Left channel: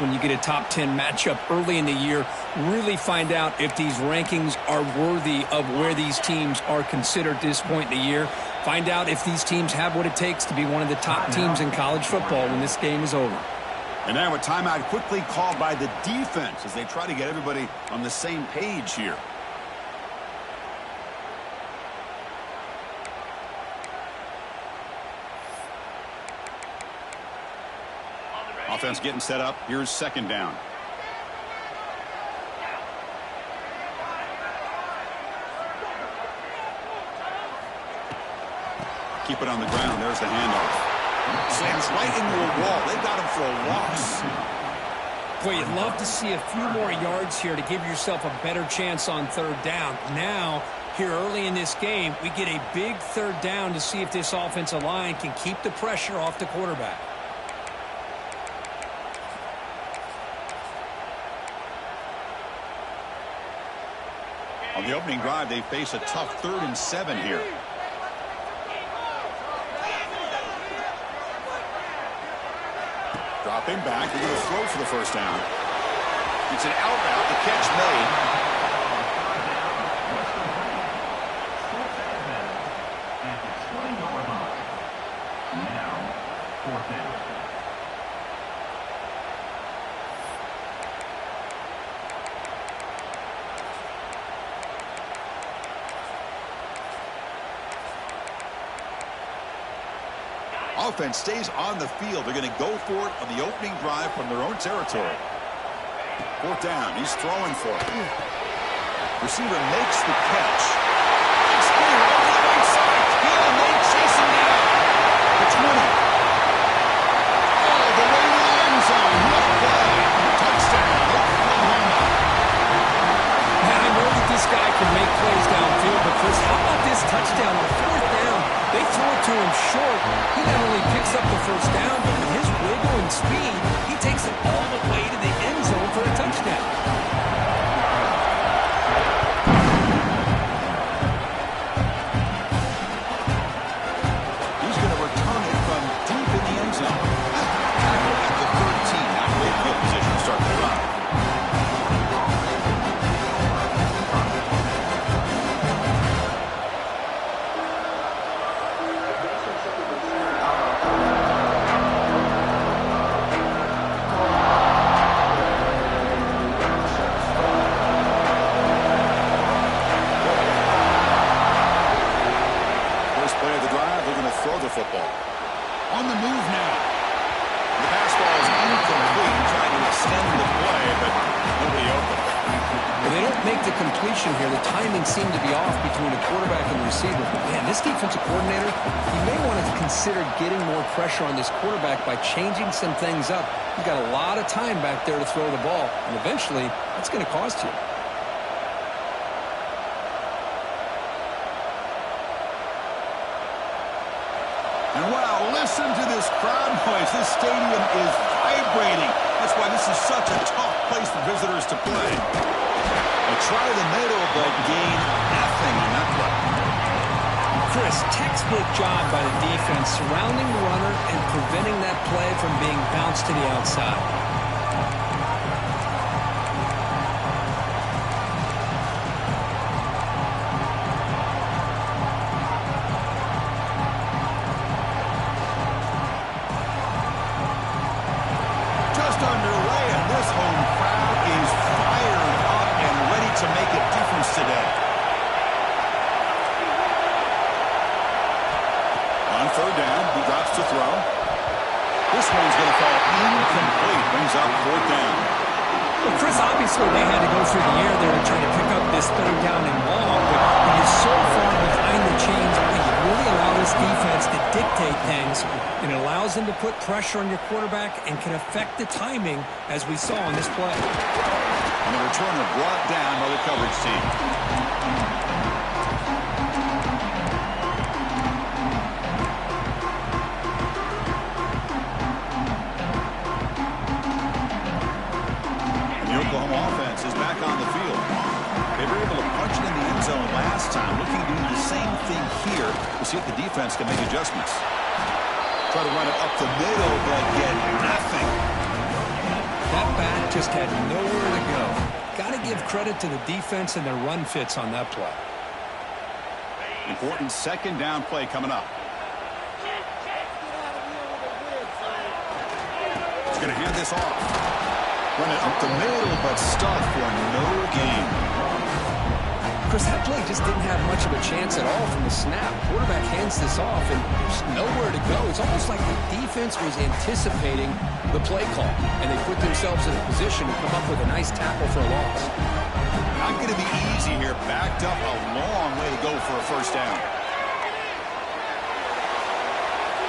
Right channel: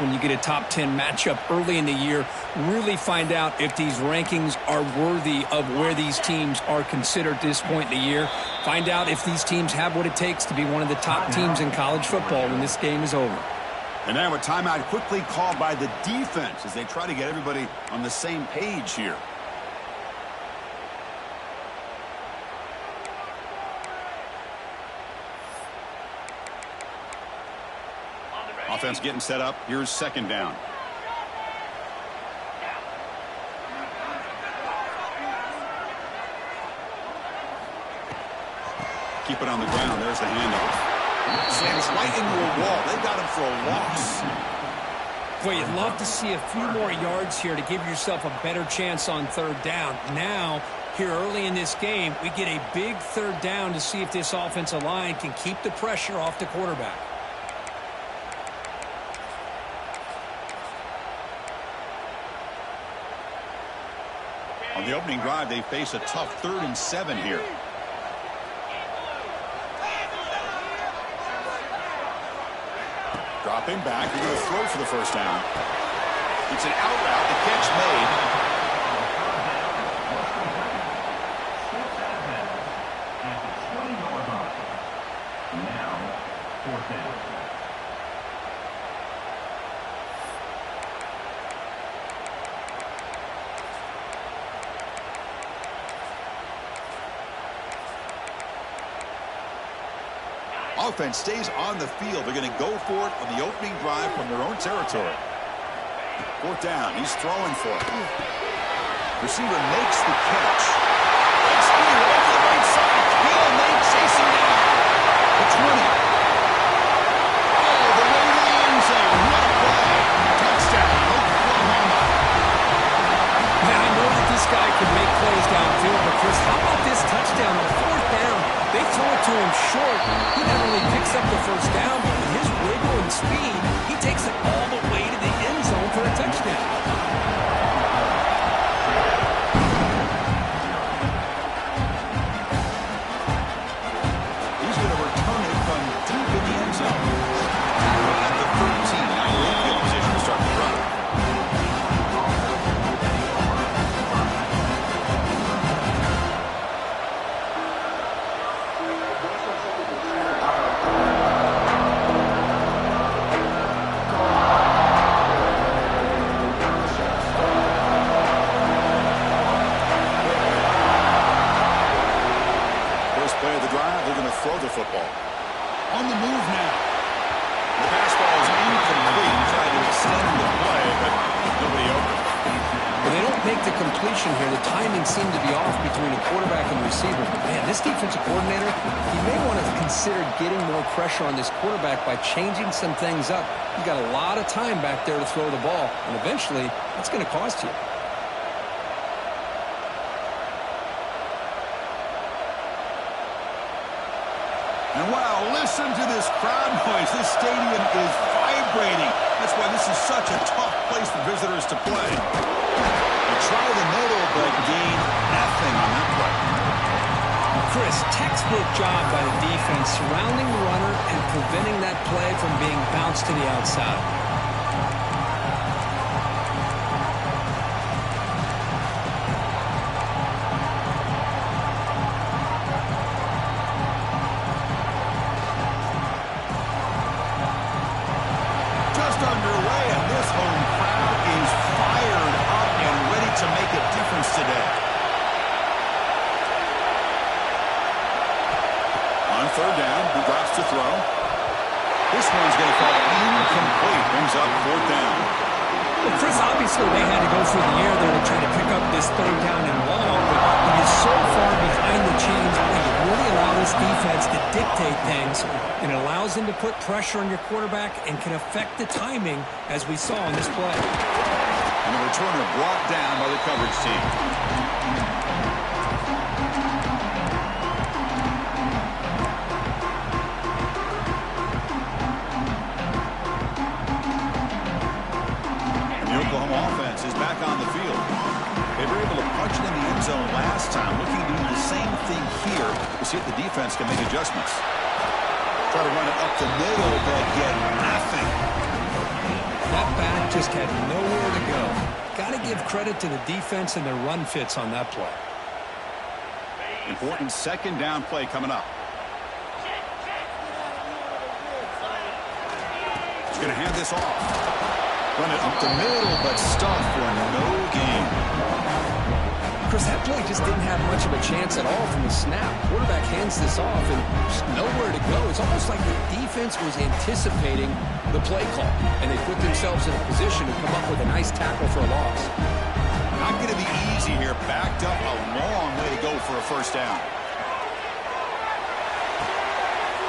when you get a top 10 matchup early in the year, really find out if these rankings are worthy of where these teams are considered at this point in the year. Find out if these teams have what it takes to be one of the top teams in college football when this game is over. And now a timeout quickly called by the defense as they try to get everybody on the same page here. Offense getting set up. Here's second down. Keep it on the ground. There's the handoff. Slams right into a wall. They got him for a loss. Boy, you'd love to see a few more yards here to give yourself a better chance on third down. Now, here early in this game, we get a big third down to see if this offensive line can keep the pressure off the quarterback. On the opening drive, they face a tough 3rd and 7 here. Dropping back, they're going to throw for the first down. It's an out route, the catch made. At the 20-yard line. Now, 4th down. Offense stays on the field. They're going to go for it on the opening drive from their own territory. 4th down. He's throwing for it. Receiver makes the catch. Big screen over the right side. Hill and they chase him down. The 20. All the way to the end zone. What a play. Touchdown, Oklahoma. Man, I know that this guy can make plays downfield, but Chris, how about this touchdown on 4th down? They throw it to him short. He not only picks up the first down, but with his wiggle and speed, he takes it all the way to the end zone for a touchdown. He's going to return it from deep in the end zone. Tackle at the 13. Now great field position to start the drive. Throw the football. On the move now. The pass ball is incomplete. Trying to extend the play, but nobody open. Well, they don't make the completion here. The timing seemed to be off between the quarterback and the receiver. But, man, this defensive coordinator, he may want to consider getting more pressure on this quarterback by changing some things up. He's got a lot of time back there to throw the ball, and eventually that's going to cost you. And wow, listen to this crowd noise. This stadium is vibrating. That's why this is such a tough place for visitors to play. They try the middle, but gain nothing on that play. Chris, textbook job by the defense surrounding the runner and preventing that play from being bounced to the outside. To make a difference today. On 3rd down, he drops to throw. This one's going to fall incomplete. Brings up 4th down. Well, Chris, obviously they had to go through the air there to try to pick up this 3rd down and long, but he is so far behind the chains. You really allow this defense to dictate things, and it allows them to put pressure on your quarterback and can affect the timing, as we saw in this play. And the returner brought down by the coverage team. And the Oklahoma offense is back on the field. They were able to punch it in the end zone last time. Looking to do the same thing here to see if the defense can make adjustments. Try to run it up the middle, but get nothing. That back just had nowhere to go. Got to give credit to the defense and their run fits on that play. Important second down play coming up. He's going to hand this off. Run it up the middle, but stuffed for no gain. Chris, that play just didn't have much of a chance at all from the snap. Quarterback hands this off and just nowhere to go. It's almost like the defense was anticipating the play call, and they put themselves in a position to come up with a nice tackle for a loss. Not going to be easy here. Backed up a long way to go for a first down.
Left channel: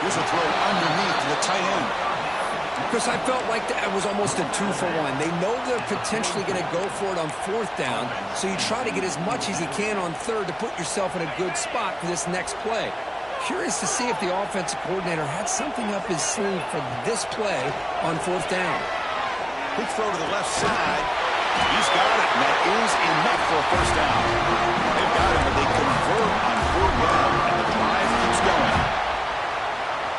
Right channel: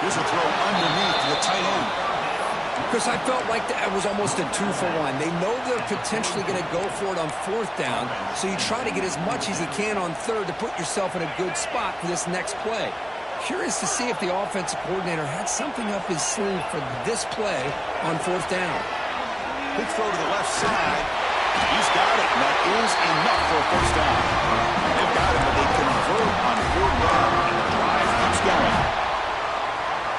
Here's a throw underneath to the tight end. Chris, I felt like that was almost a 2-for-1. They know they're potentially going to go for it on fourth down, so you try to get as much as you can on third to put yourself in a good spot for this next play. Curious to see if the offensive coordinator had something up his sleeve for this play on fourth down. Quick throw to the left side. He's got it, and that is enough for a first down. They've got it, but they convert on fourth down, and the drive keeps going.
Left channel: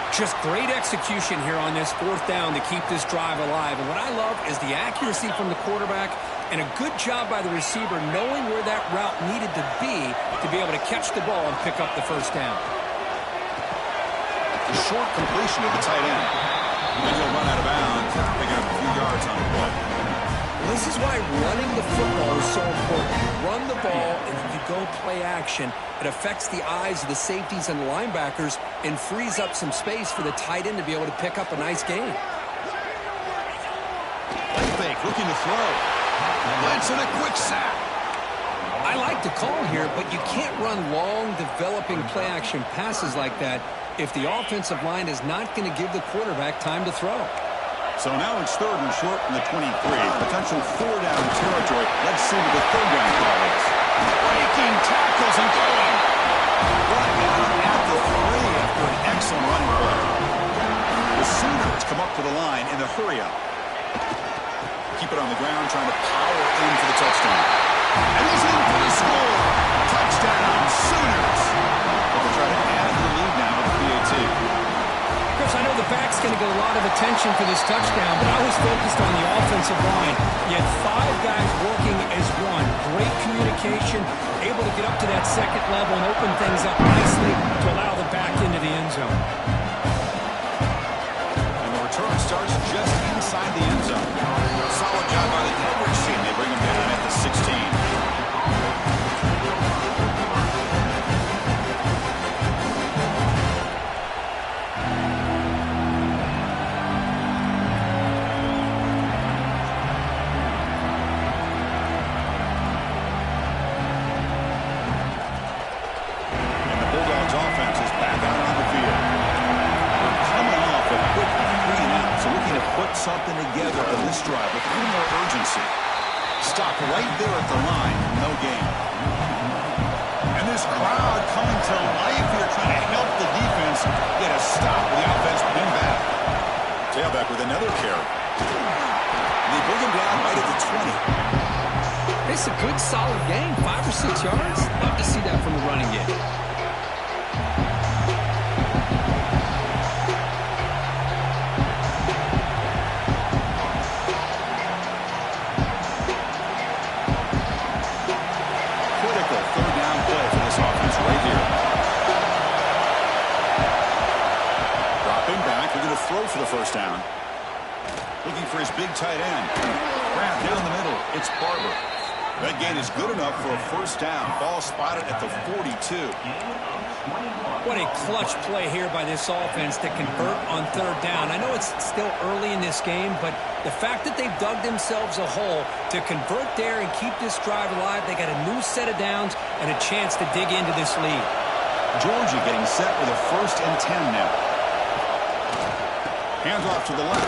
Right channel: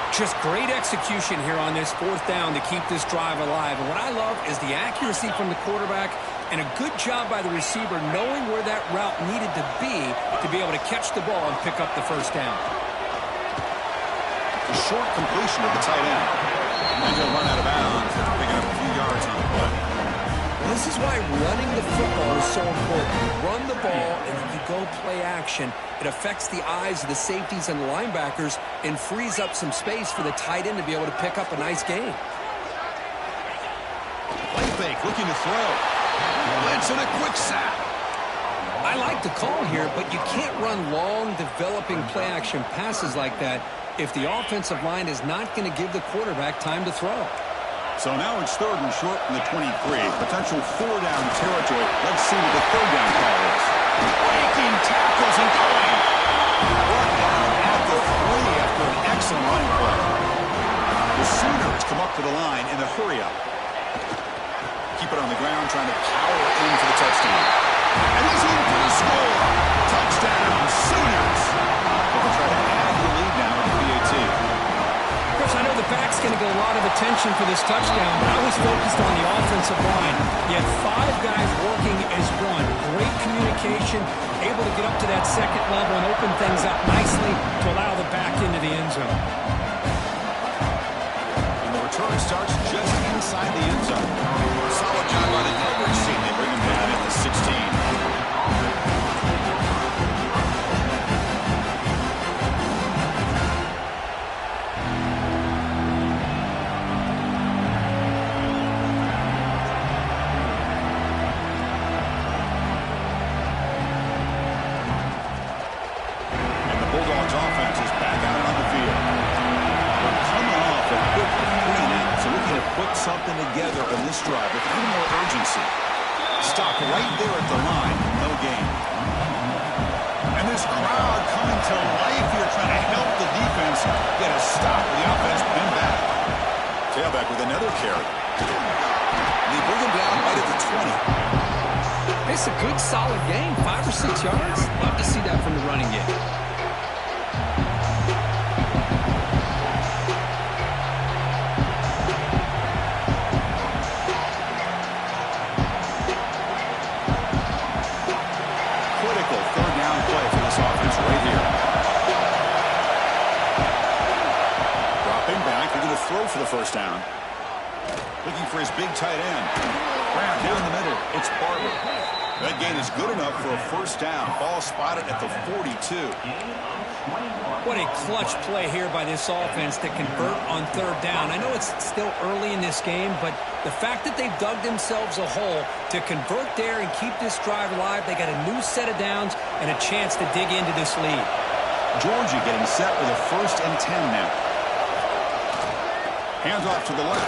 Just great execution here on this fourth down to keep this drive alive. And what I love is the accuracy from the quarterback and a good job by the receiver knowing where that route needed to be able to catch the ball and pick up the first down. A short completion of the tight end. And he'll run out of bounds after picking up a few yards on the play. Well, this is why running the football is so important. You run the ball and you go play action. It affects the eyes of the safeties and the linebackers and frees up some space for the tight end to be able to pick up a nice gain. Play fake, looking to throw. Blitz and a quick sack. I like the call here, but you can't run long, developing play-action passes like that if the offensive line is not going to give the quarterback time to throw. So now it's third and short from the 23. Potential four-down territory. Let's see what the third down call is. Breaking tackles and going. Brought down at the 3 after an excellent running play. The Sooners come up to the line in the hurry-up. Keep it on the ground, trying to power in for the touchdown. And he's in for the score. Touchdown, Sooners. But they'll try to add the lead now with the PAT. Chris, I know the back's going to get a lot of attention for this touchdown, but I was focused on the offensive line. You had 5 guys working as one. Great communication, able to get up to that second level and open things up nicely to allow the back into the end zone. And the return starts just inside the end zone. Solid job by the coverage team. They bring him down at the 16. Something together on this drive with a little more urgency. Stop right there at the line. No gain. And this crowd coming to life here trying to help the defense get a stop with the offense pinned back. Tailback with another carry. And they bring him down right at the 20. It's a good solid game. 5 or 6 yards. Love to see that from the running game. Right here. Dropping back. They're going to throw for the first down. Looking for his big tight end. Grab down the middle. It's Barber. That gain is good enough for a first down. Ball spotted at the 42. What a clutch play here by this offense to convert on third down. I know it's still early in this game, but the fact that they've dug themselves a hole to convert there and keep this drive alive, they got a new set of downs and a chance to dig into this lead. Georgia getting set with a 1st and 10 now. Hands off to the left.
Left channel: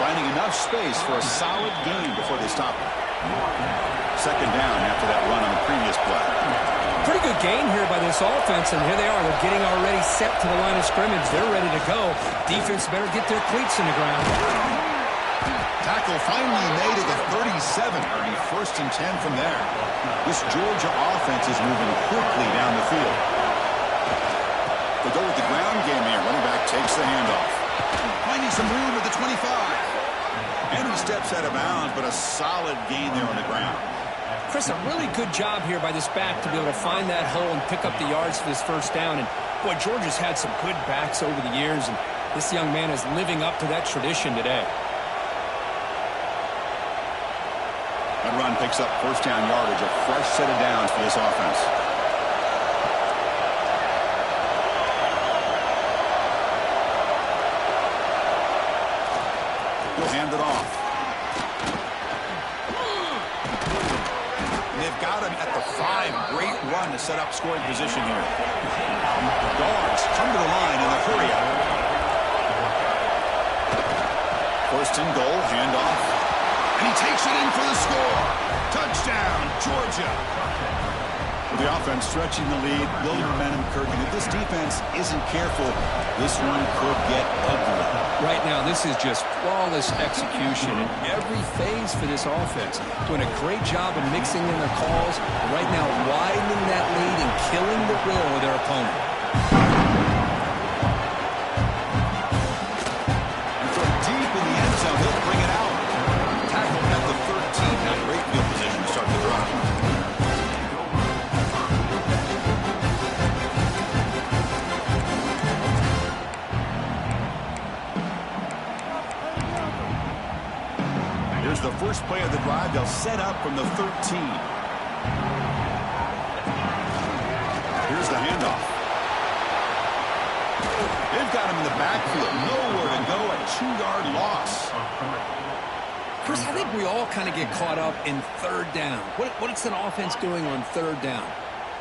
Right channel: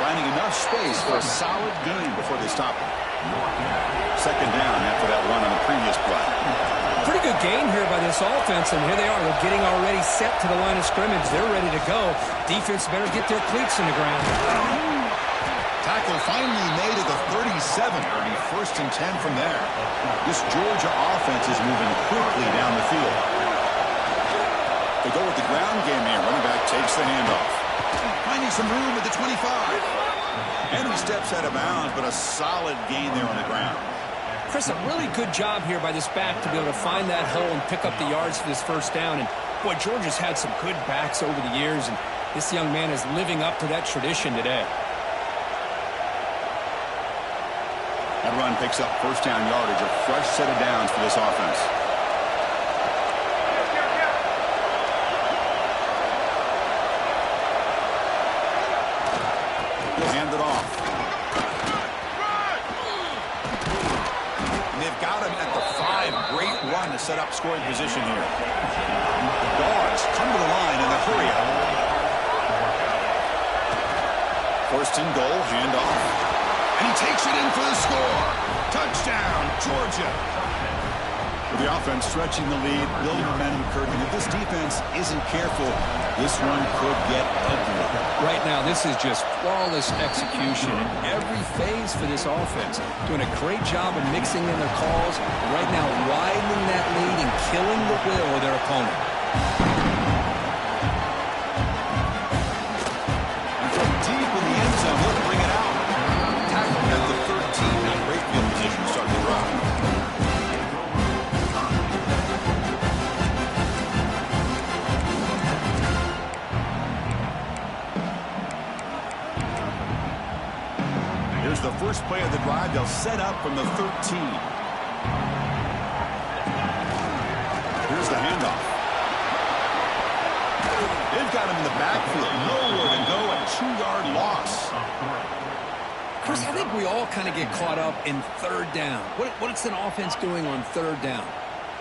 Finding enough space for a solid gain before they stop it. Second down after that run on the previous play. Pretty good gain here by this offense, and here they are. They're getting already set to the line of scrimmage. They're ready to go. Defense better get their cleats in the ground. Tackle finally made at the 37. It'll be 1st and 10 from there. This Georgia offense is moving quickly down the field. They go with the ground game here. Running back takes the handoff. Finding some room at the 25. And he steps out of bounds, but a solid gain there on the ground. Chris, a really good job here by this back to be able to find that hole and pick up the yards for this first down. And, boy, Georgia's had some good backs over the years, and this young man is living up to that tradition today. That run picks up first down yardage, a fresh set of downs for this offense. He'll hand it off. And they've got him at the 5. Great run to set up scoring position here. The Dogs come to the line in the hurry up. First and goal, handoff. And he takes it in for the score. Touchdown, Georgia. With the offense stretching the lead, building momentum, Kirk. And if this defense isn't careful, this one could get ugly. Right now, this is just flawless execution in every phase for this offense. Doing a great job of mixing in their calls. And right now, widening that lead and killing the will of their opponent. And from deep in the end zone, he'll bring it out. Tackled at the 13. Not great field position to start the drive. Here's the first play of the drive. They'll set up from the 13. Here's the handoff. They've got him in the backfield. Nowhere to go. A 2-yard loss. Chris, I think we all kind of get caught up in third down. What's an offense doing on third down?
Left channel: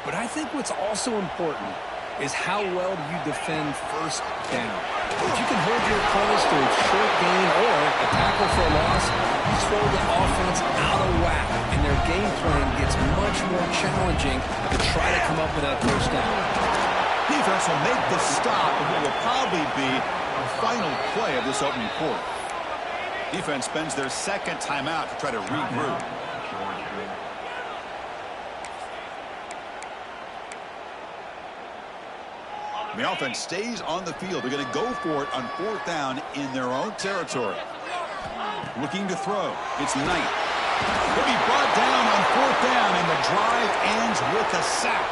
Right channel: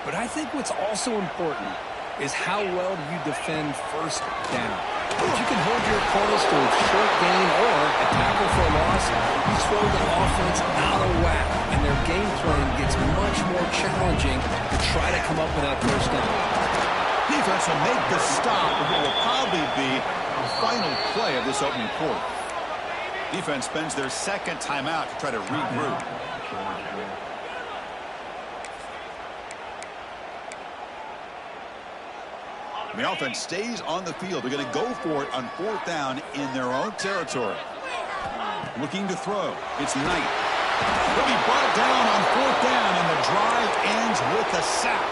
But I think what's also important is how well do you defend first down. If you can hold your opponents to a short gain or a tackle for a loss, you throw the offense out of whack, and their game plan gets much more challenging to try to come up with that first down. Defense will make the stop of what will probably be a final play of this opening quarter. Defense spends their second timeout to try to regroup. The offense stays on the field. They're going to go for it on fourth down in their own territory. Looking to throw. It's Knight. He'll be brought down on fourth down, and the drive ends with a sack.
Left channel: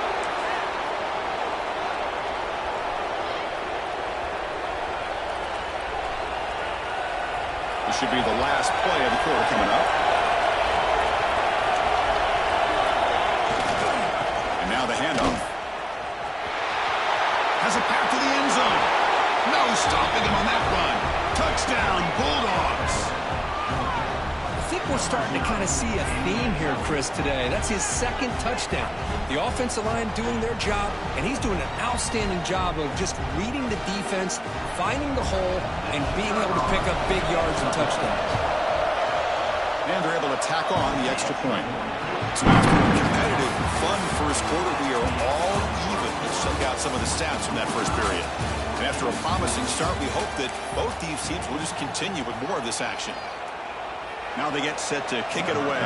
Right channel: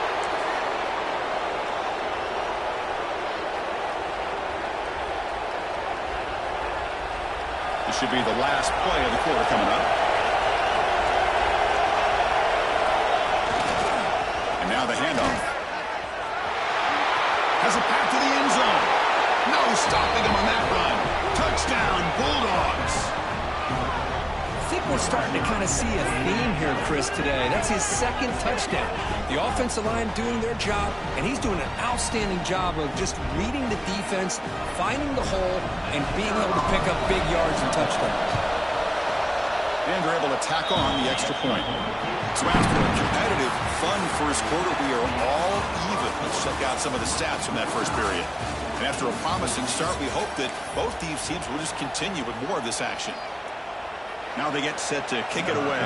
This should be the last play of the quarter coming up. And now the handoff. Has a path to the end zone. No stopping him on that run. Touchdown, Bulldogs. I think we're starting to kind of see a theme here, Chris, today. That's his second touchdown. The offensive line doing their job, and he's doing an outstanding job of just reading the defense, finding the hole, and being able to pick up big yards and touchdowns. And they're able to tack on the extra point. So after a competitive, fun first quarter, we are all even. Let's check out some of the stats from that first period. And after a promising start, we hope that both these teams will just continue with more of this action. Now they get set to kick it away.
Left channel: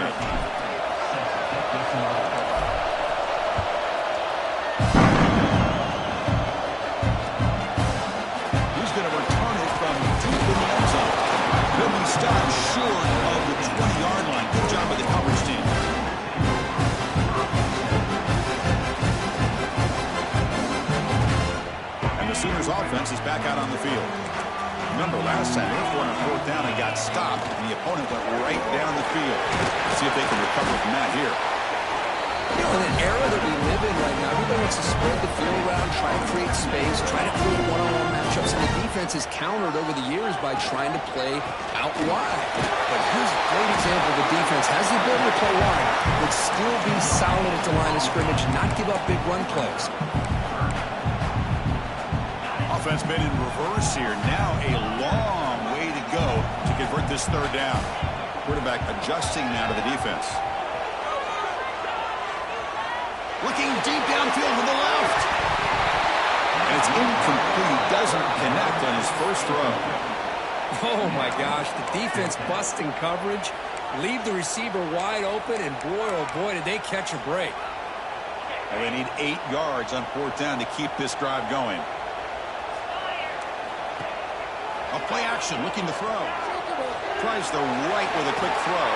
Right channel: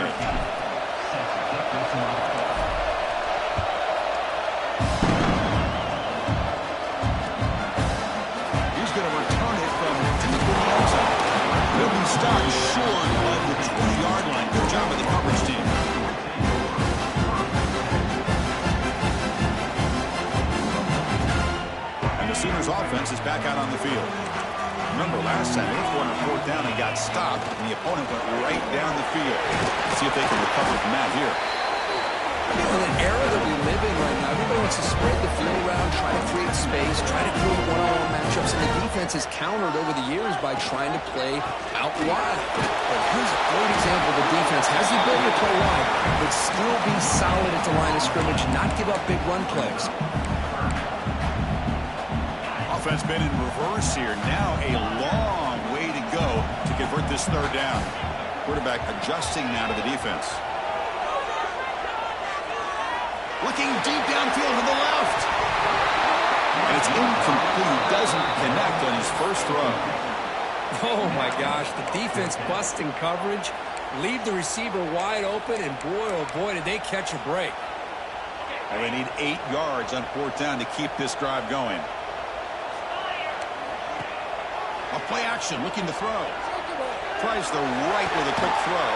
He's going to return it from deep in the end zone. He'll be stopped short of the 20-yard line. Good job by the coverage team. And the Sooners offense is back out on the field. Remember, last time they were going on fourth down and got stopped, and the opponent went right down the field. Let's see if they can recover from that here. You know, in an era that we live in right now, everybody wants to spread the field around, try to create space, try to create one-on-one matchups, and the defense has countered over the years by trying to play out wide. But here's a great example. The defense has the ability to play wide, but still be solid at the line of scrimmage, not give up big run plays. Offense been in reverse here. Now a long way to go to convert this third down. Quarterback adjusting now to the defense. Looking deep downfield to the left. And it's incomplete. Doesn't connect on his first throw. Oh, my gosh. The defense busting coverage. Leave the receiver wide open, and boy, oh boy, did they catch a break. Well, they need 8 yards on fourth down to keep this drive going. A play action, looking to throw. Tries the right with a quick throw.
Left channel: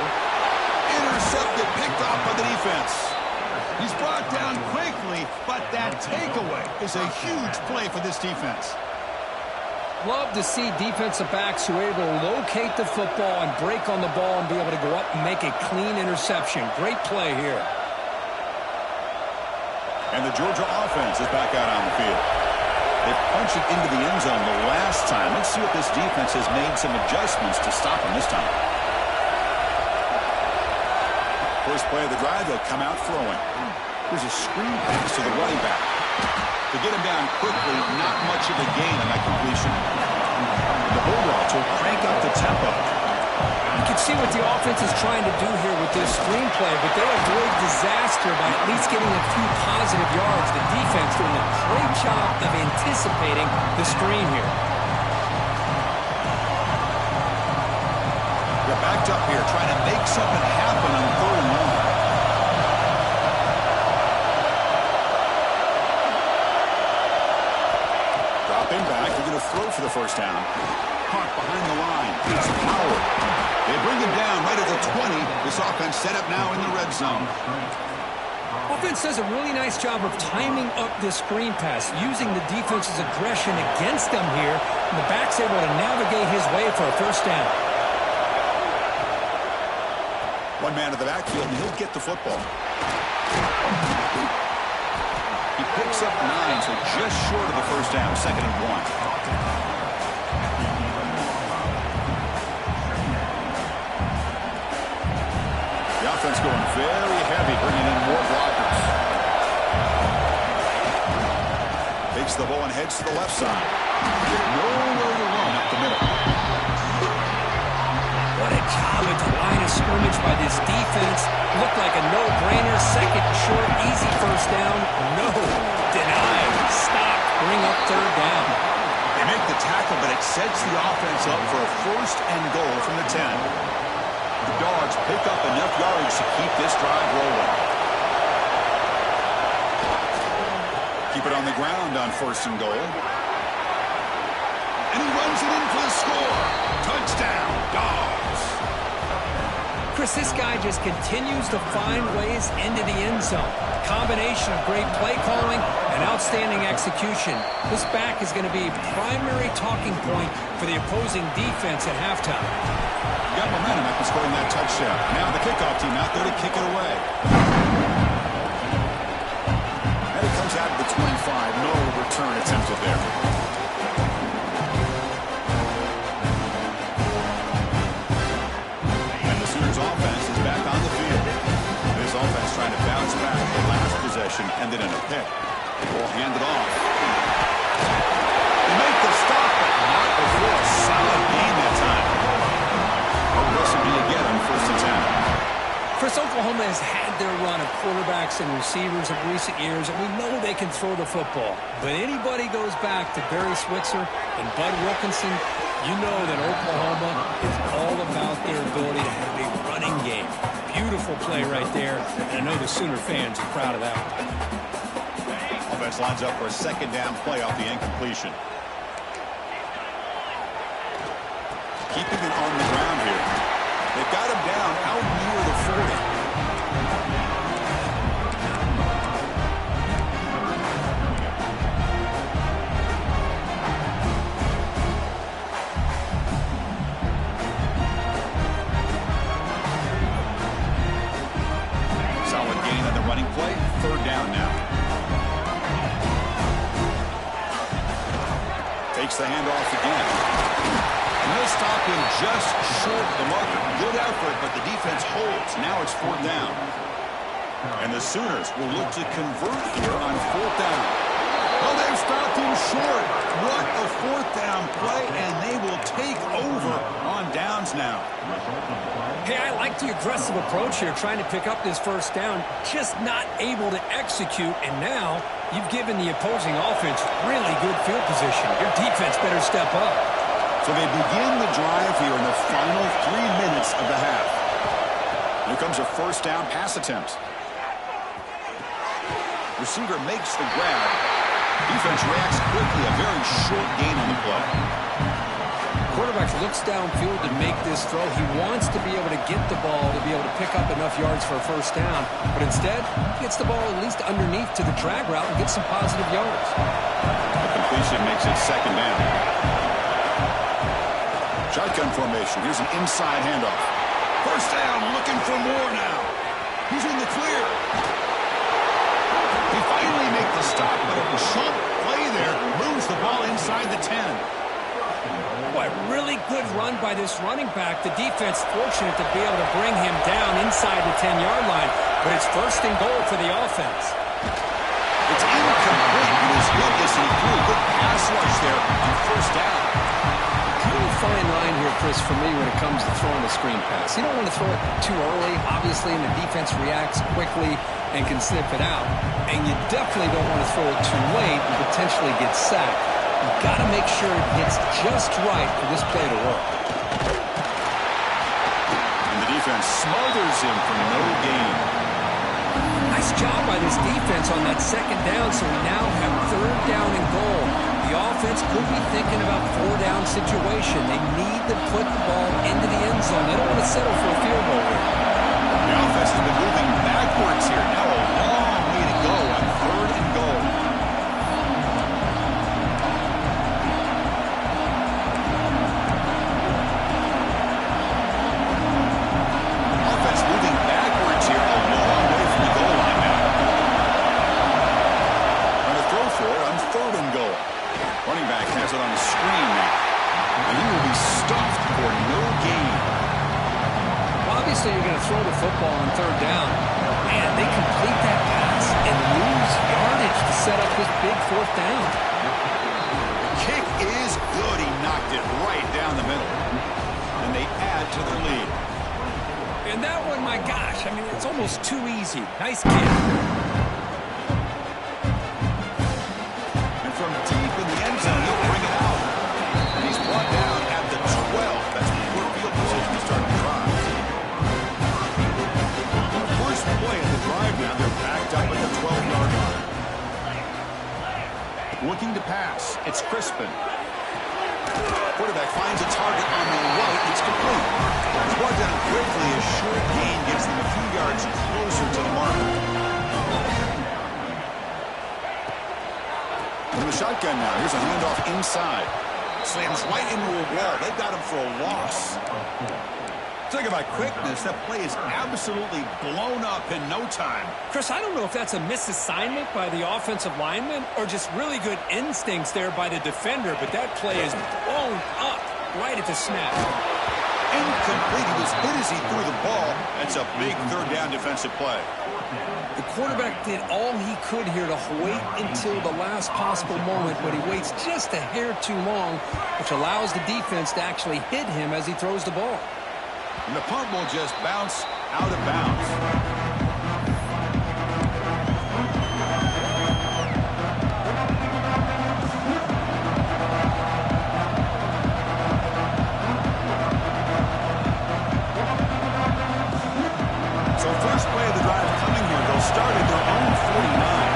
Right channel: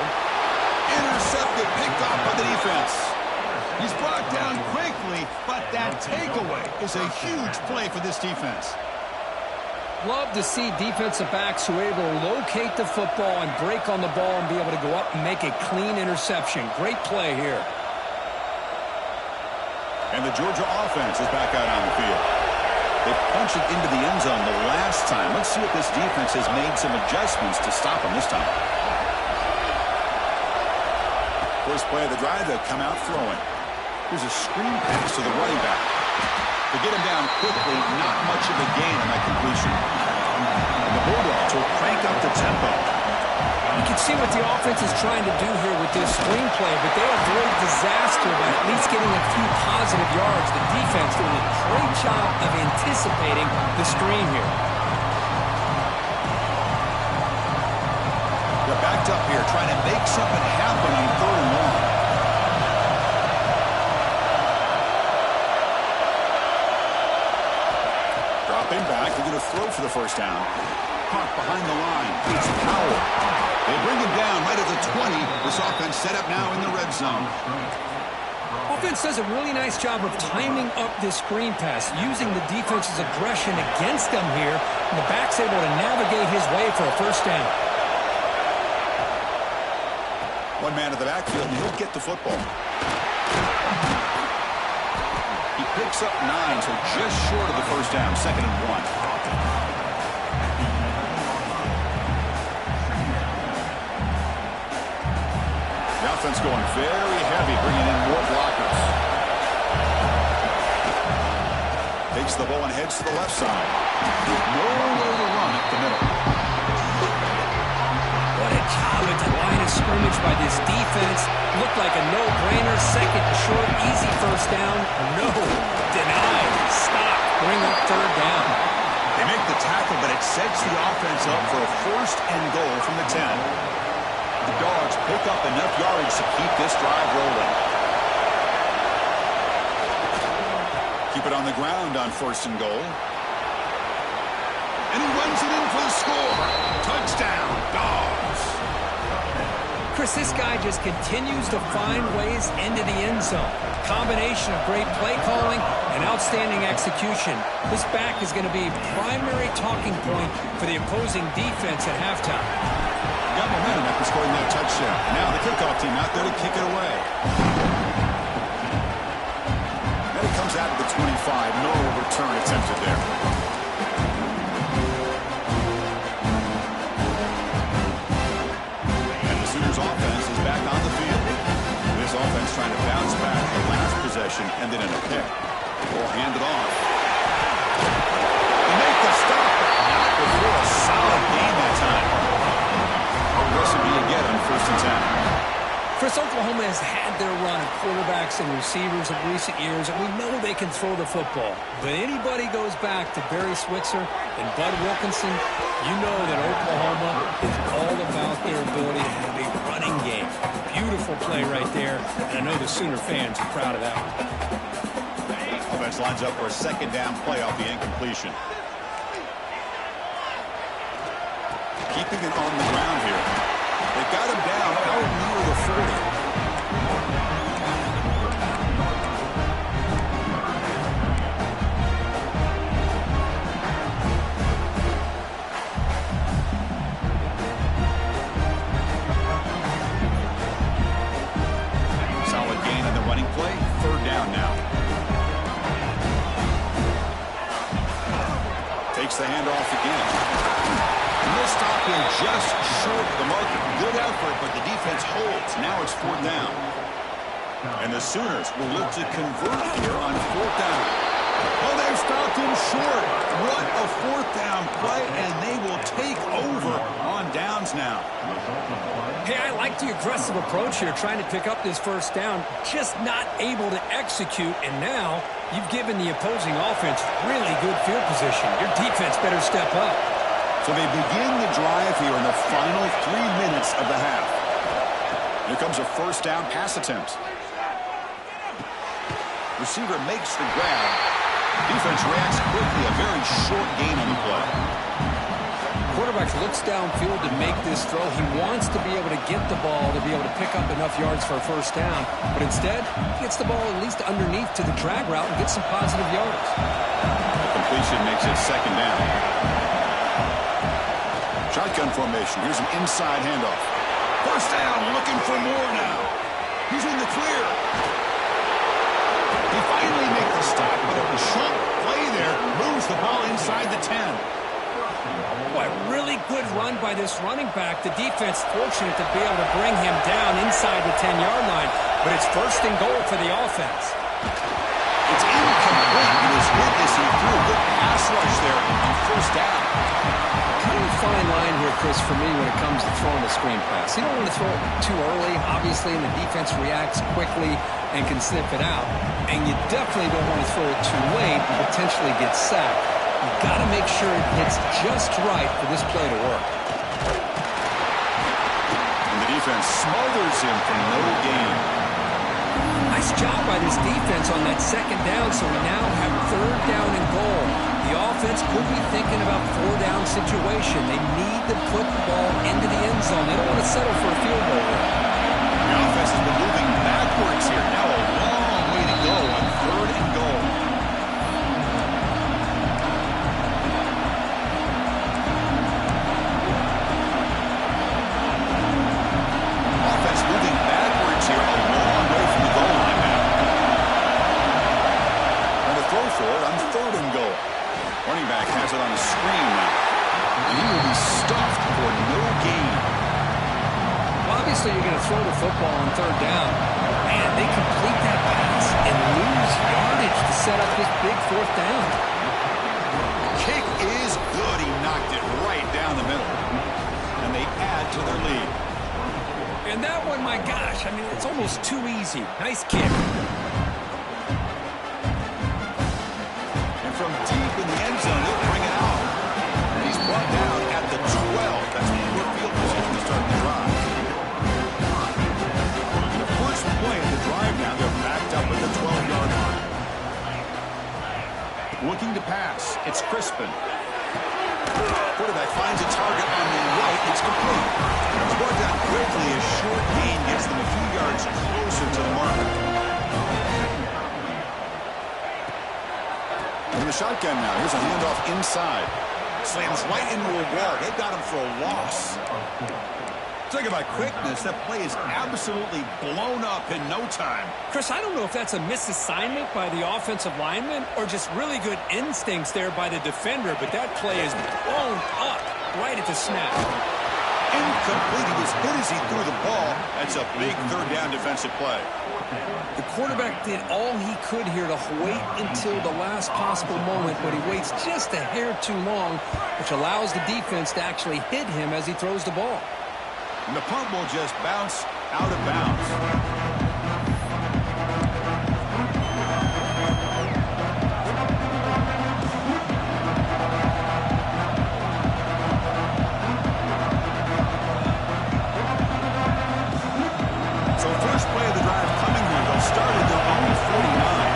Intercepted, picked off by the defense. He's brought down quickly, but that takeaway is a huge play for this defense. Love to see defensive backs who are able to locate the football and break on the ball and be able to go up and make a clean interception. Great play here. And the Georgia offense is back out on the field. They punched it into the end zone the last time. Let's see if this defense has made some adjustments to stop them this time. First play of the drive, they'll come out throwing. Here's a screen pass to the running back. To get him down quickly, not much of a gain on that completion. And the Bulldogs will crank up the tempo. You can see what the offense is trying to do here with this screenplay, but they avoid disaster by at least getting a few positive yards. The defense doing a great job of anticipating the screen here. They're backed up here trying to make something happen on 3rd and long. Dropping back, they're going to throw for the first down. Caught behind the line. It's Powell. They bring him down right at the 20. This offense set up now in the red zone. Offense does a really nice job of timing up this screen pass, using the defense's aggression against them here, and the back's able to navigate his way for a first down. One man in the backfield, and he'll get the football. He picks up 9, so just short of the first down, 2nd and 1. The offense going very heavy, bringing in more blockers. Takes the ball and heads to the left side. Nowhere to run up the middle. What a job at the line of scrimmage by this defense. Looked like a no-brainer. 2nd and short, easy first down. No, denied, stop, bring up 3rd down. They make the tackle, but it sets the offense up for a 1st and goal from the 10. The Dogs pick up enough yardage to keep this drive rolling. Keep it on the ground on 1st and goal. And he runs it in for the score. Touchdown, Dogs. Chris, this guy just continues to find ways into the end zone. Combination of great play calling and outstanding execution. This back is going to be a primary talking point for the opposing defense at halftime. Got momentum after scoring that touchdown. Now the kickoff team out there to kick it away. And it comes out of the 25. No return attempted there. And the Sooners offense is back on the field. This offense trying to bounce back. The last possession ended in a pick. Ball handed off. They make the stop, but not before a solid gain that time. Recipe again on 1st and 10. Chris, Oklahoma has had their run of quarterbacks and receivers of recent years, and we know they can throw the football. But anybody goes back to Barry Switzer and Bud Wilkinson, you know that Oklahoma is all about their ability to have a running game. Beautiful play right there, and I know the Sooner fans are proud of that one. Offense lines up for a 2nd down play off the incompletion. Keeping it on the ground here. They've got him down out near the 40. Solid gain on the running play. 3rd down now. Takes the handoff again. And they'll stop him just short of the marker. Good effort, but the defense holds. Now it's 4th down. And the Sooners will look to convert here on 4th down. Oh, they've stopped him short. What a 4th down play, and they will take over on downs now. Hey, I like the aggressive approach here, trying to pick up this 1st down, just not able to execute, and now you've given the opposing offense really good field position. Your defense better step up. So they begin the drive here in the final 3 minutes of the half. Here comes a 1st down pass attempt. Receiver makes the grab. Defense reacts quickly. A very short gain on the play. quarterback looks downfield to make this throw. He wants to be able to get the ball to be able to pick up enough yards for a first down. But instead, he gets the ball at least underneath to the drag route and gets some positive yards. The completion makes it second down. Shotgun formation. Here's an inside handoff. First down, looking for more now. He's in the clear. They finally make the stop, but a chunk play there moves the ball inside the 10. Boy, really good run by this running back. The defense fortunate to be able to bring him down inside the 10-yard line, but it's first and goal for the offense. It's incomplete. He was hit as he threw. Good pass rush there on first down. Kind of a fine line here, Chris, for me when it comes to throwing a screen pass. You don't want to throw it too early, obviously, and the defense reacts quickly and can sniff it out. And you definitely don't want to throw it too late and potentially get sacked. You got to make sure it hits just right for this play to work. And the defense smothers him for no gain. Nice job by this defense on that second down, so we now have third down and goal. The offense could be thinking about four-down situation. They need to put the ball into the end zone. They don't want to settle for a field goal here. The offense has been moving backwards here. Now a long way to go on third and goal. Offense moving backwards here, a long way from the goal line now. Trying to throw for it on third and goal. Running back has it on the screen now. And he will be stuffed for no gain. Well, obviously, you're going to throw the football on third down. Man, they complete that pass and lose yardage to set up this big fourth down. The kick is good. He knocked it right down the middle. And they add to their lead. And that one, my gosh, I mean, it's almost too easy. Nice kick. And from deep in the end zone, he'll bring it out. And he's brought down at the 12. That's poor field position to start the drive. And the first play of the drive now, they're backed up at the 12-yard line. Looking to pass. It's Crispin. Quarterback finds a target on the right. It's complete. It's brought down quickly. A short gain gets them a few yards closer to the marker. From the shotgun now. Here's a handoff inside. Slams right into a wall. They got him for a loss. Talking about quickness, that play is absolutely blown up in no time. Chris, I don't know if that's a misassignment by the offensive lineman or just really good instincts there by the defender, but that play is blown up right at the snap. Incomplete. He was hit as he threw the ball. That's a big third down defensive play. The quarterback did all he could here to wait until the last possible moment, but he waits just a hair too long, which allows the defense to actually hit him as he throws the ball. And the punt will just bounce out of bounds. So first play of the drive coming here. They'll start at their own 49.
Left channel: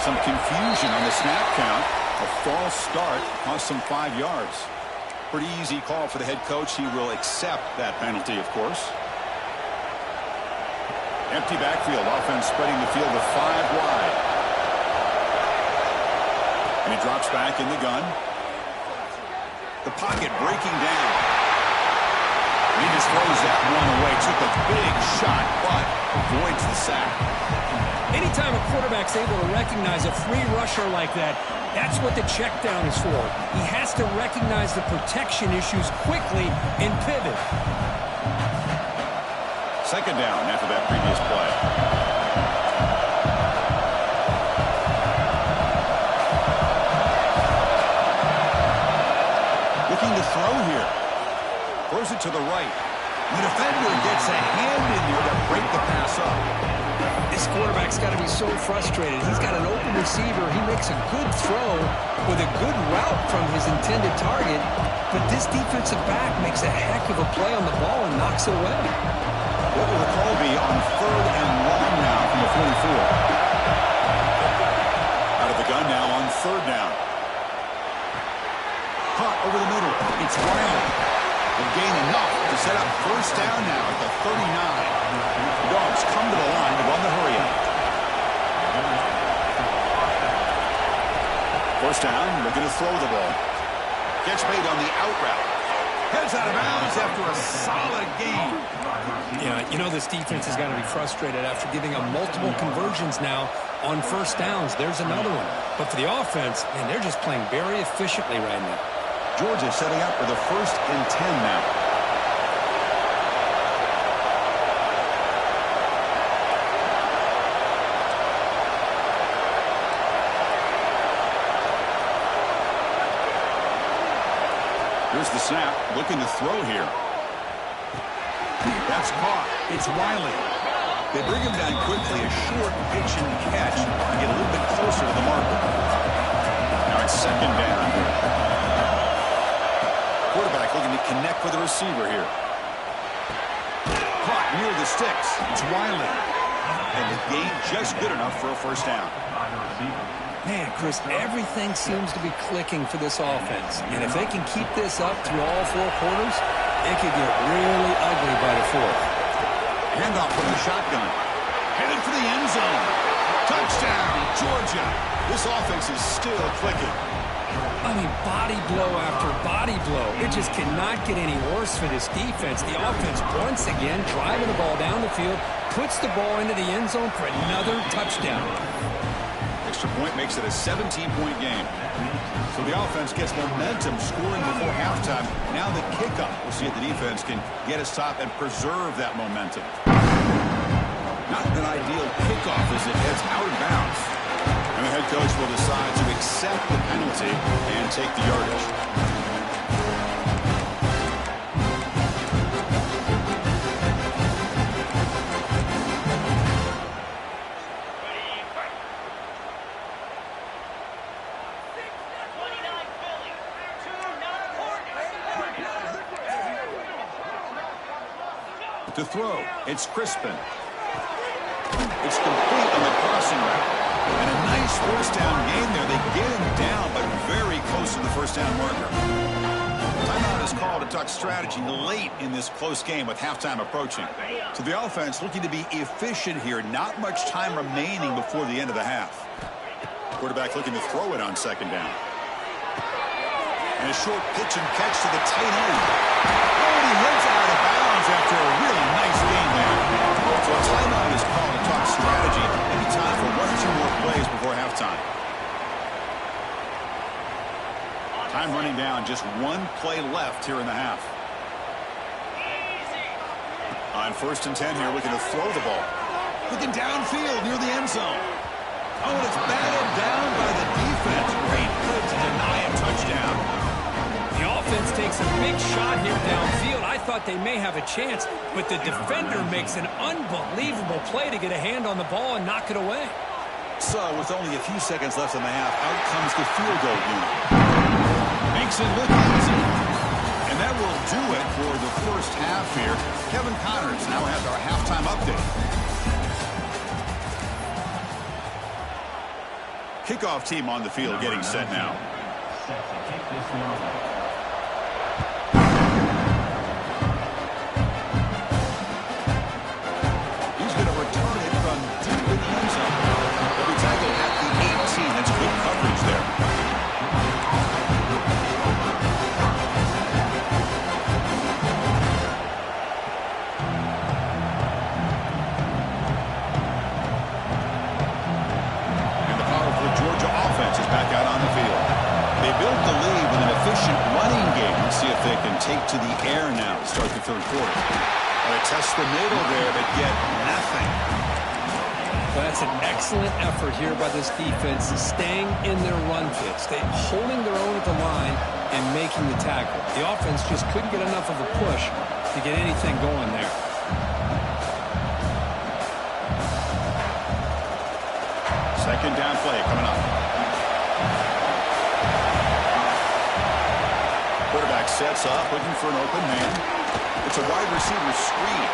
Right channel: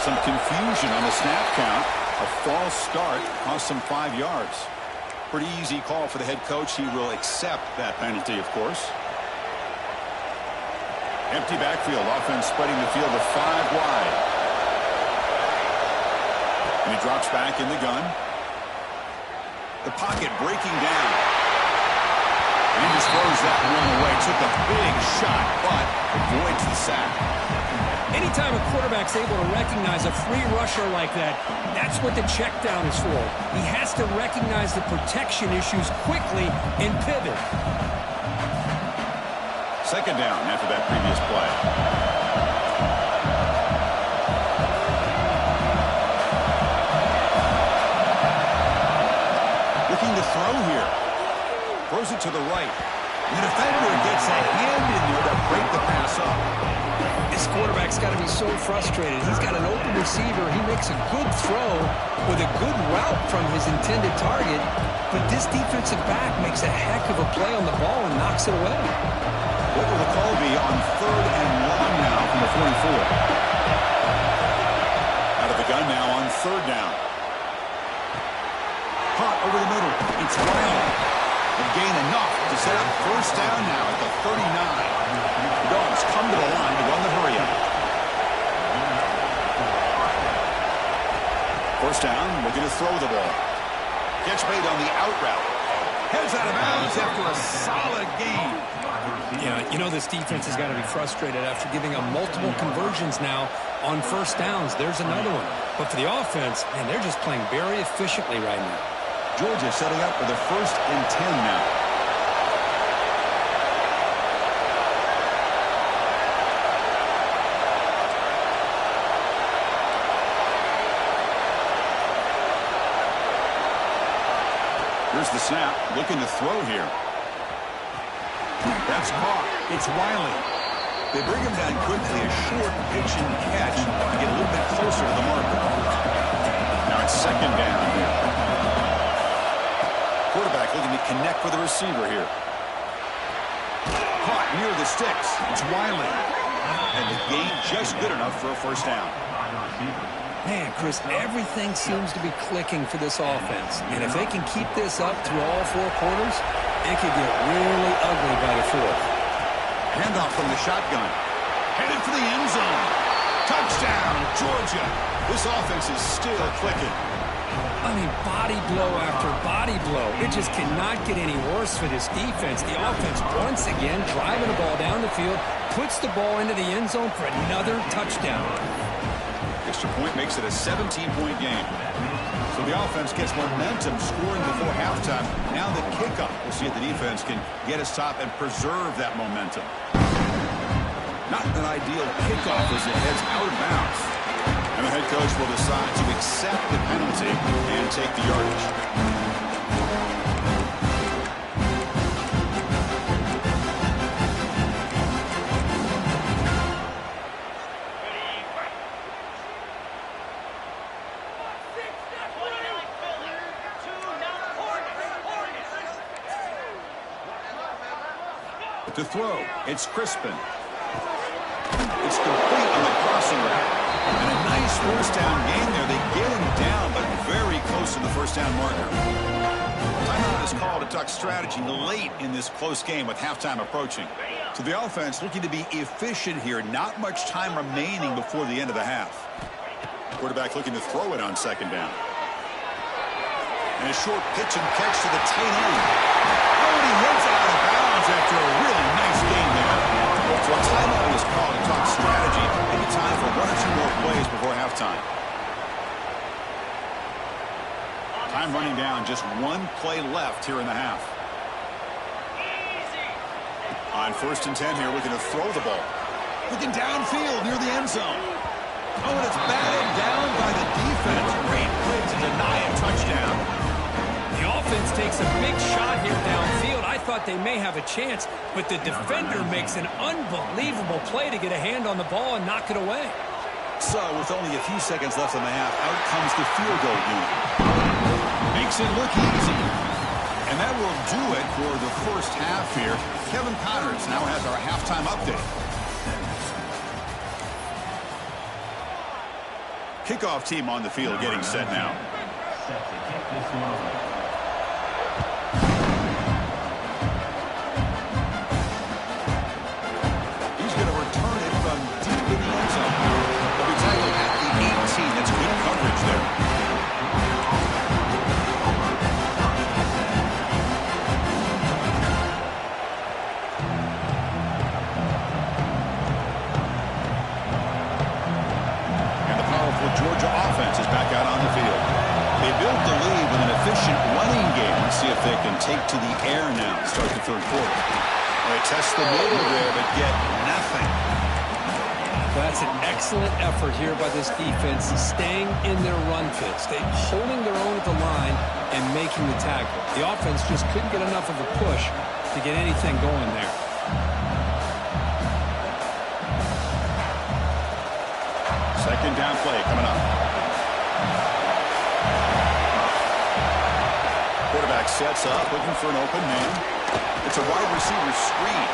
Some confusion on the snap count. A false start cost them 5 yards. Pretty easy call for the head coach. He will accept that penalty, of course. Empty backfield. Offense spreading the field to 5 wide. And he drops back in the gun. The pocket breaking down. And he just throws that one away. Took a big shot, but avoids the sack. Anytime a quarterback's able to recognize a free rusher like that, that's what the check down is for. He has to recognize the protection issues quickly and pivot. Second down after that previous play. Looking to throw here. Throws it to the right. The defender gets a hand in there to break the pass up. This quarterback's got to be so frustrated. He's got an open receiver. He makes a good throw with a good route from his intended target, but this defensive back makes a heck of a play on the ball and knocks it away. What will the call be on 3rd and long now from the 44? Out of the gun now on 3rd down. Caught over the middle. It's Wiley. And gain enough to set up 1st down now at the 39. The Dogs come to the line to run the hurry up. 1st down, looking to throw the ball. Catch made on the out route. Heads out of bounds after a solid game. Yeah, you know this defense has got to be frustrated after giving up multiple conversions now on 1st downs. There's another one. But for the offense, man, they're just playing very efficiently right now. Georgia setting up for the 1st and 10 now. Here's the snap, looking to throw here. That's caught. It's Wiley. They bring him down quickly, a short pitch and catch to get a little bit closer to the marker. Now it's 2nd down here. Quarterback looking to connect with the receiver here. Caught near the sticks. It's Wiley. And the gain just good enough for a 1st down. Man, Chris, everything seems to be clicking for this offense. And if they can keep this up through all 4 quarters, it could get really ugly by the 4th. Handoff from the shotgun. Headed for the end zone. Touchdown, Georgia. This offense is still clicking. I mean, body blow after body blow. It just cannot get any worse for this defense. The offense, once again, driving the ball down the field, puts the ball into the end zone for another touchdown. Extra point makes it a 17-point game. So the offense gets momentum scoring before halftime. Now the kickoff. We'll see if the defense can get a stop and preserve that momentum. Not an ideal kickoff as it heads out of bounds. And the head coach will decide to accept the penalty and take the yardage. To throw, it's Crispin. It's complete on the crossing route. And a nice 1st down gain there. They get him down, but very close to the 1st down marker. Timeout is called to talk strategy late in this close game with halftime approaching. So the offense looking to be efficient here. Not much time remaining before the end of the half. Quarterback looking to throw it on 2nd down. And a short pitch and catch to the tight end. Oh, and he heads out of bounds after a really nice game there. So a timeout is called to talk strategy. Maybe time for 1 or 2 more plays before halftime. Time running down. Just 1 play left here in the half. On 1st and 10 here, looking to throw the ball. Looking downfield near the end zone. Oh, and it's batted down by the defense. Great play to deny a touchdown. The offense takes a big shot here downfield. I thought they may have a chance, but the defender makes an unbelievable play to get a hand on the ball and knock it away. So, with only a few seconds left in the half, out comes the field goal unit. Makes it look easy. And that will do it for the 1st half here. Kevin Connors now has our halftime update. Kickoff team on the field getting set now. Set to kick this one away. Going to return it from deep in the end zone. They'll be tackled at the 18. That's good coverage there. And the powerful Georgia offense is back out on the field. They built the lead with an efficient running game. Let's see if they can take to the air now to start the 3rd quarter. Well, they test the middle there, but get nothing. That's an excellent effort here by this defense, staying in their run fits. They holding their own at the line and making the tackle. The offense just couldn't get enough of a push to get anything going there. Second down play coming up. Quarterback sets up, looking for an open man. It's a wide receiver screen.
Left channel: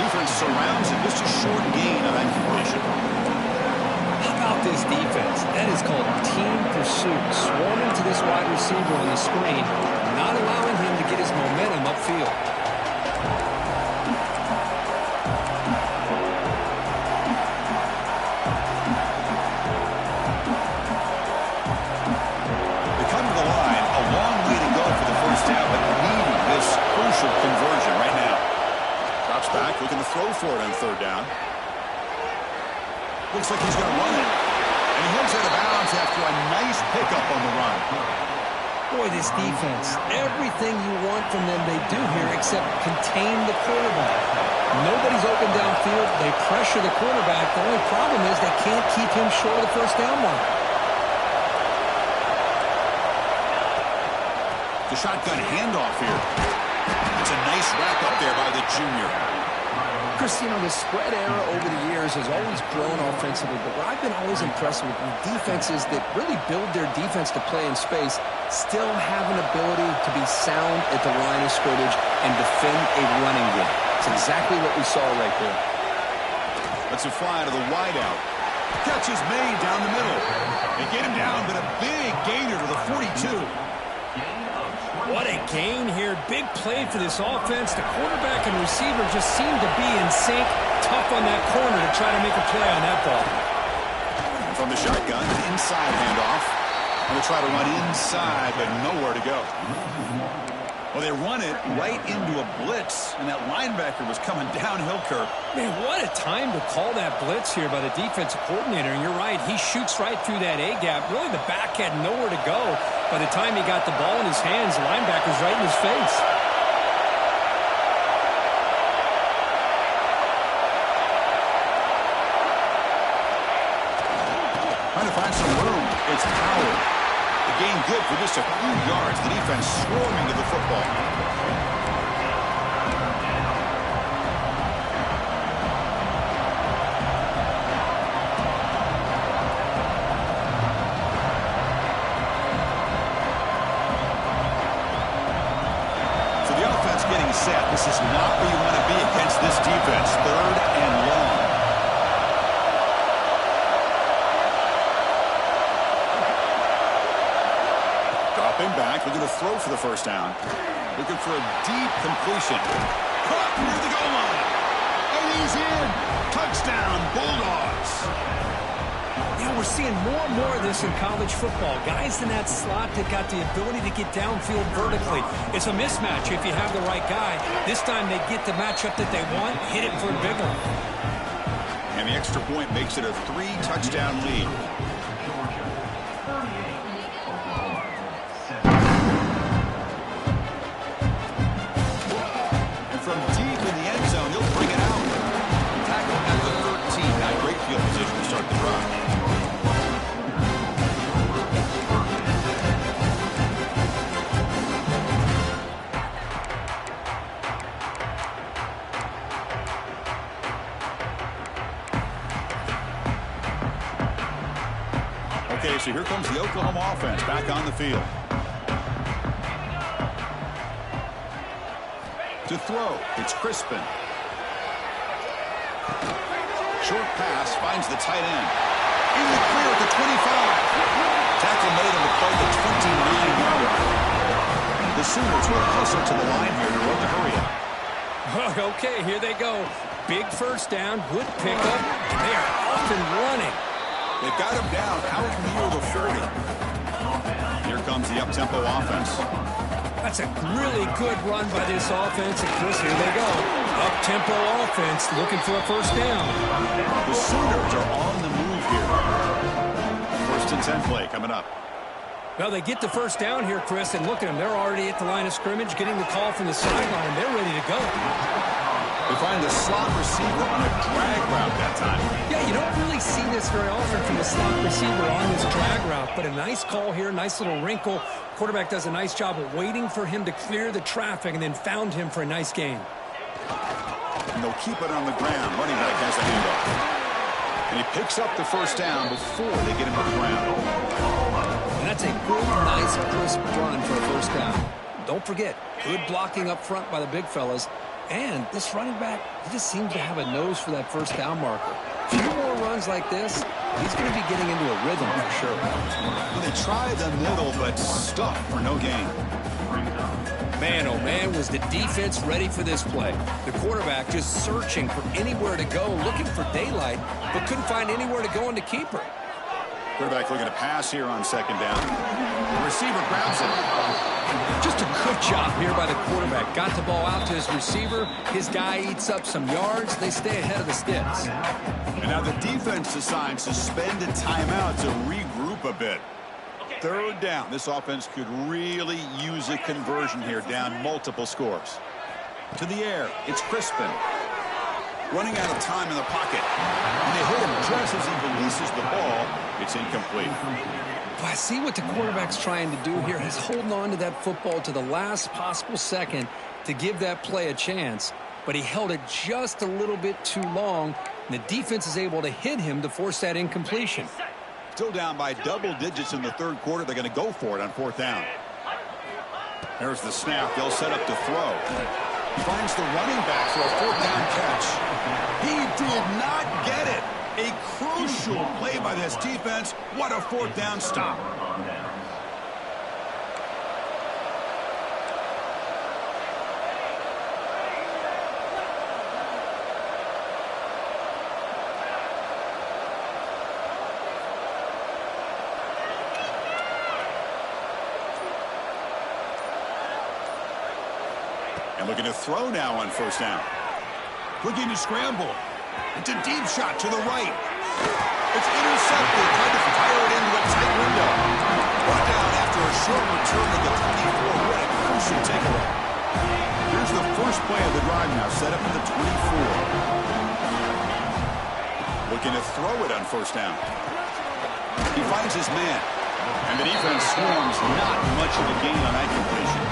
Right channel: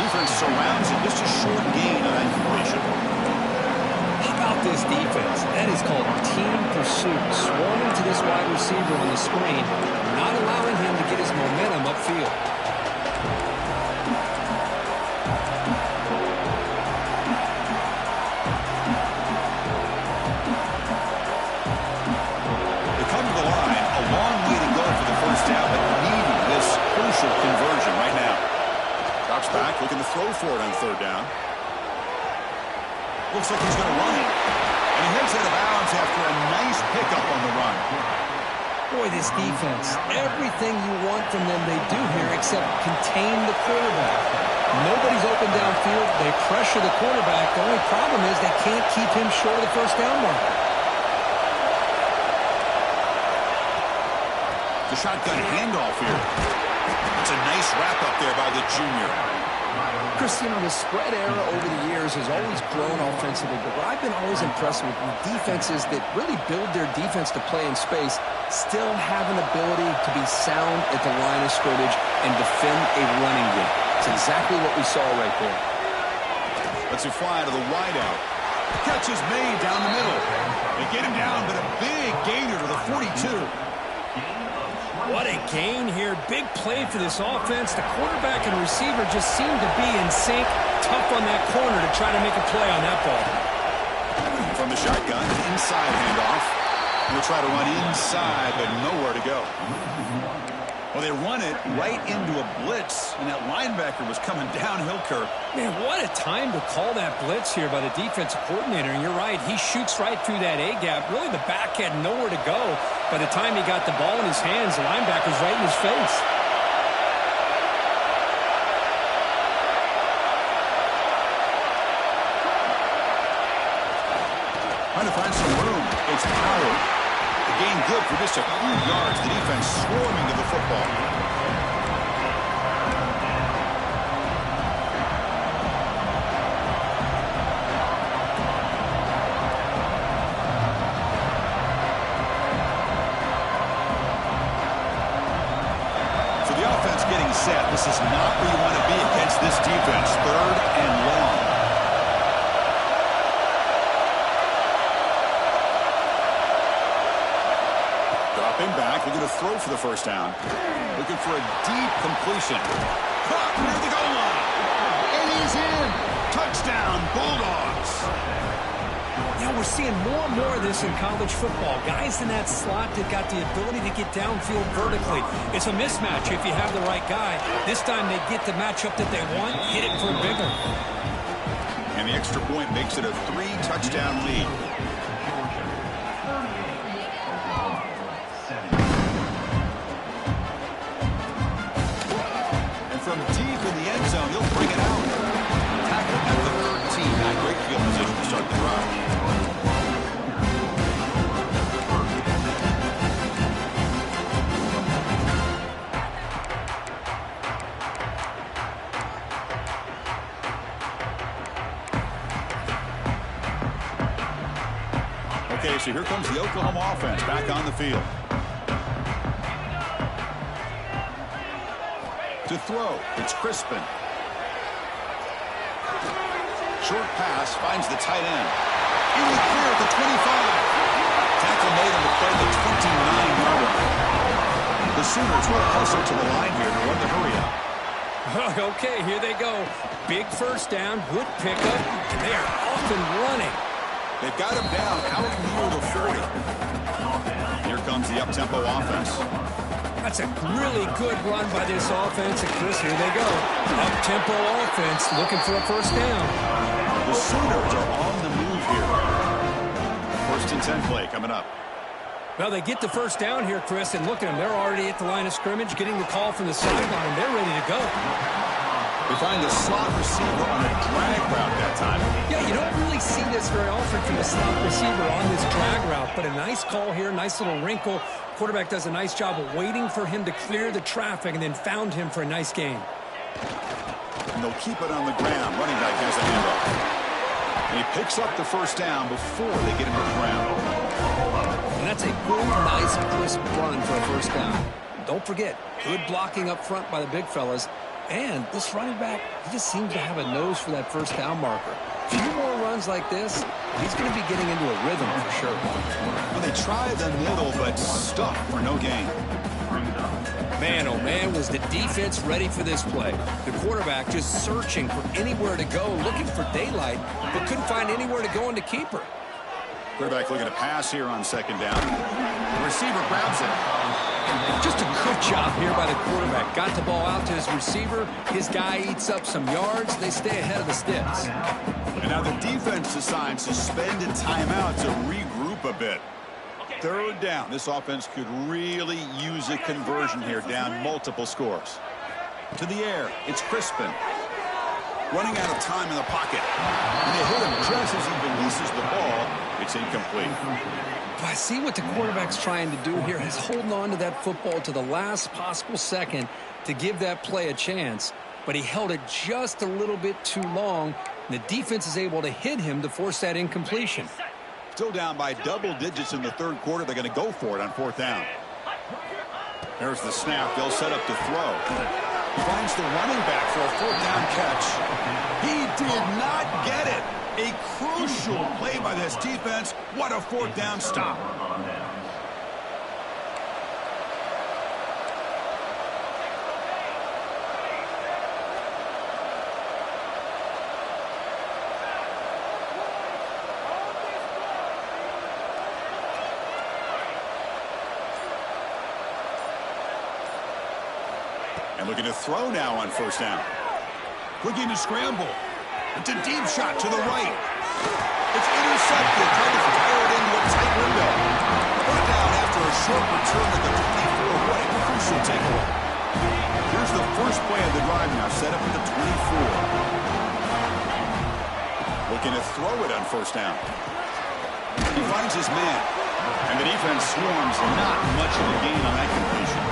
Defense surrounds it. Just a short gain on that completion. How about this defense? That is called team pursuit. Swarming to this wide receiver on the screen, not allowing him to get his momentum upfield. They come to the line. A long way to go for the first down, but needing this crucial conversion right now. Drops back, looking to throw for it on third down. Looks like he's going to run it. And he heads out of bounds after a nice pickup on the run. Boy, this defense, everything you want from them they do here except contain the quarterback. Nobody's open downfield. They pressure the quarterback. The only problem is they can't keep him short of the first down mark. The shotgun handoff here. It's a nice wrap up there by the junior. Chris, you know, the spread era over the years has always grown offensively, but what I've been always impressed with defenses that really build their defense to play in space still have an ability to be sound at the line of scrimmage and defend a running game. It's exactly what we saw right there. Lets it fly to the wideout. Catch is made down the middle. They get him down, but a big gainer to the 42. What a gain here. Big play for this offense. The quarterback and receiver just seem to be in sync. Tough on that corner to try to make a play on that ball. From the shotgun, inside handoff. And we'll try to run inside, but nowhere to go. Well, they run it right into a blitz, and that linebacker was coming downhill, Kirk. Man, what a time to call that blitz here by the defensive coordinator. And you're right, he shoots right through that A-gap. Really, the back had nowhere to go. By the time he got the ball in his hands, the linebacker's right in his face. Trying to find some room. It's Power. The gain good for just a few yards. The defense swarming to the football. So the offense getting set. This is not where you want to be against this defense. Third and long. Dropping back, looking to throw for the first down. Looking for a deep completion. Caught near the goal line. And he's in. Touchdown, Bulldogs. Yeah, we're seeing more and more of this in college football. Guys in that slot that got the ability to get downfield vertically. It's a mismatch if you have the right guy. This time they get the matchup that they want, hit it for a bigger. And the extra point makes it a 3-touchdown lead. From deep in the end zone, he'll bring it out. Tackle at the 13. Got great field position to start the drive. Okay, so here comes the Oklahoma offense back on the field. To throw, it's Crispin. Short pass, finds the tight end. In the clear at the 25. Tackle made on the play the 29-yard line. The Sooners will hustle to the line here to run the hurry-up. Okay, here they go. Big first down, good pickup, and they are off and running. They've got him down out near the 40. Here comes the up-tempo offense. That's a really good run by this offense. And Chris, here they go. Up-tempo offense looking for a first down. The Sooners are on the move here. First and 10 play coming up. Well, they get the first down here, Chris, and look at them. They're already at the line of scrimmage, getting the call from the sideline. They're ready to go. They find the slot receiver on a drag route that time. Yeah, you don't really see this very often from the slot receiver on this drag route, but a nice call here, nice little wrinkle. Quarterback does a nice job of waiting for him to clear the traffic and then found him for a nice gain. And they'll keep it on the ground. Running back has the handoff. And he picks up the first down before they get him to the ground. And that's a good, nice, crisp run for a first down. Don't forget, good blocking up front by the big fellas. And this running back, he just seems to have a nose for that first down marker. A few more runs like this, he's going to be getting into a rhythm for sure. Well, they tried the middle, but stuck for no gain. Man, oh man, was the defense ready for this play. The quarterback just searching for anywhere to go, looking for daylight, but couldn't find anywhere to go in the keeper. Quarterback looking to pass here on second down. The receiver grabs it. Just a good job here by the quarterback. Got the ball out to his receiver. His guy eats up some yards. They stay ahead of the sticks. And now the defense decides to spend a timeout to regroup a bit. Third down. This offense could really use a conversion here, down multiple scores. To the air, it's Crispin. Running out of time in the pocket. And they hit him just as he releases the ball. It's incomplete. I see what the quarterback's trying to do here. He's holding on to that football to the last possible second to give that play a chance. But he held it just a little bit too long. And the defense is able to hit him to force that incompletion. Still down by double digits in the third quarter. They're going to go for it on fourth down. There's the snap. They'll set up to throw. Finds the running back for a fourth down catch. He did not get it. A crucial play by this defense. What a fourth down stop. And looking to throw now on first down. Looking to scramble. It's a deep shot to the right. It's intercepted. Trying to fire it into a tight window. Brought down after a short return at the 24. What a crucial takeaway. Here's the first play of the drive now. Set up at the 24. Looking to throw it on first down. He finds his man. And the defense swarms. Not much of a gain on that completion.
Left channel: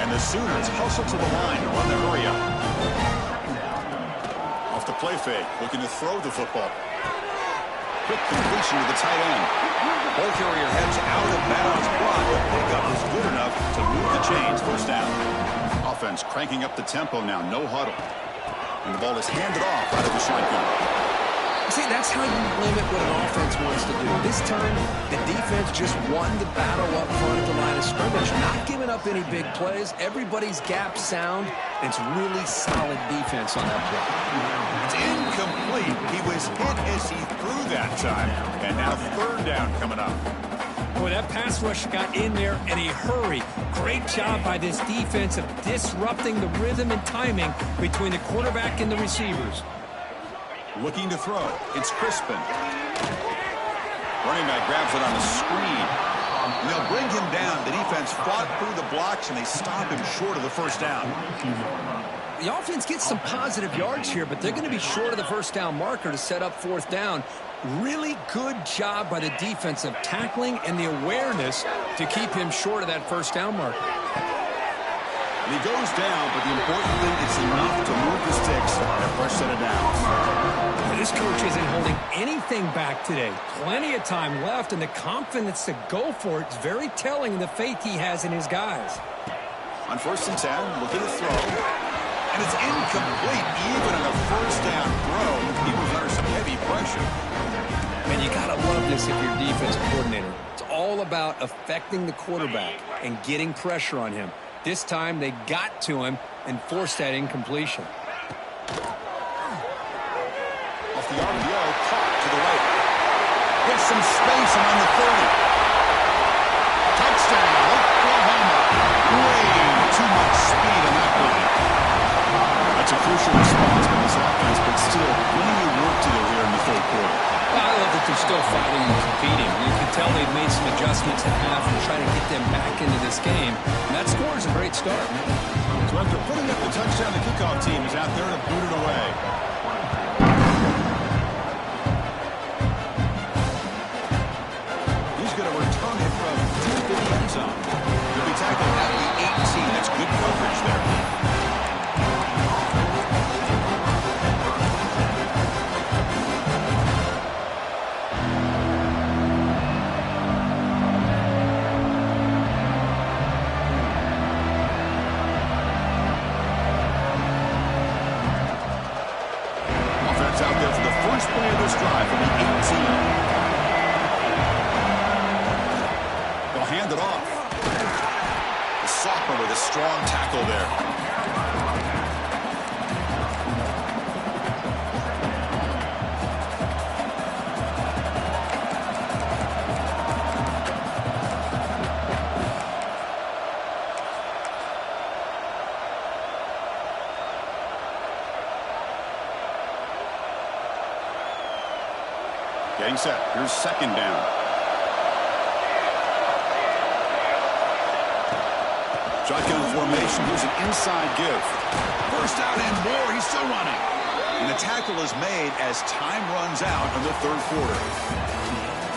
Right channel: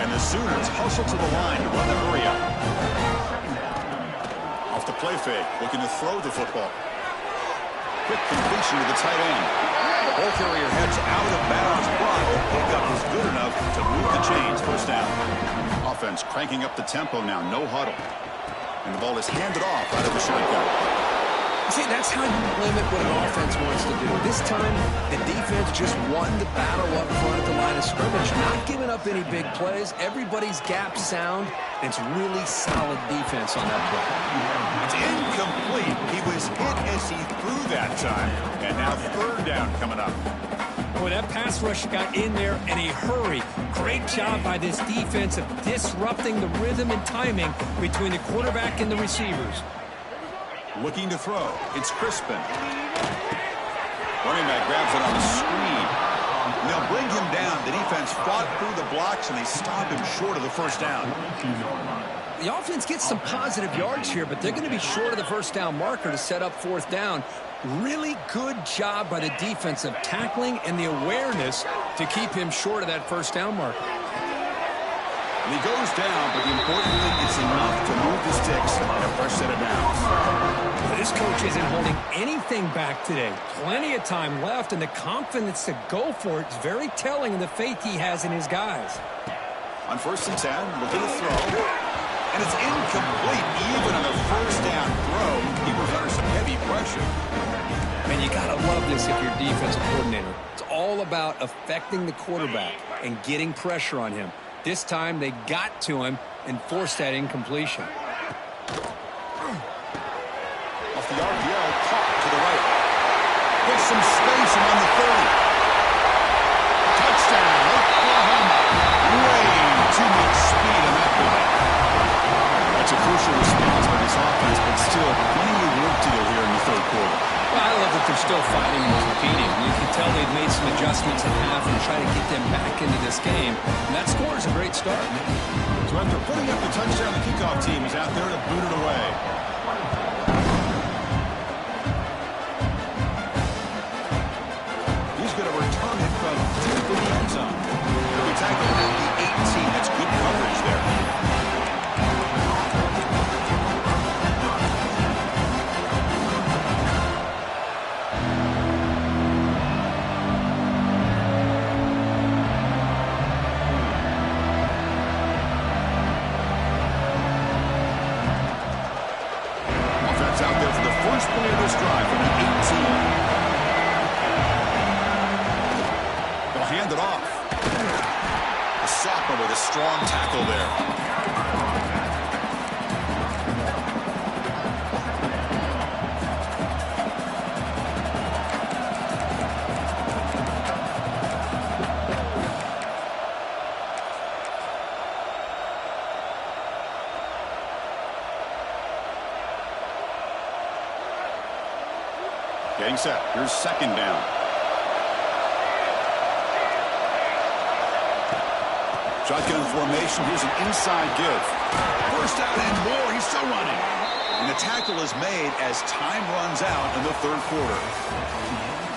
And the Sooners hustle to the line to run the hurry up. Off the play fake, looking to throw the football. Quick completion to the tight end. Ball carrier heads out of bounds, but the pickup is good enough to move the chains. First down. Offense cranking up the tempo now, no huddle. And the ball is handed off out of the shotgun. See, that's how you limit what an offense wants to do. This time, the defense just won the battle up front at the line of scrimmage, not giving up any big plays. Everybody's gap sound. It's really solid defense on that play. It's incomplete. He was hit as he threw that time. And now third down coming up. Boy, that pass rush got in there in a hurry. Great job by this defense of disrupting the rhythm and timing between the quarterback and the receivers. Looking to throw. It's Crispin. Running back grabs it on the screen. And they'll bring him down. The defense fought through the blocks, and they stop him short of the first down. The offense gets some positive yards here, but they're going to be short of the first down marker to set up fourth down. Really good job by the defense of tackling and the awareness to keep him short of that first down marker. And he goes down, but the important thing is enough to move the sticks and a fresh set of downs. This coach isn't holding anything back today. Plenty of time left, and the confidence to go for it is very telling of the faith he has in his guys. On first and 10, looking to throw. And it's incomplete. Even on the first down throw, he was under some heavy pressure. Man, you got to love this if you're defensive coordinator. It's all about affecting the quarterback and getting pressure on him. This time they got to him and forced that incompletion. Off the RPO, caught to the right. Gets some space and on the 30. Touchdown, Oklahoma. Way too much speed on that play. That's a crucial response by this offense, but still plenty of work to do here in the third quarter. Well, I love that they're still fighting and competing. You can tell they've made some adjustments at half and trying to get them back into this game. And that score is a great start. So after putting up the touchdown, the kickoff team is out there to boot it away. He's going to return it from deep in the end zone. He'll be tackled at the 18. That's good coverage there. clear this drive from the 18. They'll hand it off. The sophomore with a strong tackle there. Getting set. Here's second down. Shotgun formation. Here's an inside give. First down and more. He's still running. And the tackle is made as time runs out in the third quarter.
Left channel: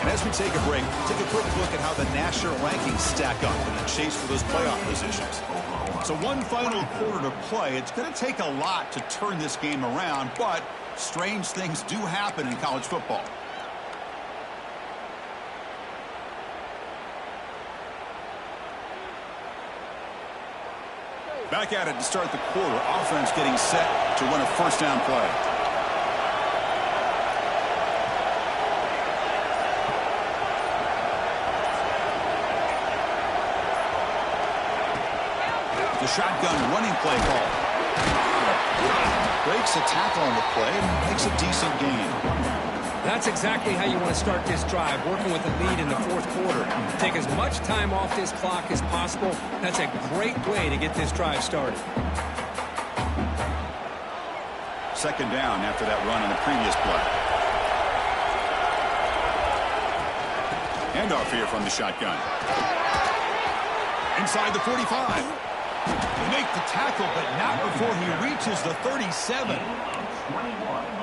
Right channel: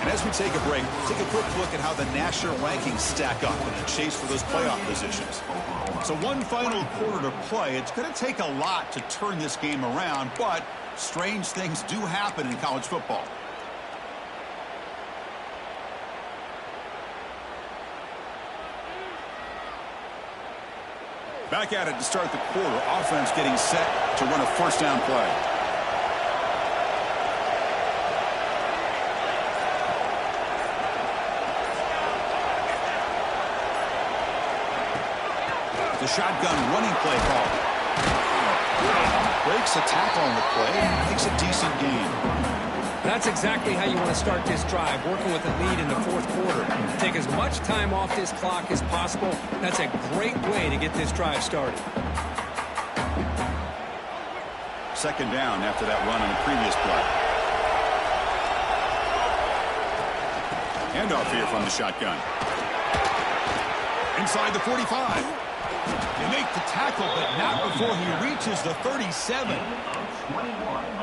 And as we take a break, take a quick look at how the national rankings stack up in the chase for those playoff positions. So one final quarter to play. It's going to take a lot to turn this game around, but strange things do happen in college football. Back at it to start the quarter. Offense getting set to run a first down play. The shotgun running play call. Breaks a tackle on the play. Makes a decent gain. That's exactly how you want to start this drive, working with a lead in the fourth quarter. Take as much time off this clock as possible. That's a great way to get this drive started. Second down after that run on the previous play. Handoff here from the shotgun. Inside the 45. They make the tackle, but not before he reaches the 37.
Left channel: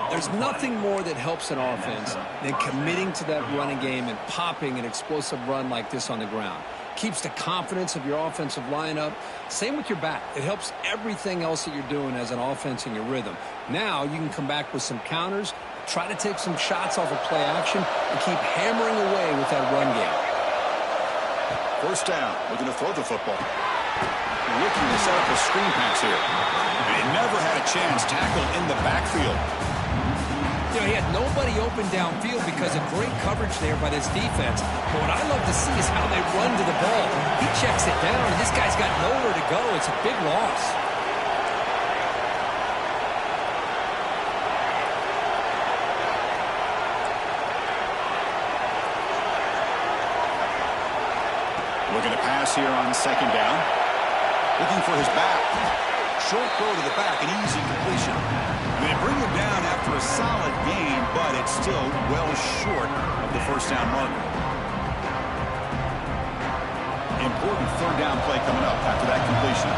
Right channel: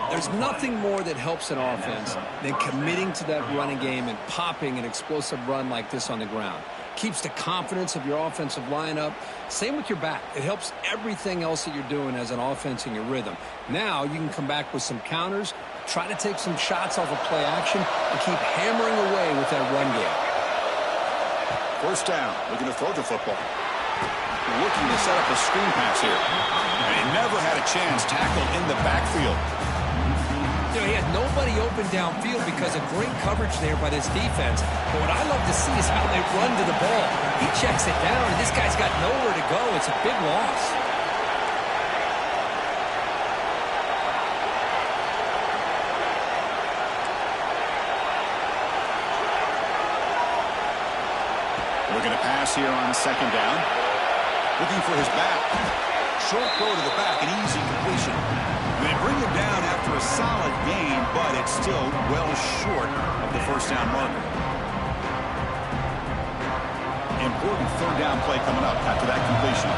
There's nothing more that helps an offense than committing to that running game and popping an explosive run like this on the ground. Keeps the confidence of your offensive lineup. Same with your back. It helps everything else that you're doing as an offense in your rhythm. Now you can come back with some counters, try to take some shots off of play action, and keep hammering away with that run game. First down, looking to throw the football. Looking to set up a screen pass here. And he never had a chance tackled in the backfield. You know, he had nobody open downfield because of great coverage there by this defense. But what I love to see is how they run to the ball. He checks it down, and this guy's got nowhere to go. It's a big loss. Looking to pass here on second down. Looking for his back. Short throw to the back, an easy completion. And they bring him down after a solid gain, but it's still well short of the first down marker. Important third down play coming up after that completion.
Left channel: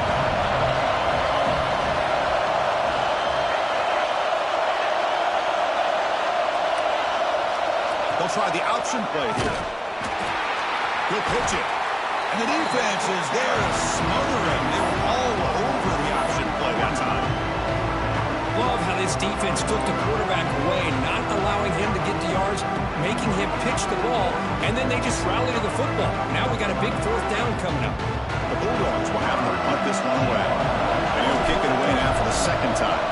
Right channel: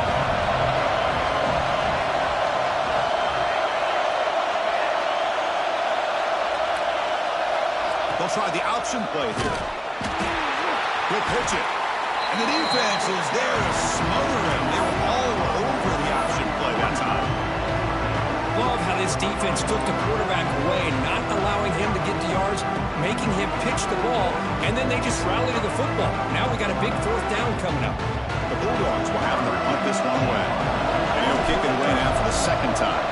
They'll try the option play here. He'll pitch it. And the defense is there to smother him. They were all over the option play that time. Love how this defense took the quarterback away, not allowing him to get the yards, making him pitch the ball, and then they just rally to the football. Now we got a big fourth down coming up. The Bulldogs will have to punt this one away. And he'll kick it away now for the second time.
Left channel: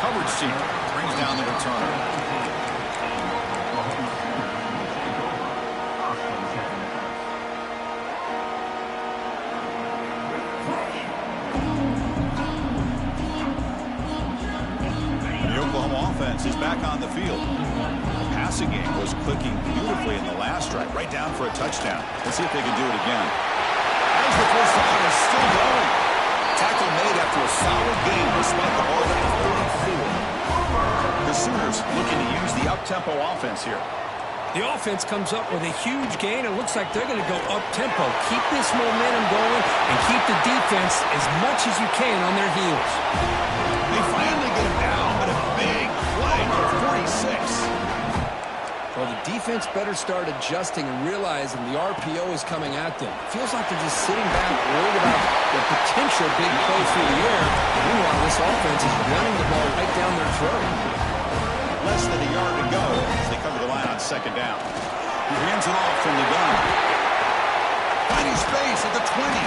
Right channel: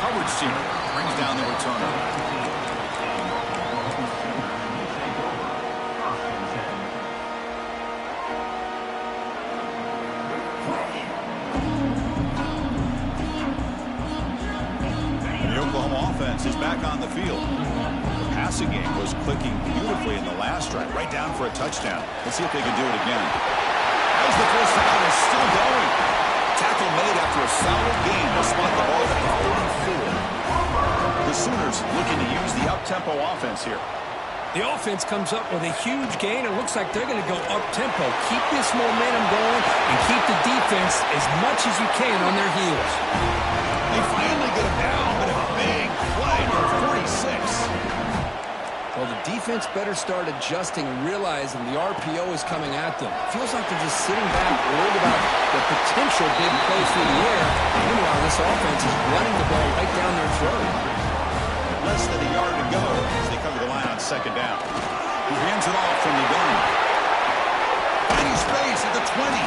Coverage team brings down the returner. Is back on the field. The passing game was clicking beautifully in the last drive, right down for a touchdown. Let's see if they can do it again. As the first down is still going. Tackle made after a solid game to spot the ball at the 44. The Sooners looking to use the up-tempo offense here. The offense comes up with a huge gain. It looks like they're going to go up-tempo. Keep this momentum going and keep the defense as much as you can on their heels. They finally get him down, but a big play for 46. Well, the defense better start adjusting and realizing the RPO is coming at them. Feels like they're just sitting back, worried about the potential big plays through the air. Meanwhile, this offense is running the ball right down their throat. Less than a yard to go as they cover the line on second down. He hands it off from the gun. Finding space at the 20.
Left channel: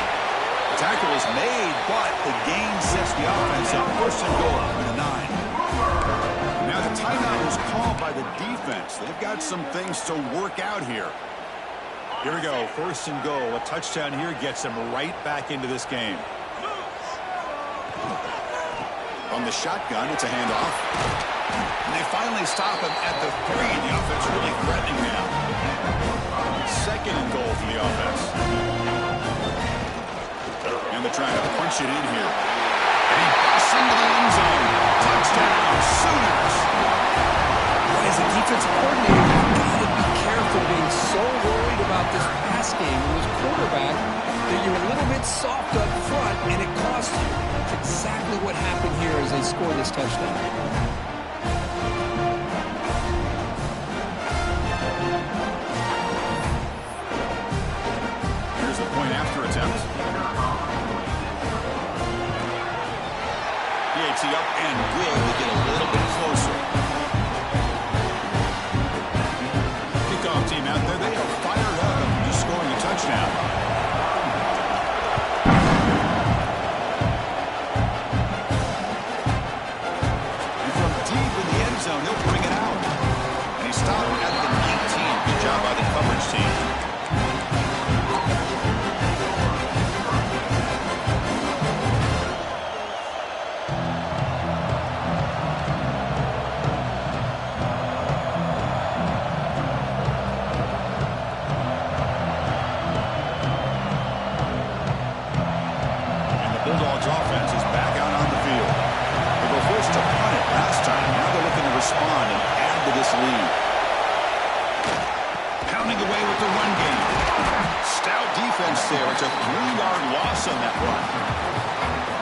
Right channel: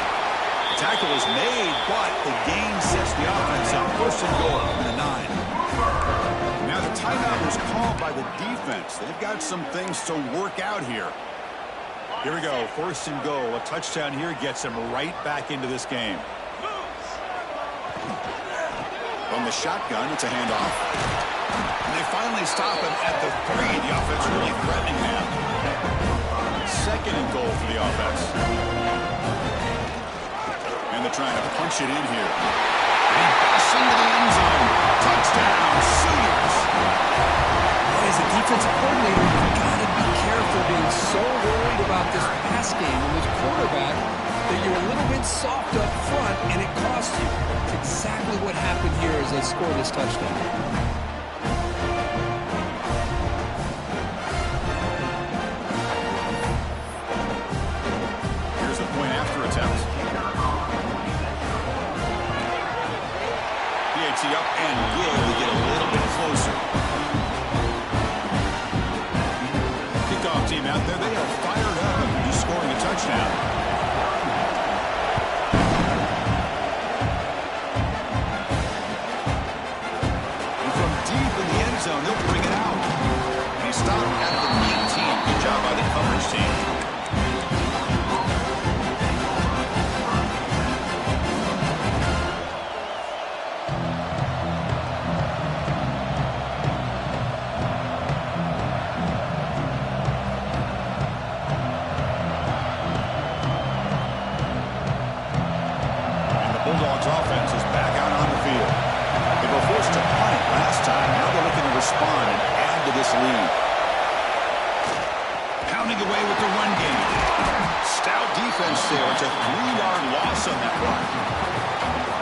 The tackle is made, but the gain sets the offense up. First and goal from the 9. Now the timeout is called by the defense. They've got some things to work out here. Here we go. First and goal. A touchdown here gets them right back into this game. From the shotgun, it's a handoff. And they finally stop him at the 3. The offense really threatening now. Second and goal for the offense. And they're trying to punch it in here. And he busts into the end zone. Touchdown, Sooners. Boy, as a defensive coordinator, you've got to be careful being so worried about this pass game and this quarterback that you're a little bit soft up front, and it costs you. It's exactly what happened here as they score this touchdown. Here's the point after attempt. PAT up and good. We get a little bit closer. Kickoff team out there, they are fired up and just scoring a touchdown. And from deep in the end zone, he'll bring it out. And he stopped at the 19. Good job by the coverage team. Bulldogs offense is back out on the field. They were forced to punt it last time. Now they're looking to respond and add to this lead. Pounding away with the run game. Stout defense there. It's a 3-yard loss on that run.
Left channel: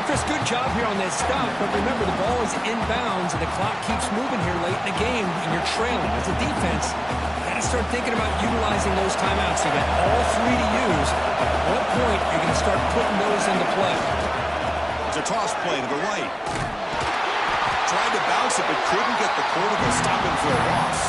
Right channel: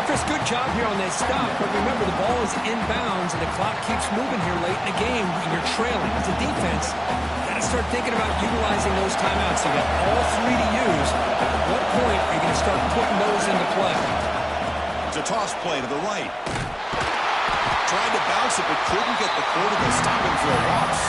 Chris, good job here on that stop, but remember the ball is inbounds and the clock keeps moving here late in the game and you're trailing. As a defense, you got to start thinking about utilizing those timeouts. You got all 3 to use. At what point are you going to start putting those into play? It's a toss play to the right. Tried to bounce it, but couldn't get the quarter to stop him for a loss.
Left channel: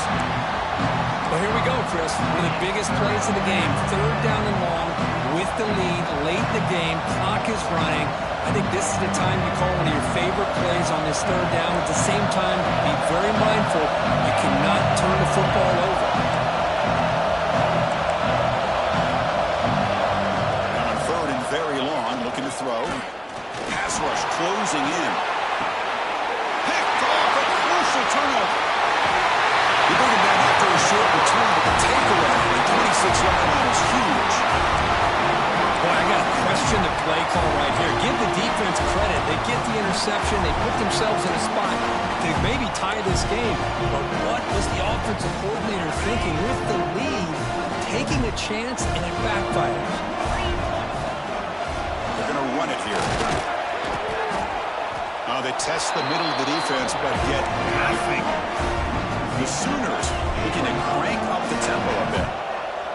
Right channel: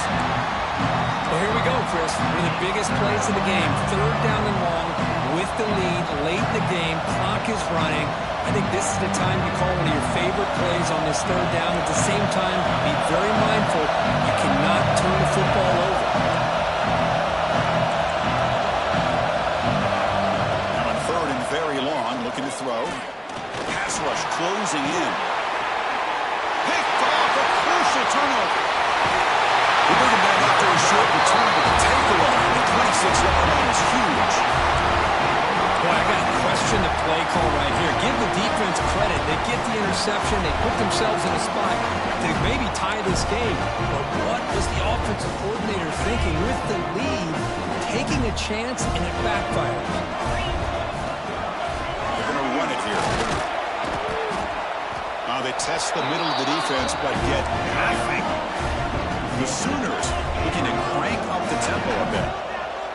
Well, here we go, Chris. One of the biggest plays of the game. 3rd down and long with the lead late in the game. Clock is running. I think this is the time you call one of your favorite plays on this 3rd down. At the same time, be very mindful. You cannot turn the football over. Now on 3rd and very long, looking to throw. Pass rush closing in. Picked off, a crucial turnover. They bring him down after a short return, but the takeaway on the 26-yard line is huge. Boy, I got to question the play call right here. Give the defense credit. They get the interception. They put themselves in a spot to maybe tie this game. But what was the offensive coordinator thinking with the lead, taking a chance, and it backfires? They're going to run it here. They test the middle of the defense, but get nothing. The Sooners looking to crank up the tempo a bit.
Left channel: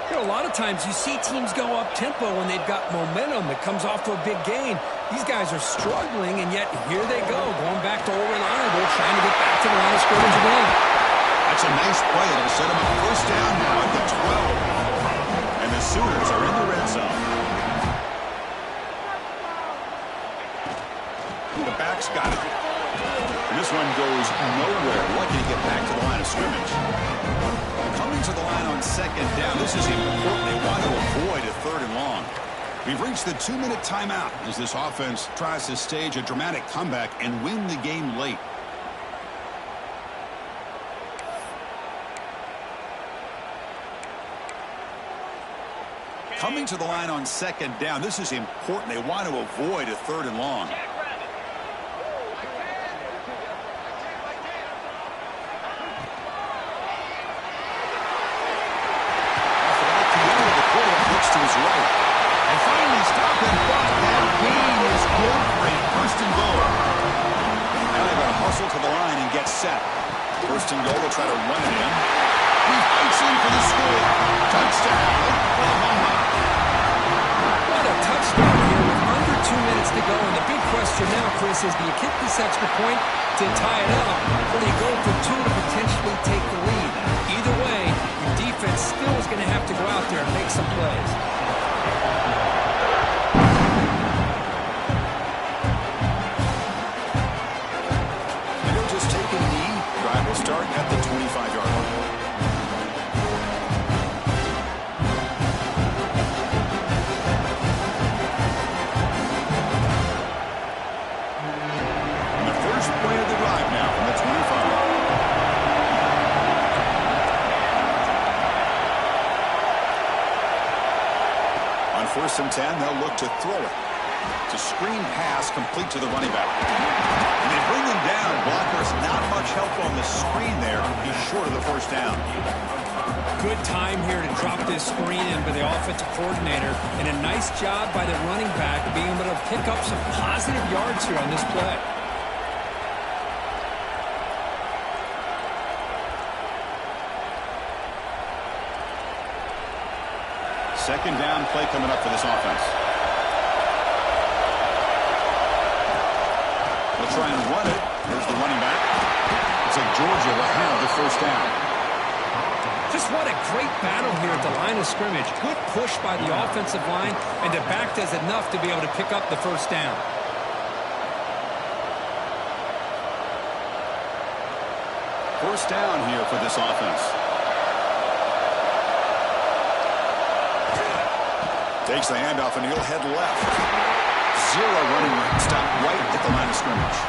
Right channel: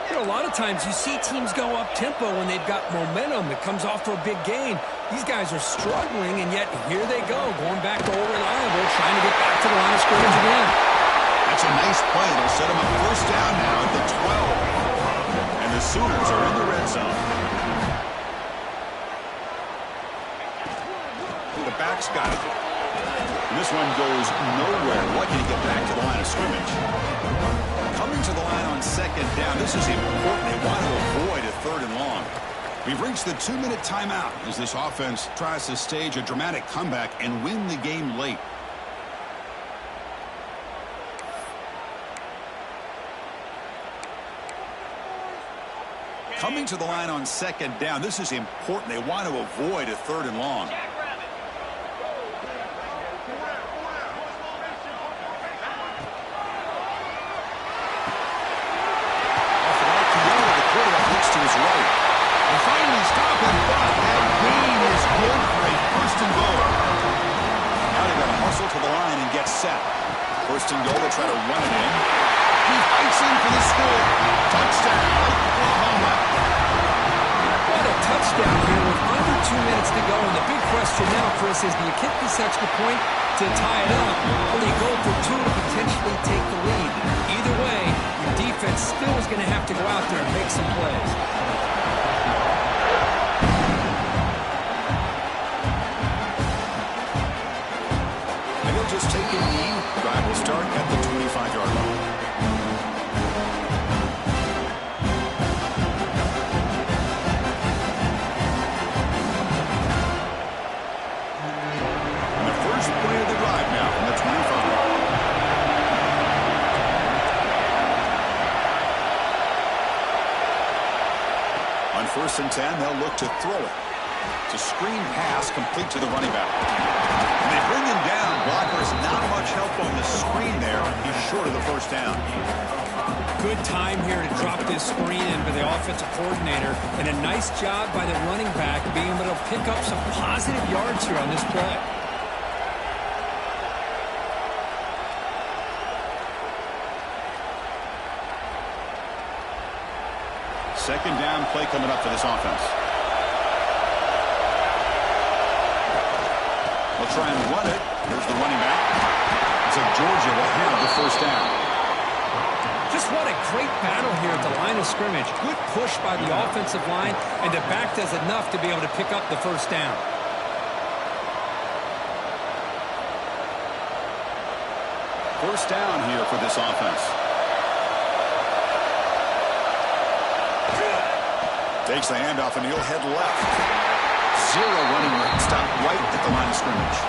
You know, a lot of times you see teams go up-tempo when they've got momentum that comes off to a big gain. These guys are struggling, and yet here they go, going back to old reliable, trying to get back to the line of scrimmage again. That's a nice play. It'll set them up 1st down now at the 12. And the Sooners are in the red zone. The back's got it. And this one goes nowhere. Lucky to get back to the line of scrimmage. Coming to the line on 2nd down. This is important. They want to avoid a 3rd and long. We've reached the 2-minute timeout as this offense tries to stage a dramatic comeback and win the game late. Coming to the line on 2nd down. This is important. They want to avoid a 3rd and long. To his right. And finally stop him, but that gain is good for a 1st and goal. Now they've got to hustle to the line and get set. 1st and goal, they'll try to run it in. He fights in for the score. Touchdown, Oklahoma. What a touchdown here with under 2 minutes to go. And the big question now, Chris, is do you kick this extra point to tie it up, or do you go for 2 to potentially take the lead? Either way, your defense still is going to have to go out there and make some plays. just take a knee. Drive will start at the 25-yard line. And the first play of the drive now from the 25. On 1st and 10, they'll look to throw it. It's a screen pass complete to the running back. And they bring him down. Blockers not much help on the screen there. He's short of the first down. Good time here to drop this screen in by the offensive coordinator. And a nice job by the running back being able to pick up some positive yards here on this play. Second down play coming up for this offense. They'll try and run it. Here's the running back. Looks like Georgia will have the first down. Just what a great battle here at the line of scrimmage. Good push by the offensive line, and the back does enough to be able to pick up the first down. First down here for this offense. Takes the handoff, and he'll head left. Zero running room. Stop right at the line of scrimmage.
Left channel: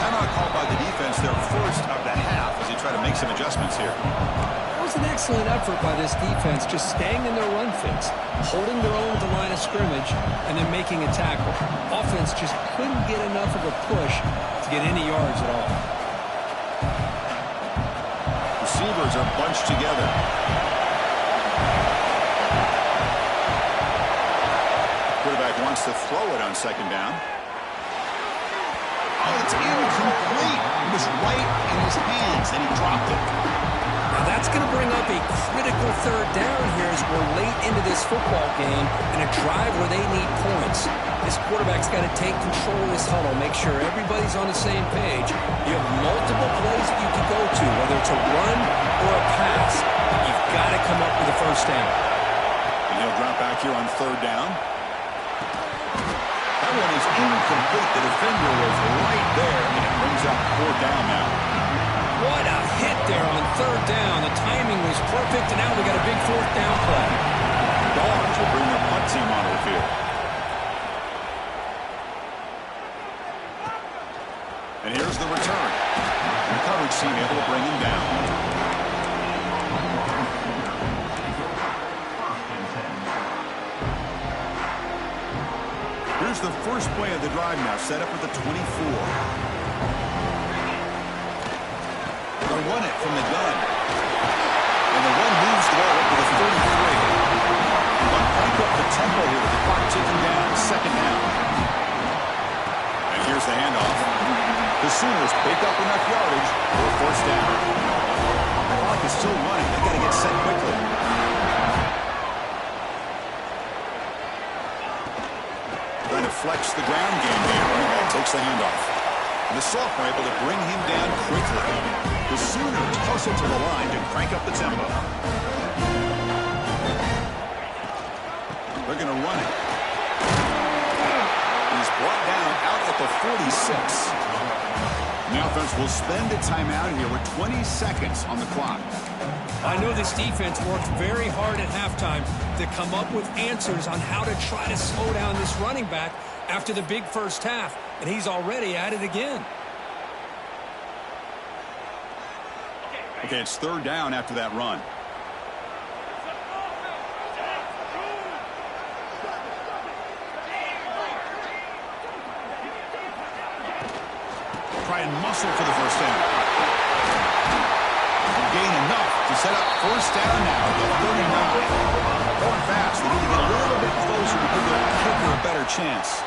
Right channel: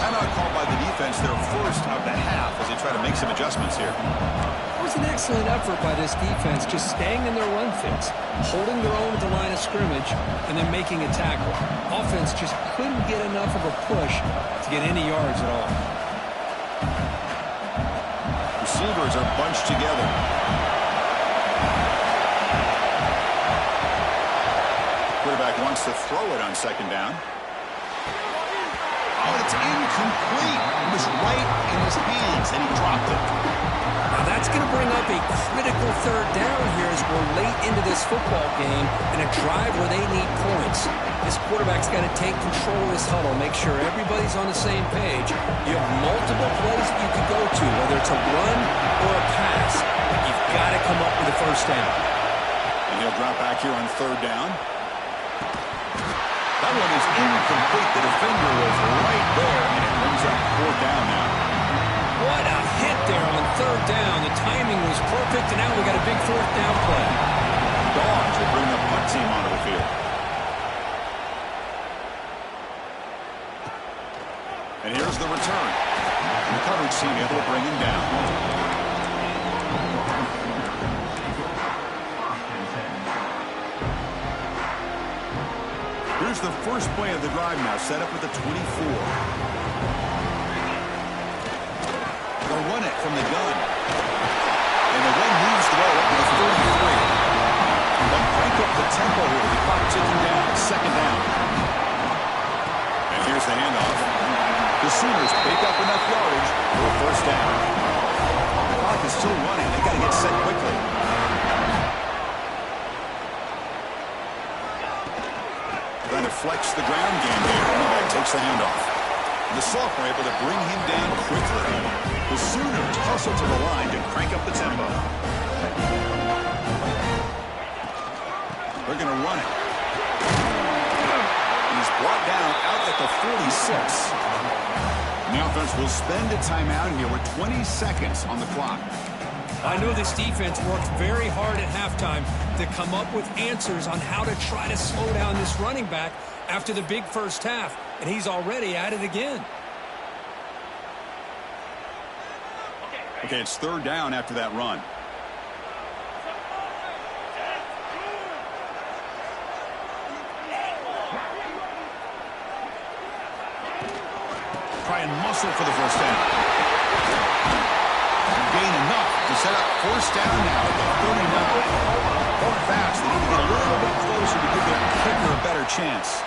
Timeout called by the defense, their first of the half, as they try to make some adjustments here. It was an excellent effort by this defense, just staying in their run fits, holding their own at the line of scrimmage, and then making a tackle. Offense just couldn't get enough of a push to get any yards at all. Receivers are bunched together. Quarterback wants to throw it on second down. Oh, it's incomplete. It was right in his hands, and he dropped it. Now that's going to bring up a critical third down here as we're late into this football game in a drive where they need points. This quarterback's got to take control of this huddle, make sure everybody's on the same page. You have multiple plays that you could go to, whether it's a run or a pass, but you've got to come up with a first down. And he'll drop back here on third down. That one is incomplete. The defender was right there, and it brings up fourth down now. What a hit there on third down. The timing was perfect, and now we got a big fourth down play. Dogs will bring the punt team onto the field. And here's the return. The coverage team able to bring him down. Here's the first play of the drive now, set up at the 24. They'll run it from the gun. And the run moves the ball up to the 33. They'll crank up the tempo here with the clock ticking down. Second down. And here's the handoff. The Sooners pick up enough yardage for a first down. The clock is still running. They got to get set quickly. Trying to flex the ground game here. Running back takes the handoff. And the sophomore able to bring him down quickly. The Sooners hustle to the line to crank up the tempo. They're going to run it. And he's brought down out at the 46. And the offense will spend a timeout here with 20 seconds on the clock. I know this defense worked very hard at halftime to come up with answers on how to try to slow down this running back after the big first half, and he's already at it again. Okay, it's third down after that run. Try and muscle for the first down. Gain enough to set up first down now at the 39. Going fast. They need to get a little bit closer to give their kicker a better chance.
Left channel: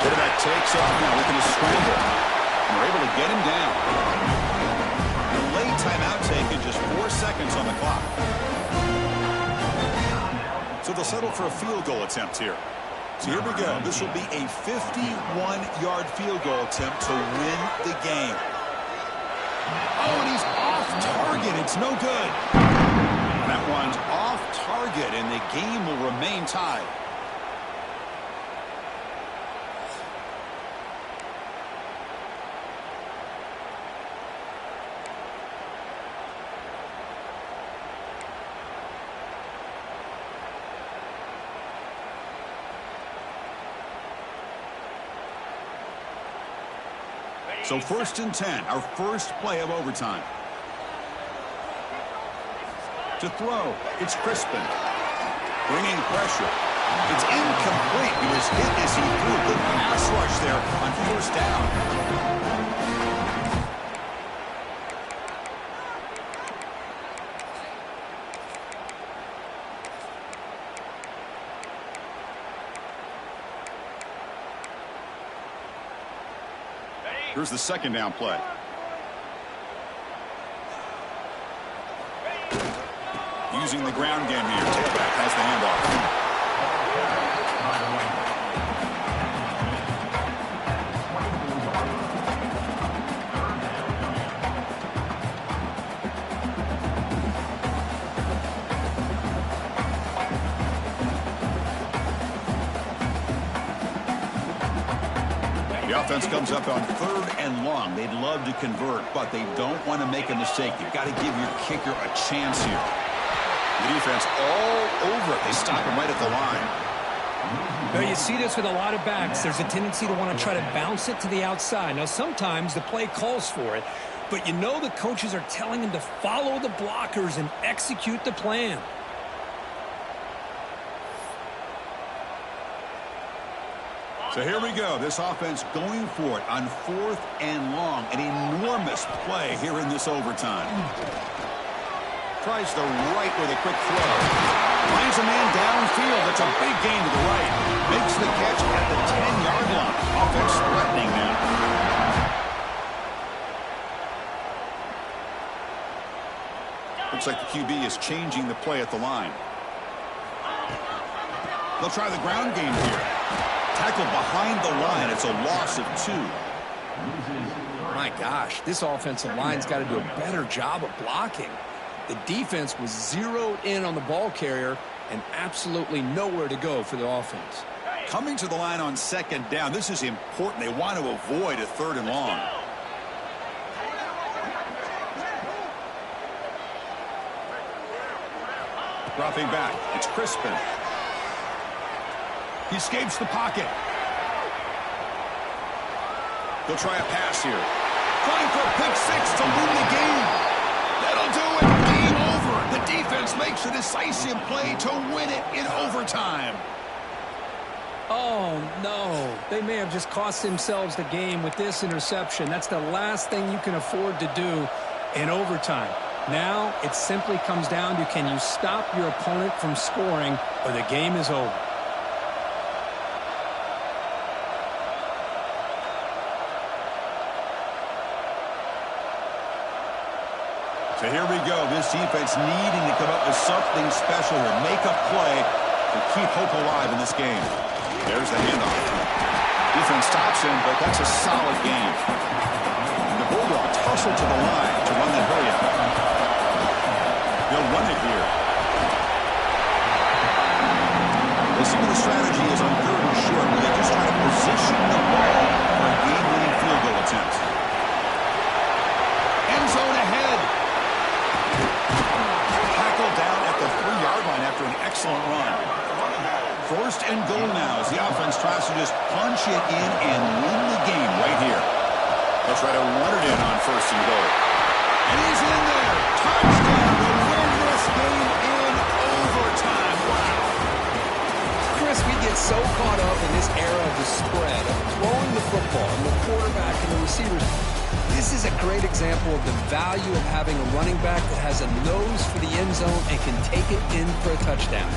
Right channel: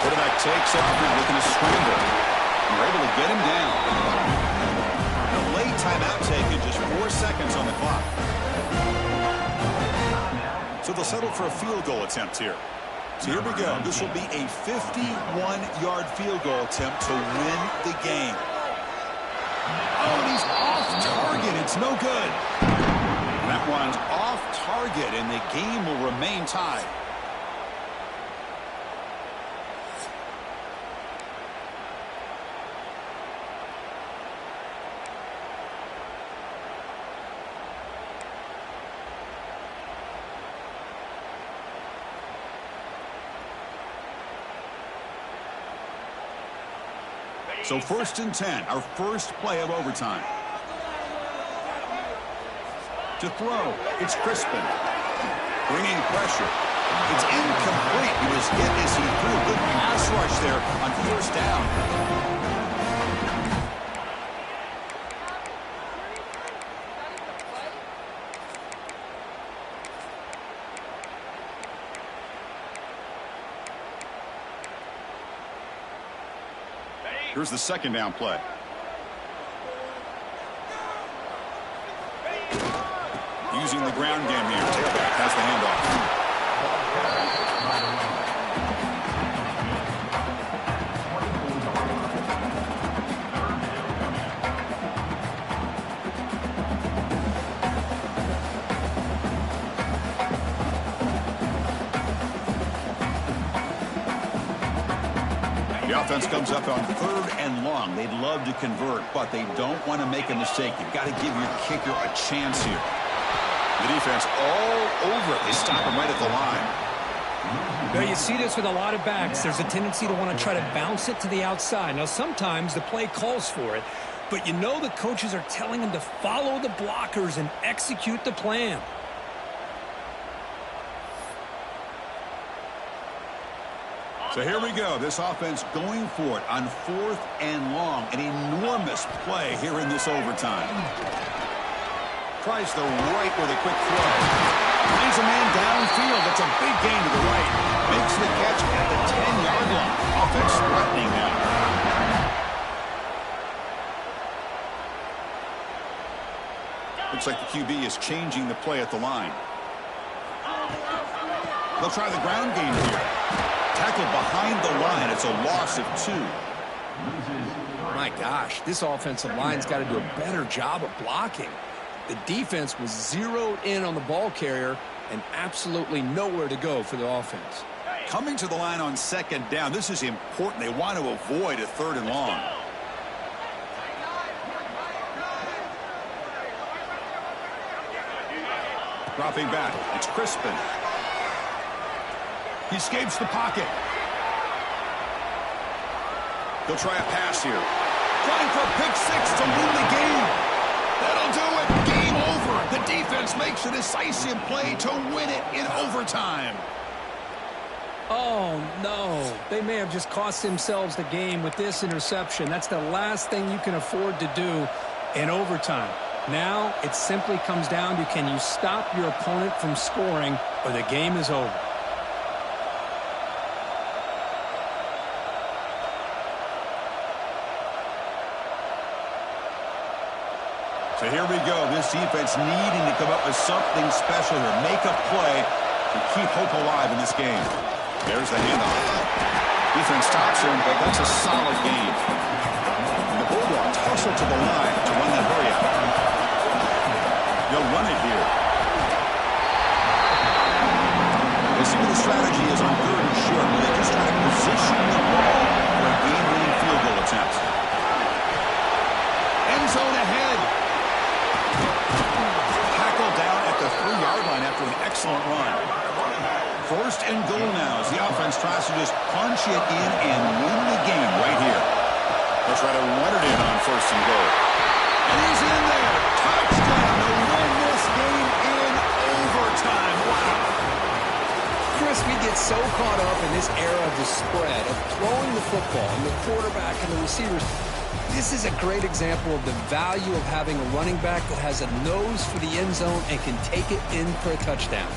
Quarterback takes off now, looking to scramble. And they're able to get him down. The late timeout taken, just 4 seconds on the clock. So they'll settle for a field goal attempt here. So here we go. This will be a 51-yard field goal attempt to win the game. Oh, and he's off target. It's no good. That one's off target, and the game will remain tied. So 1st and 10, our first play of overtime. To throw, it's Crispin. Bringing pressure. It's incomplete. He was hit as he threw. Good pass rush there on 1st down. Here's the 2nd down play. Using the ground game here. Tailback has the handoff. The offense comes up on 3rd and long. They'd love to convert, but they don't want to make a mistake. You've got to give your kicker a chance here. The defense all over it. They stop him right at the line. Now, you see this with a lot of backs. There's a tendency to want to try to bounce it to the outside. Now, sometimes the play calls for it, but you know the coaches are telling them to follow the blockers and execute the plan. So here we go. This offense going for it on 4th and long. An enormous play here in this overtime. Tries the right with a quick throw. Finds a man downfield. That's a big gain to the right. Makes the catch at the 10-yard line. Offense threatening now. Looks like the QB is changing the play at the line. They'll try the ground game here. Tackled behind the line. It's a loss of 2. My gosh, this offensive line's got to do a better job of blocking. The defense was zeroed in on the ball carrier and absolutely nowhere to go for the offense. Coming to the line on 2nd down. This is important. They want to avoid a 3rd and long. Dropping back. It's Crispin. He escapes the pocket. He'll try a pass here. Trying for a pick 6 to win the game. That'll do it. Game over. The defense makes a decisive play to win it in overtime. Oh, no. They may have just cost themselves the game with this interception. That's the last thing you can afford to do in overtime. Now it simply comes down to, can you stop your opponent from scoring, or the game is over. So here we go. This defense needing to come up with something special here. Make a play to keep hope alive in this game. There's the handoff. Defense stops him, but that's a solid game. The Bulldogs hustle to the line to run that hurry out. They'll run it here. We'll see what the strategy is on 3rd and short, where they just try to position the ball for a game-winning field goal attempt. End zone ahead. Tackled down at the 3-yard line after an excellent run. 1st and goal now as the offense tries to just punch it in and win the game right here. They'll try to run it in on 1st and goal. And he's in there. Touchdown to win this game in overtime. Wow. Chris, we get so caught up in this era of the spread, of throwing the football and the quarterback and the receivers. This is a great example of the value of having a running back that has a nose for the end zone and can take it in for a touchdown.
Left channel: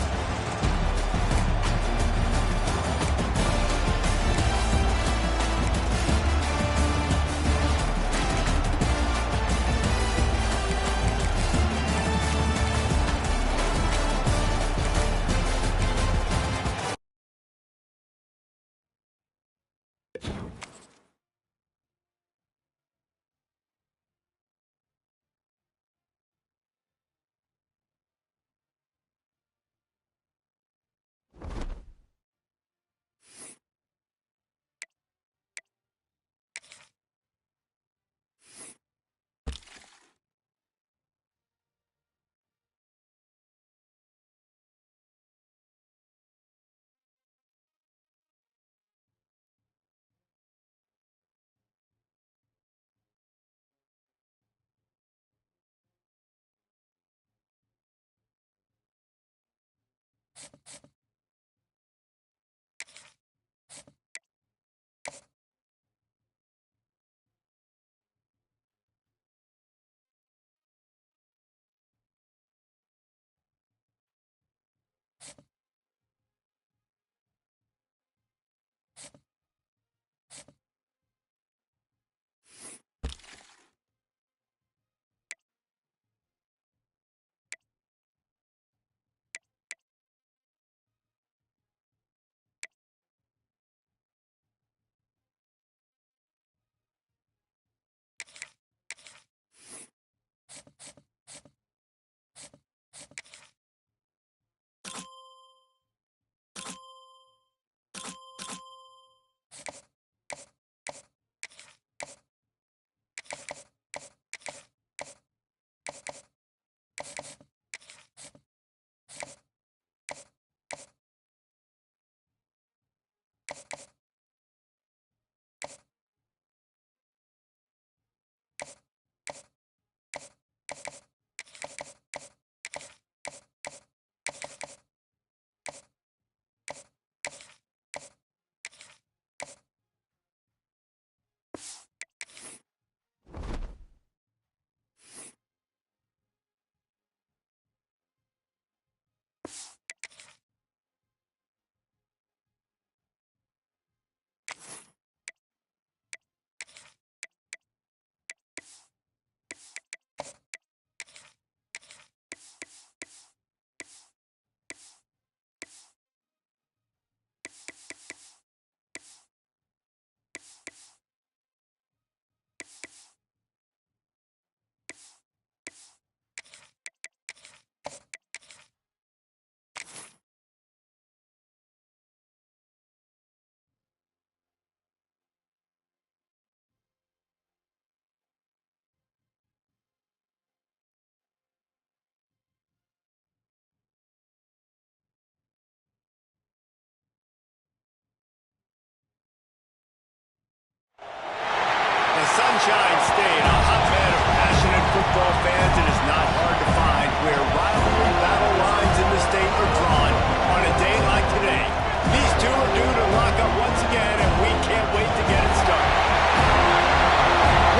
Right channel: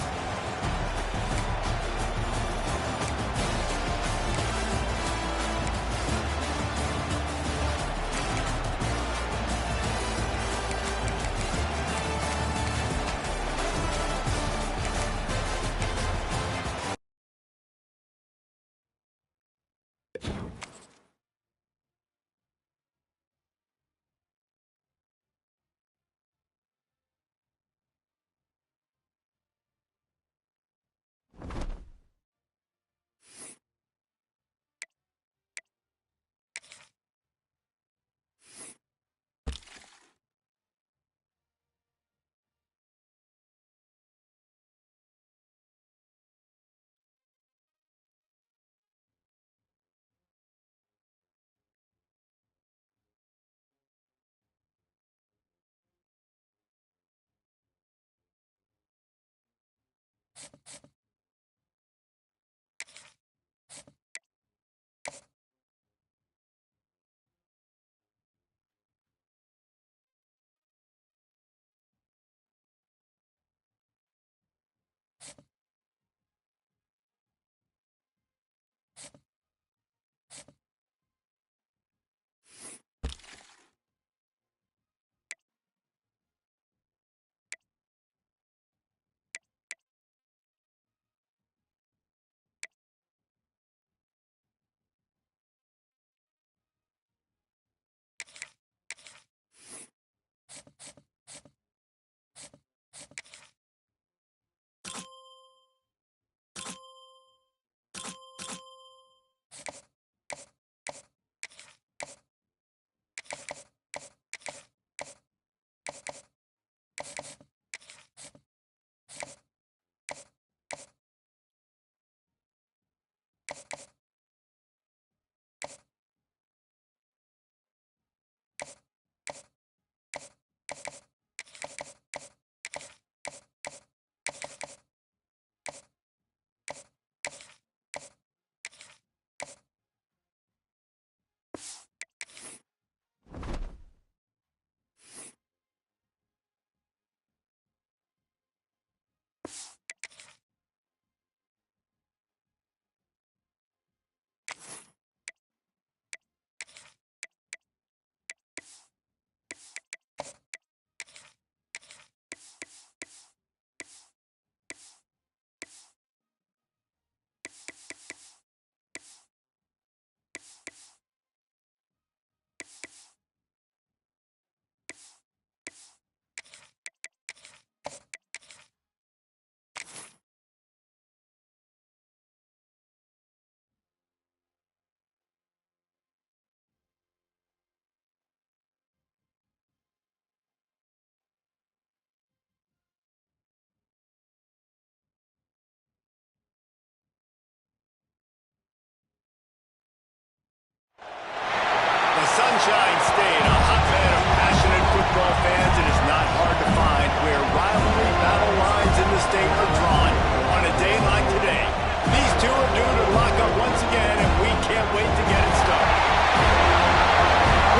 The Sunshine State, a hotbed of passionate football fans, it is not hard to find where rivalry battle lines in the state are drawn on a day like today. These two are due to lock up once again, and we can't wait to get it started.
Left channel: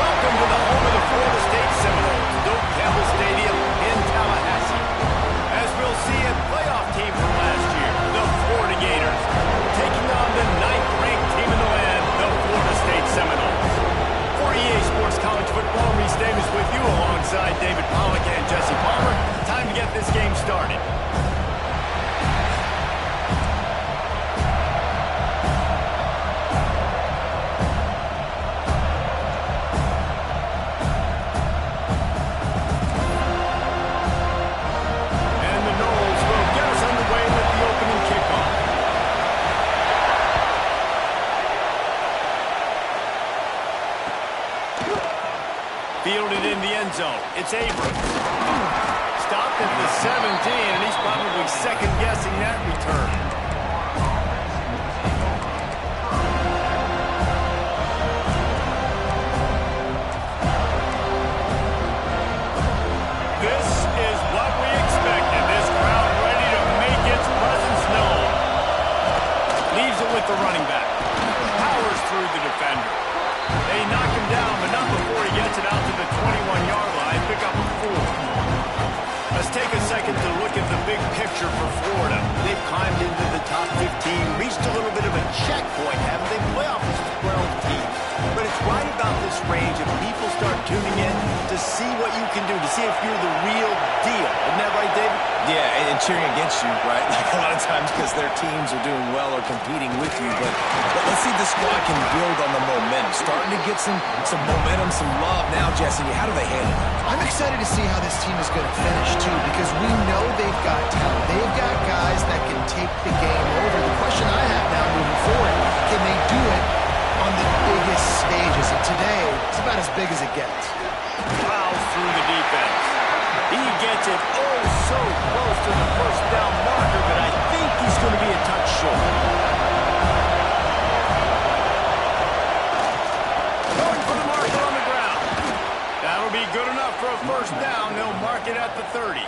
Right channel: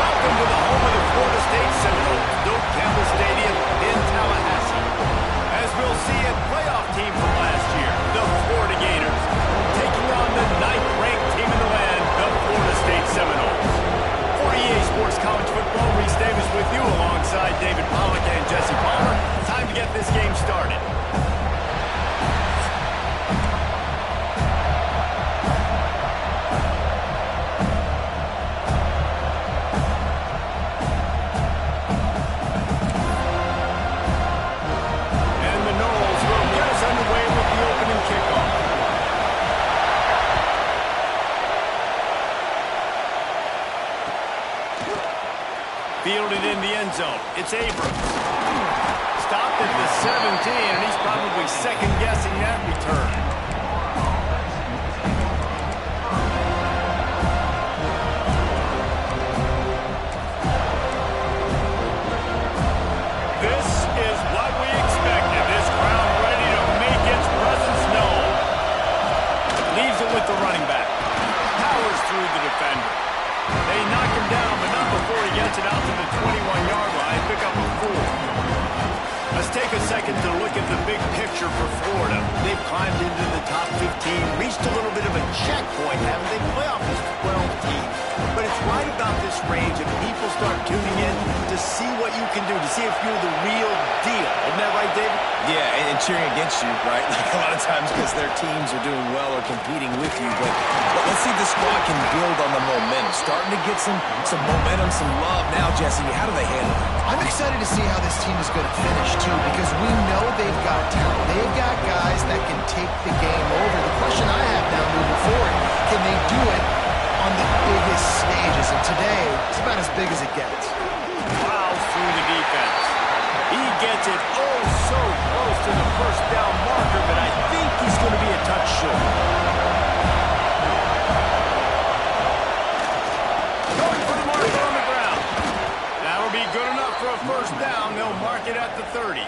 Welcome to the home of the Florida State Seminoles, Doak Campbell Stadium in Tallahassee. As we'll see, a playoff team from last year, the Florida Gators, taking on the 9th-ranked team in the land, the Florida State Seminoles. For EA Sports College Football, Reese Davis with you alongside David Pollack and Jesse Palmer. Time to get this game started. And the Noles will get us underway with the opening kickoff. Fielded in the end zone. It's Abrams. Stopped at the 17, and he's probably second-guessing that return. This is what we expected. This crowd ready to make its presence known. Leaves it with the running back. Powers through the defender. They knock him down, but not before he gets it out to the 21-yard line. Pick up a 4. Let's take a second to look at the big picture for Florida. They've climbed into the top 15, reached a little bit of a checkpoint, haven't they? Playoff is 12 teams. But it's right about this range and people start tuning in to see what you can do, to see if you're the real deal. Isn't that right, David? Yeah, and cheering against you, right? Like a lot of times because their teams are doing well or competing with you. But let's see if the squad can build on the momentum. Starting to get some momentum, some love now, Jesse. How do they handle it? I'm excited to see how this team is going to finish, too, because we know they've got talent. They've got guys that can take the game over. The question I have now moving forward, can they do it on the biggest stages? And today, it's about as big as it gets. Plows through the defense. He gets it oh so close to the first down marker, but I think he's going to be a touch short. Going for the marker on the ground. That'll be good enough for a first down. They'll mark it at the 30.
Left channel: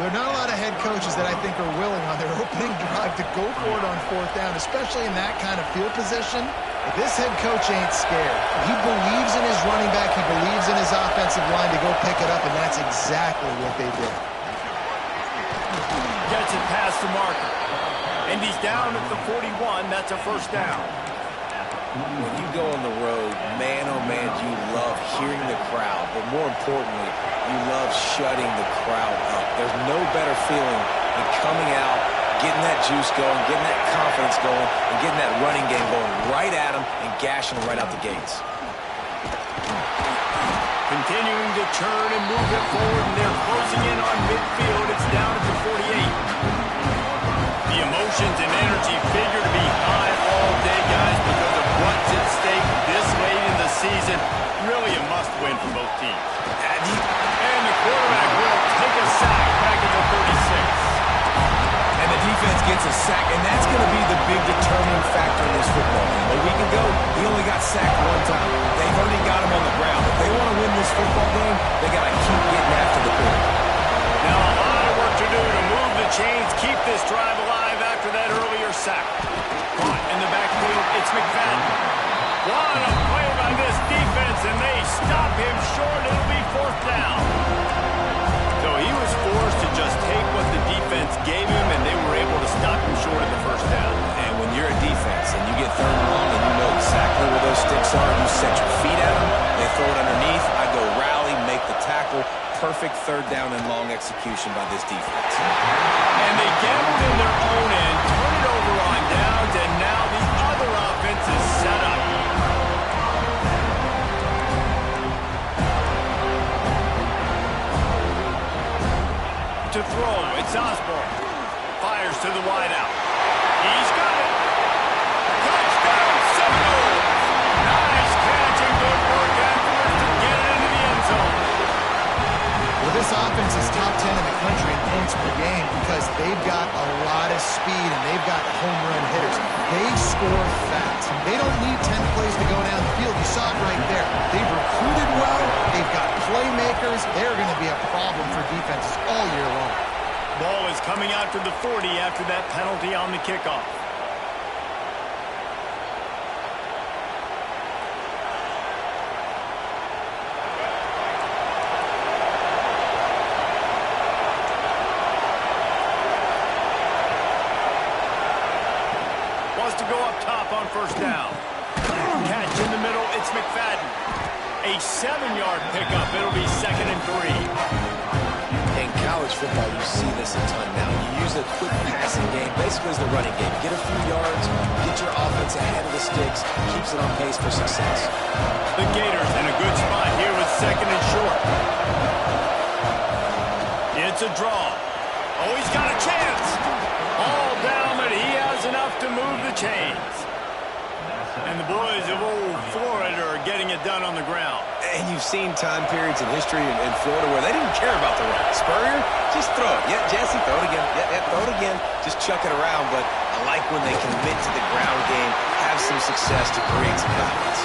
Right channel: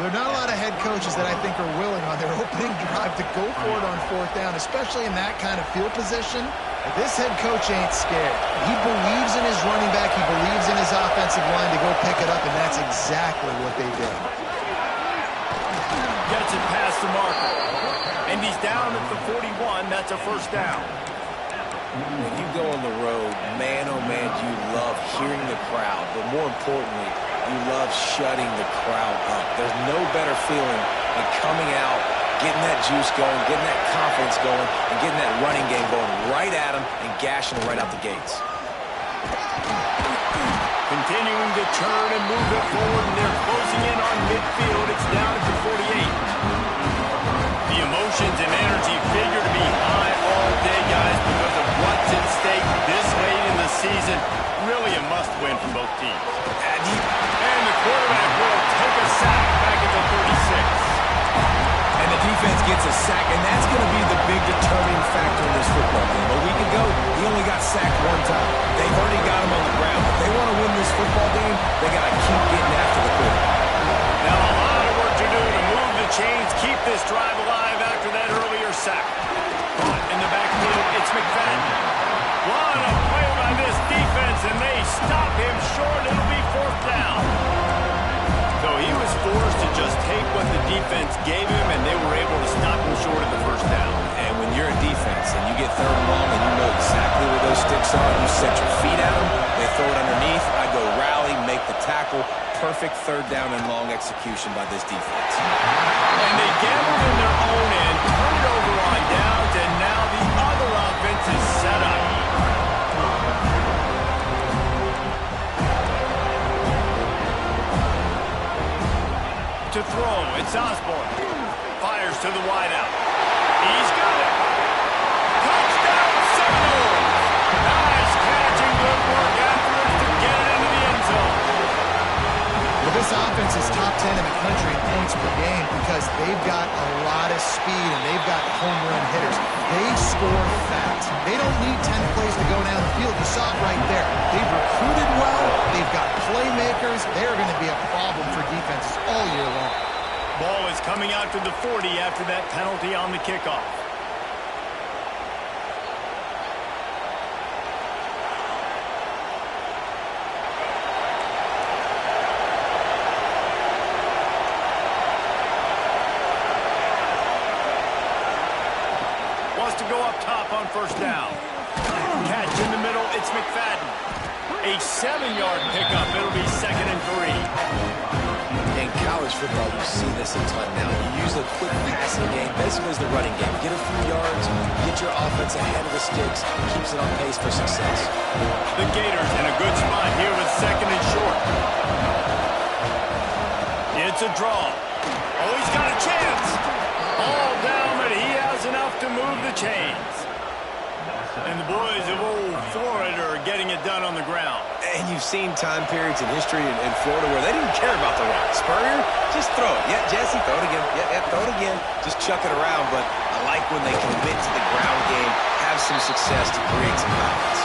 There are not a lot of head coaches that I think are willing on their opening drive to go for it on 4th down, especially in that kind of field position. But this head coach ain't scared. He believes in his running back. He believes in his offensive line to go pick it up, and that's exactly what they did. Gets it past the marker. And he's down at the 41. That's a 1st down. When you go on the road, man, oh man, you love hearing the crowd. But more importantly, you love shutting the crowd up. There's no better feeling than coming out, getting that juice going, getting that confidence going, and getting that running game going right at them and gashing them right out the gates. Continuing to turn and move it forward, and they're closing in on midfield. It's down at the 48. The emotions and energy figure to be high all day, guys, because of what's at stake this late in the season. Really a must-win for both teams. And the quarterback will take a sack back at the 36. And the defense gets a sack, and that's going to be the big determining factor in this football game. A week ago, he only got sacked 1 time. They've already got him on the ground. If they want to win this football game, they got to keep getting after the quarterback. Now a lot of work to do to move the chains, keep this drive alive after that earlier sack. Caught in the backfield, it's McFadden. What a play by this defense, and they stop him short. It'll be 4th down. So he was forced to just take what the defense gave him, and they were able to stop him short of the 1st down. And when you're a defense and you get 3rd and long and you know exactly where those sticks are, you set your feet at them, they throw it underneath, I go rally, make the tackle. Perfect 3rd down and long execution by this defense. And they gambled in their own end, turn it over on downs, and now the other offense is set up. To throw, it's Osborne. Fires to the wideout. He's got it. Touchdown, Seminoles. Nice catch and good work afterwards to get it into the end zone. Well, this offense is top 10 in the country in points per game because they've got a lot of speed and they've got home run hitters. They score fast. They don't need 10 plays to go down the field. You saw it right there. They've recruited well. They've got playmakers. They're going to be a problem for defenses all year long. Ball is coming out to the 40 after that penalty on the kickoff. Wants to go up top on 1st down. Catch in the middle, it's McFadden. A 7-yard pickup. It'll be 2nd and 3. In college football, you see this a ton now. You use the quick passing game, basically as the running game. Get a few yards, get your offense ahead of the sticks, keeps it on pace for success. The Gators in a good spot here with 2nd and short. It's a draw. Oh, he's got a chance. All down, but he has enough to move the chains. And the boys of old Florida are getting it done on the ground. And you've seen time periods in history in Florida where they didn't care about the run. Spurrier, just throw it. Yeah, Jesse, throw it again. Yeah, throw it again. Just chuck it around. But I like when they commit to the ground game, have some success to create some balance.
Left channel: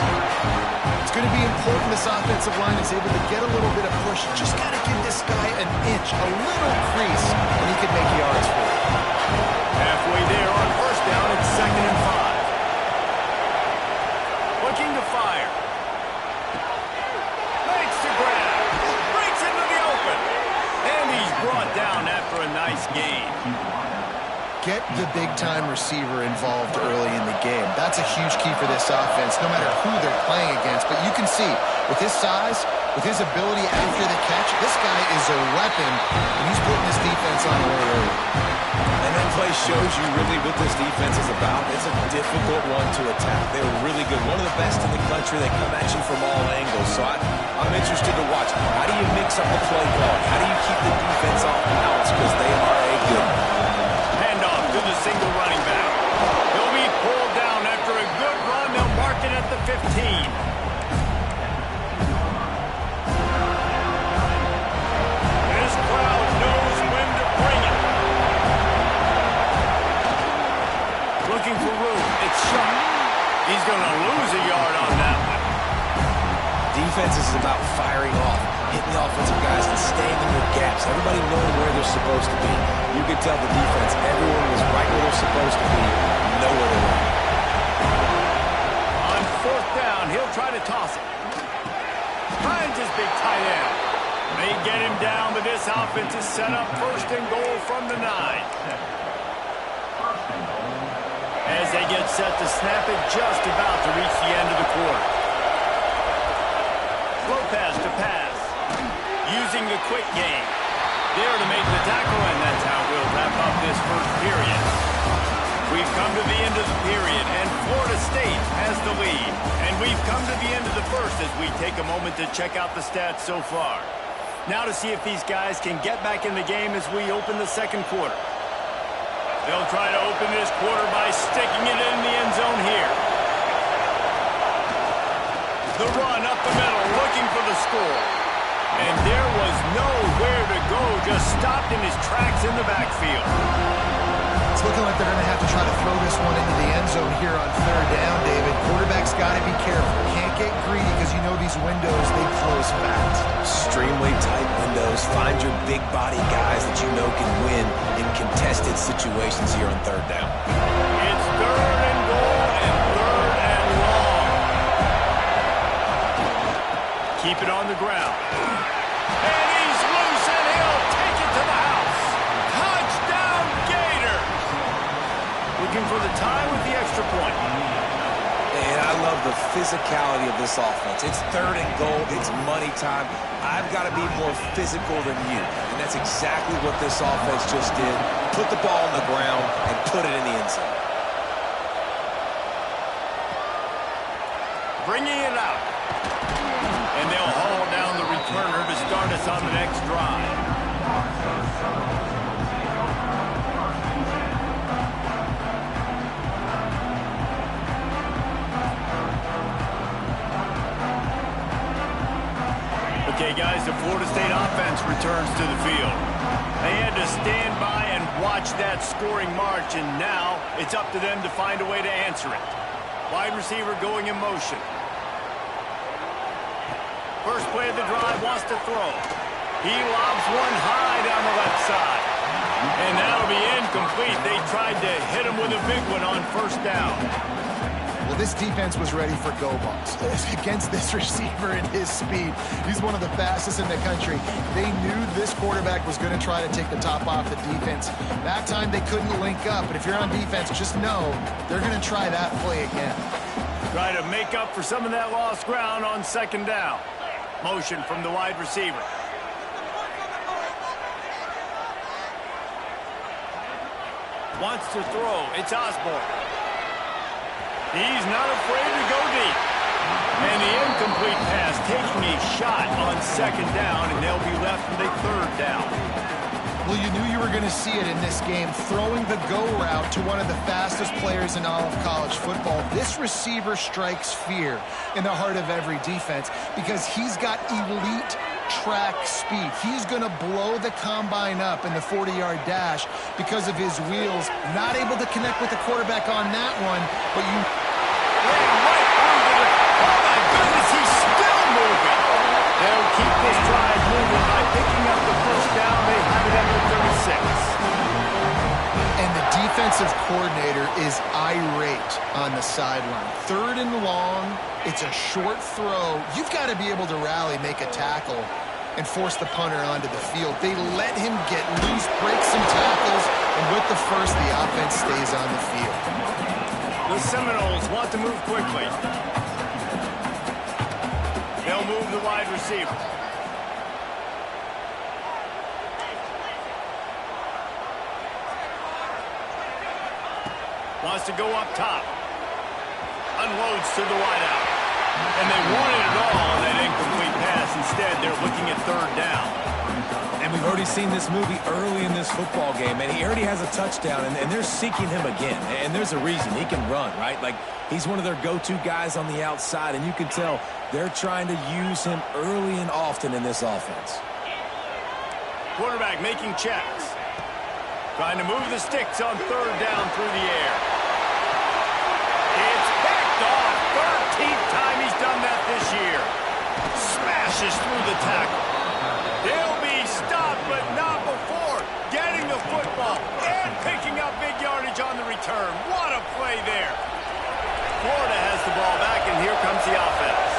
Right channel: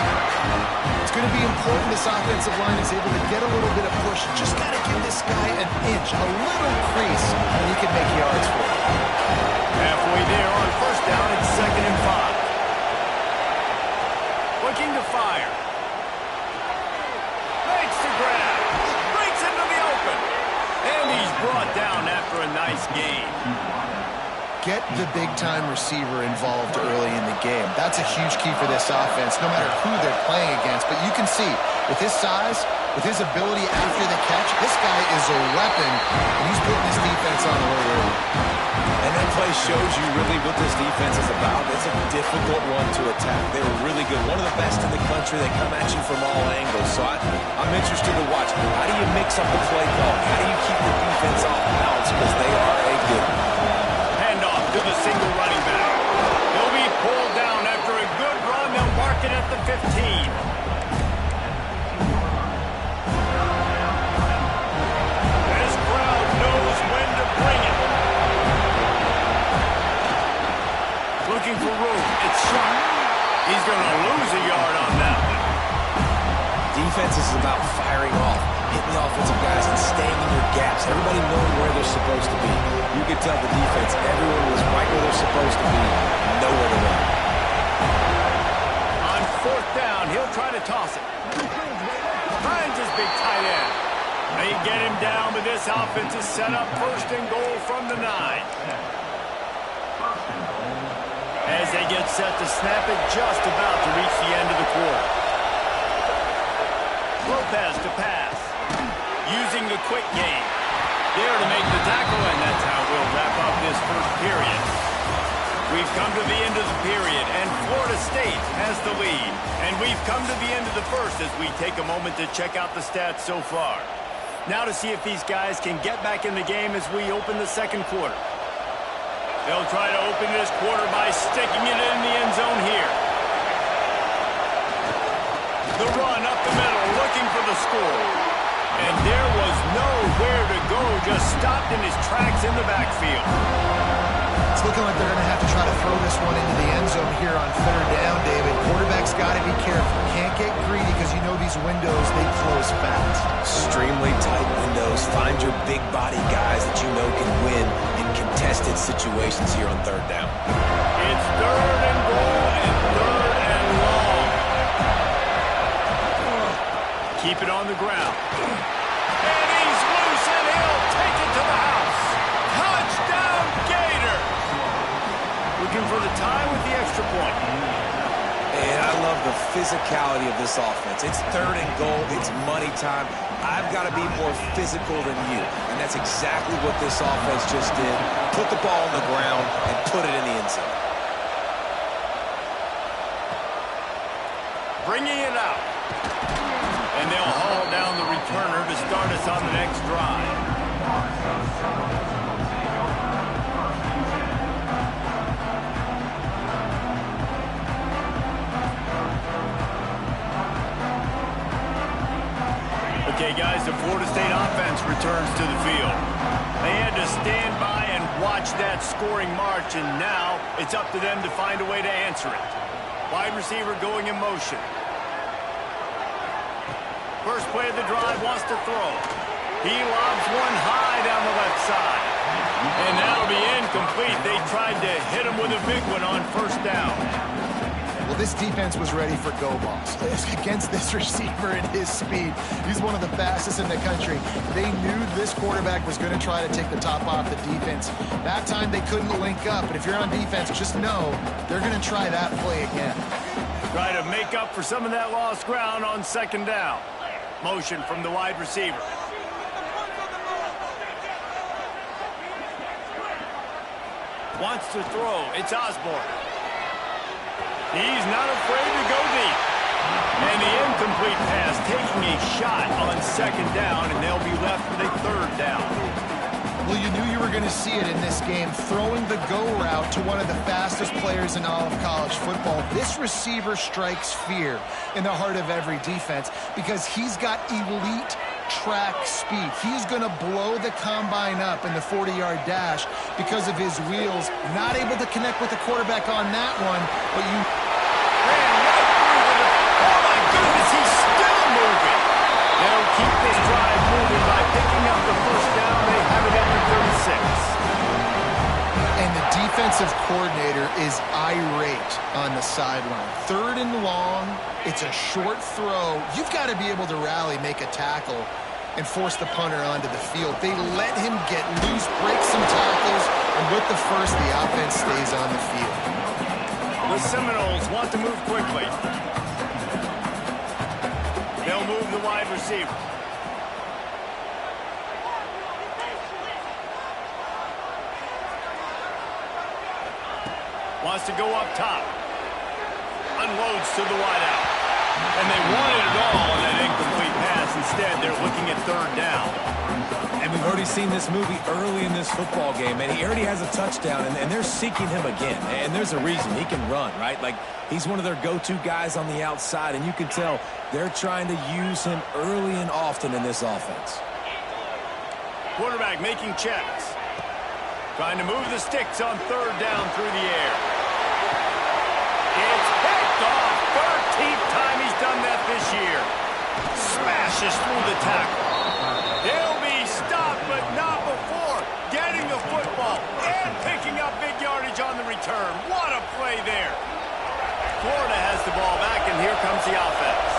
It's going to be important this offensive line is able to get a little bit of push. Just got to give this guy an inch, a little crease, and he can make yards for it. Halfway there on 1st down, it's 2nd and 5. Looking to fire. Makes the grab. Breaks into the open. And he's brought down after a nice gain. Get the big-time receiver involved early in the game. That's a huge key for this offense, no matter who they're playing against. But you can see, with his size, with his ability after the catch, this guy is a weapon, and he's putting this defense on alert early. And that play shows you really what this defense is about. It's a difficult one to attack. They're really good. One of the best in the country. They come at you from all angles. So I'm interested to watch. How do you mix up the play calling? How do you keep the defense off balance? Because they are a good one. Handoff to the single running back. He'll be pulled down after a good run. They'll mark it at the 15. This crowd knows when to bring it. Looking for room. It's Sharp. He's going to lose a yard on that one. Defense is about firing off. hitting the offensive guys and staying in your gaps, everybody knowing where they're supposed to be. You could tell the defense, everyone was right where they're supposed to be, nowhere to run. On fourth down, he'll try to toss it. Finds his big tight end. They get him down, but this offense is set up first and goal from the 9. As they get set to snap it, just about to reach the end of the quarter. Lopez to pass. Using the quick game. There to make the tackle, and that's how we'll wrap up this first period. We've come to the end of the period, and Florida State has the lead. And we've come to the end of the first as we take a moment to check out the stats so far. Now to see if these guys can get back in the game as we open the second quarter. They'll try to open this quarter by sticking it in the end zone here. The run up the middle, looking for the score. And there was nowhere to go, just stopped in his tracks in the backfield. It's looking like they're going to have to try to throw this one into the end zone here on third down, David. Quarterback's got to be careful. Can't get greedy because you know these windows, they close fast. Extremely tight windows. Find your big body guys that you know can win in contested situations here on third down. It's third and goal and third and long. Keep it on the ground. And he's loose and he'll take it to the house. Touchdown Gators! Looking for the tie with the extra point. And I love the physicality of this offense. It's third and goal. It's money time. I've got to be more physical than you. And that's exactly what this offense just did. Put the ball on the ground and put it in the end zone. Bringing it out. And they'll haul down the returner to start us on the next drive. Okay, guys, the Florida State offense returns to the field. They had to stand by and watch that scoring march, and now it's up to them to find a way to answer it. Wide receiver going in motion. First play of the drive, wants to throw. He lobs one high down the left side. And that'll be incomplete. They tried to hit him with a big one on first down. Well, this defense was ready for go balls against this receiver at his speed. He's one of the fastest in the country. They knew this quarterback was going to try to take the top off the defense. That time they couldn't link up, but if you're on defense, just know they're going to try that play again. Try to make up for some of that lost ground on second down. Motion from the wide receiver. Wants to throw. It's Osborne. He's not afraid to go deep. And the incomplete pass taking a shot on second down, and they'll be left with a third down. Well, you knew you were going to see it in this game, throwing the go route to one of the fastest players in all of college football. This receiver strikes fear in the heart of every defense because he's got elite track speed. He's going to blow the combine up in the 40-yard dash because of his wheels. Not able to connect with the quarterback on that one, but you ran right through the... Oh, my goodness, he's still moving. They'll keep this drive moving by picking up the first down. They have it at the 36. And the defensive coordinator is irate on the sideline. Third and long, it's a short throw. You've got to be able to rally, make a tackle, and force the punter onto the field. They let him get loose, break some tackles, and with the first, the offense stays on the field. The Seminoles want to move quickly. They'll move the wide receiver. Wants to go up top. Unloads to the wideout. And they wanted it all on that incomplete pass. Instead, they're looking at third down. And we've already seen this movie early in this football game, and he already has a touchdown, and they're seeking him again. And there's a reason. He can run, right? Like, he's one of their go-to guys on the outside, and you can tell they're trying to use him early and often in this offense. Quarterback making checks. Trying to move the sticks on third down through the air. It's picked off. 13th time he's done that this year. Smashes through the tackle. He'll be stopped, but not before getting the football and picking up big yardage on the return. What a play there. Florida has the ball back, and here comes the offense.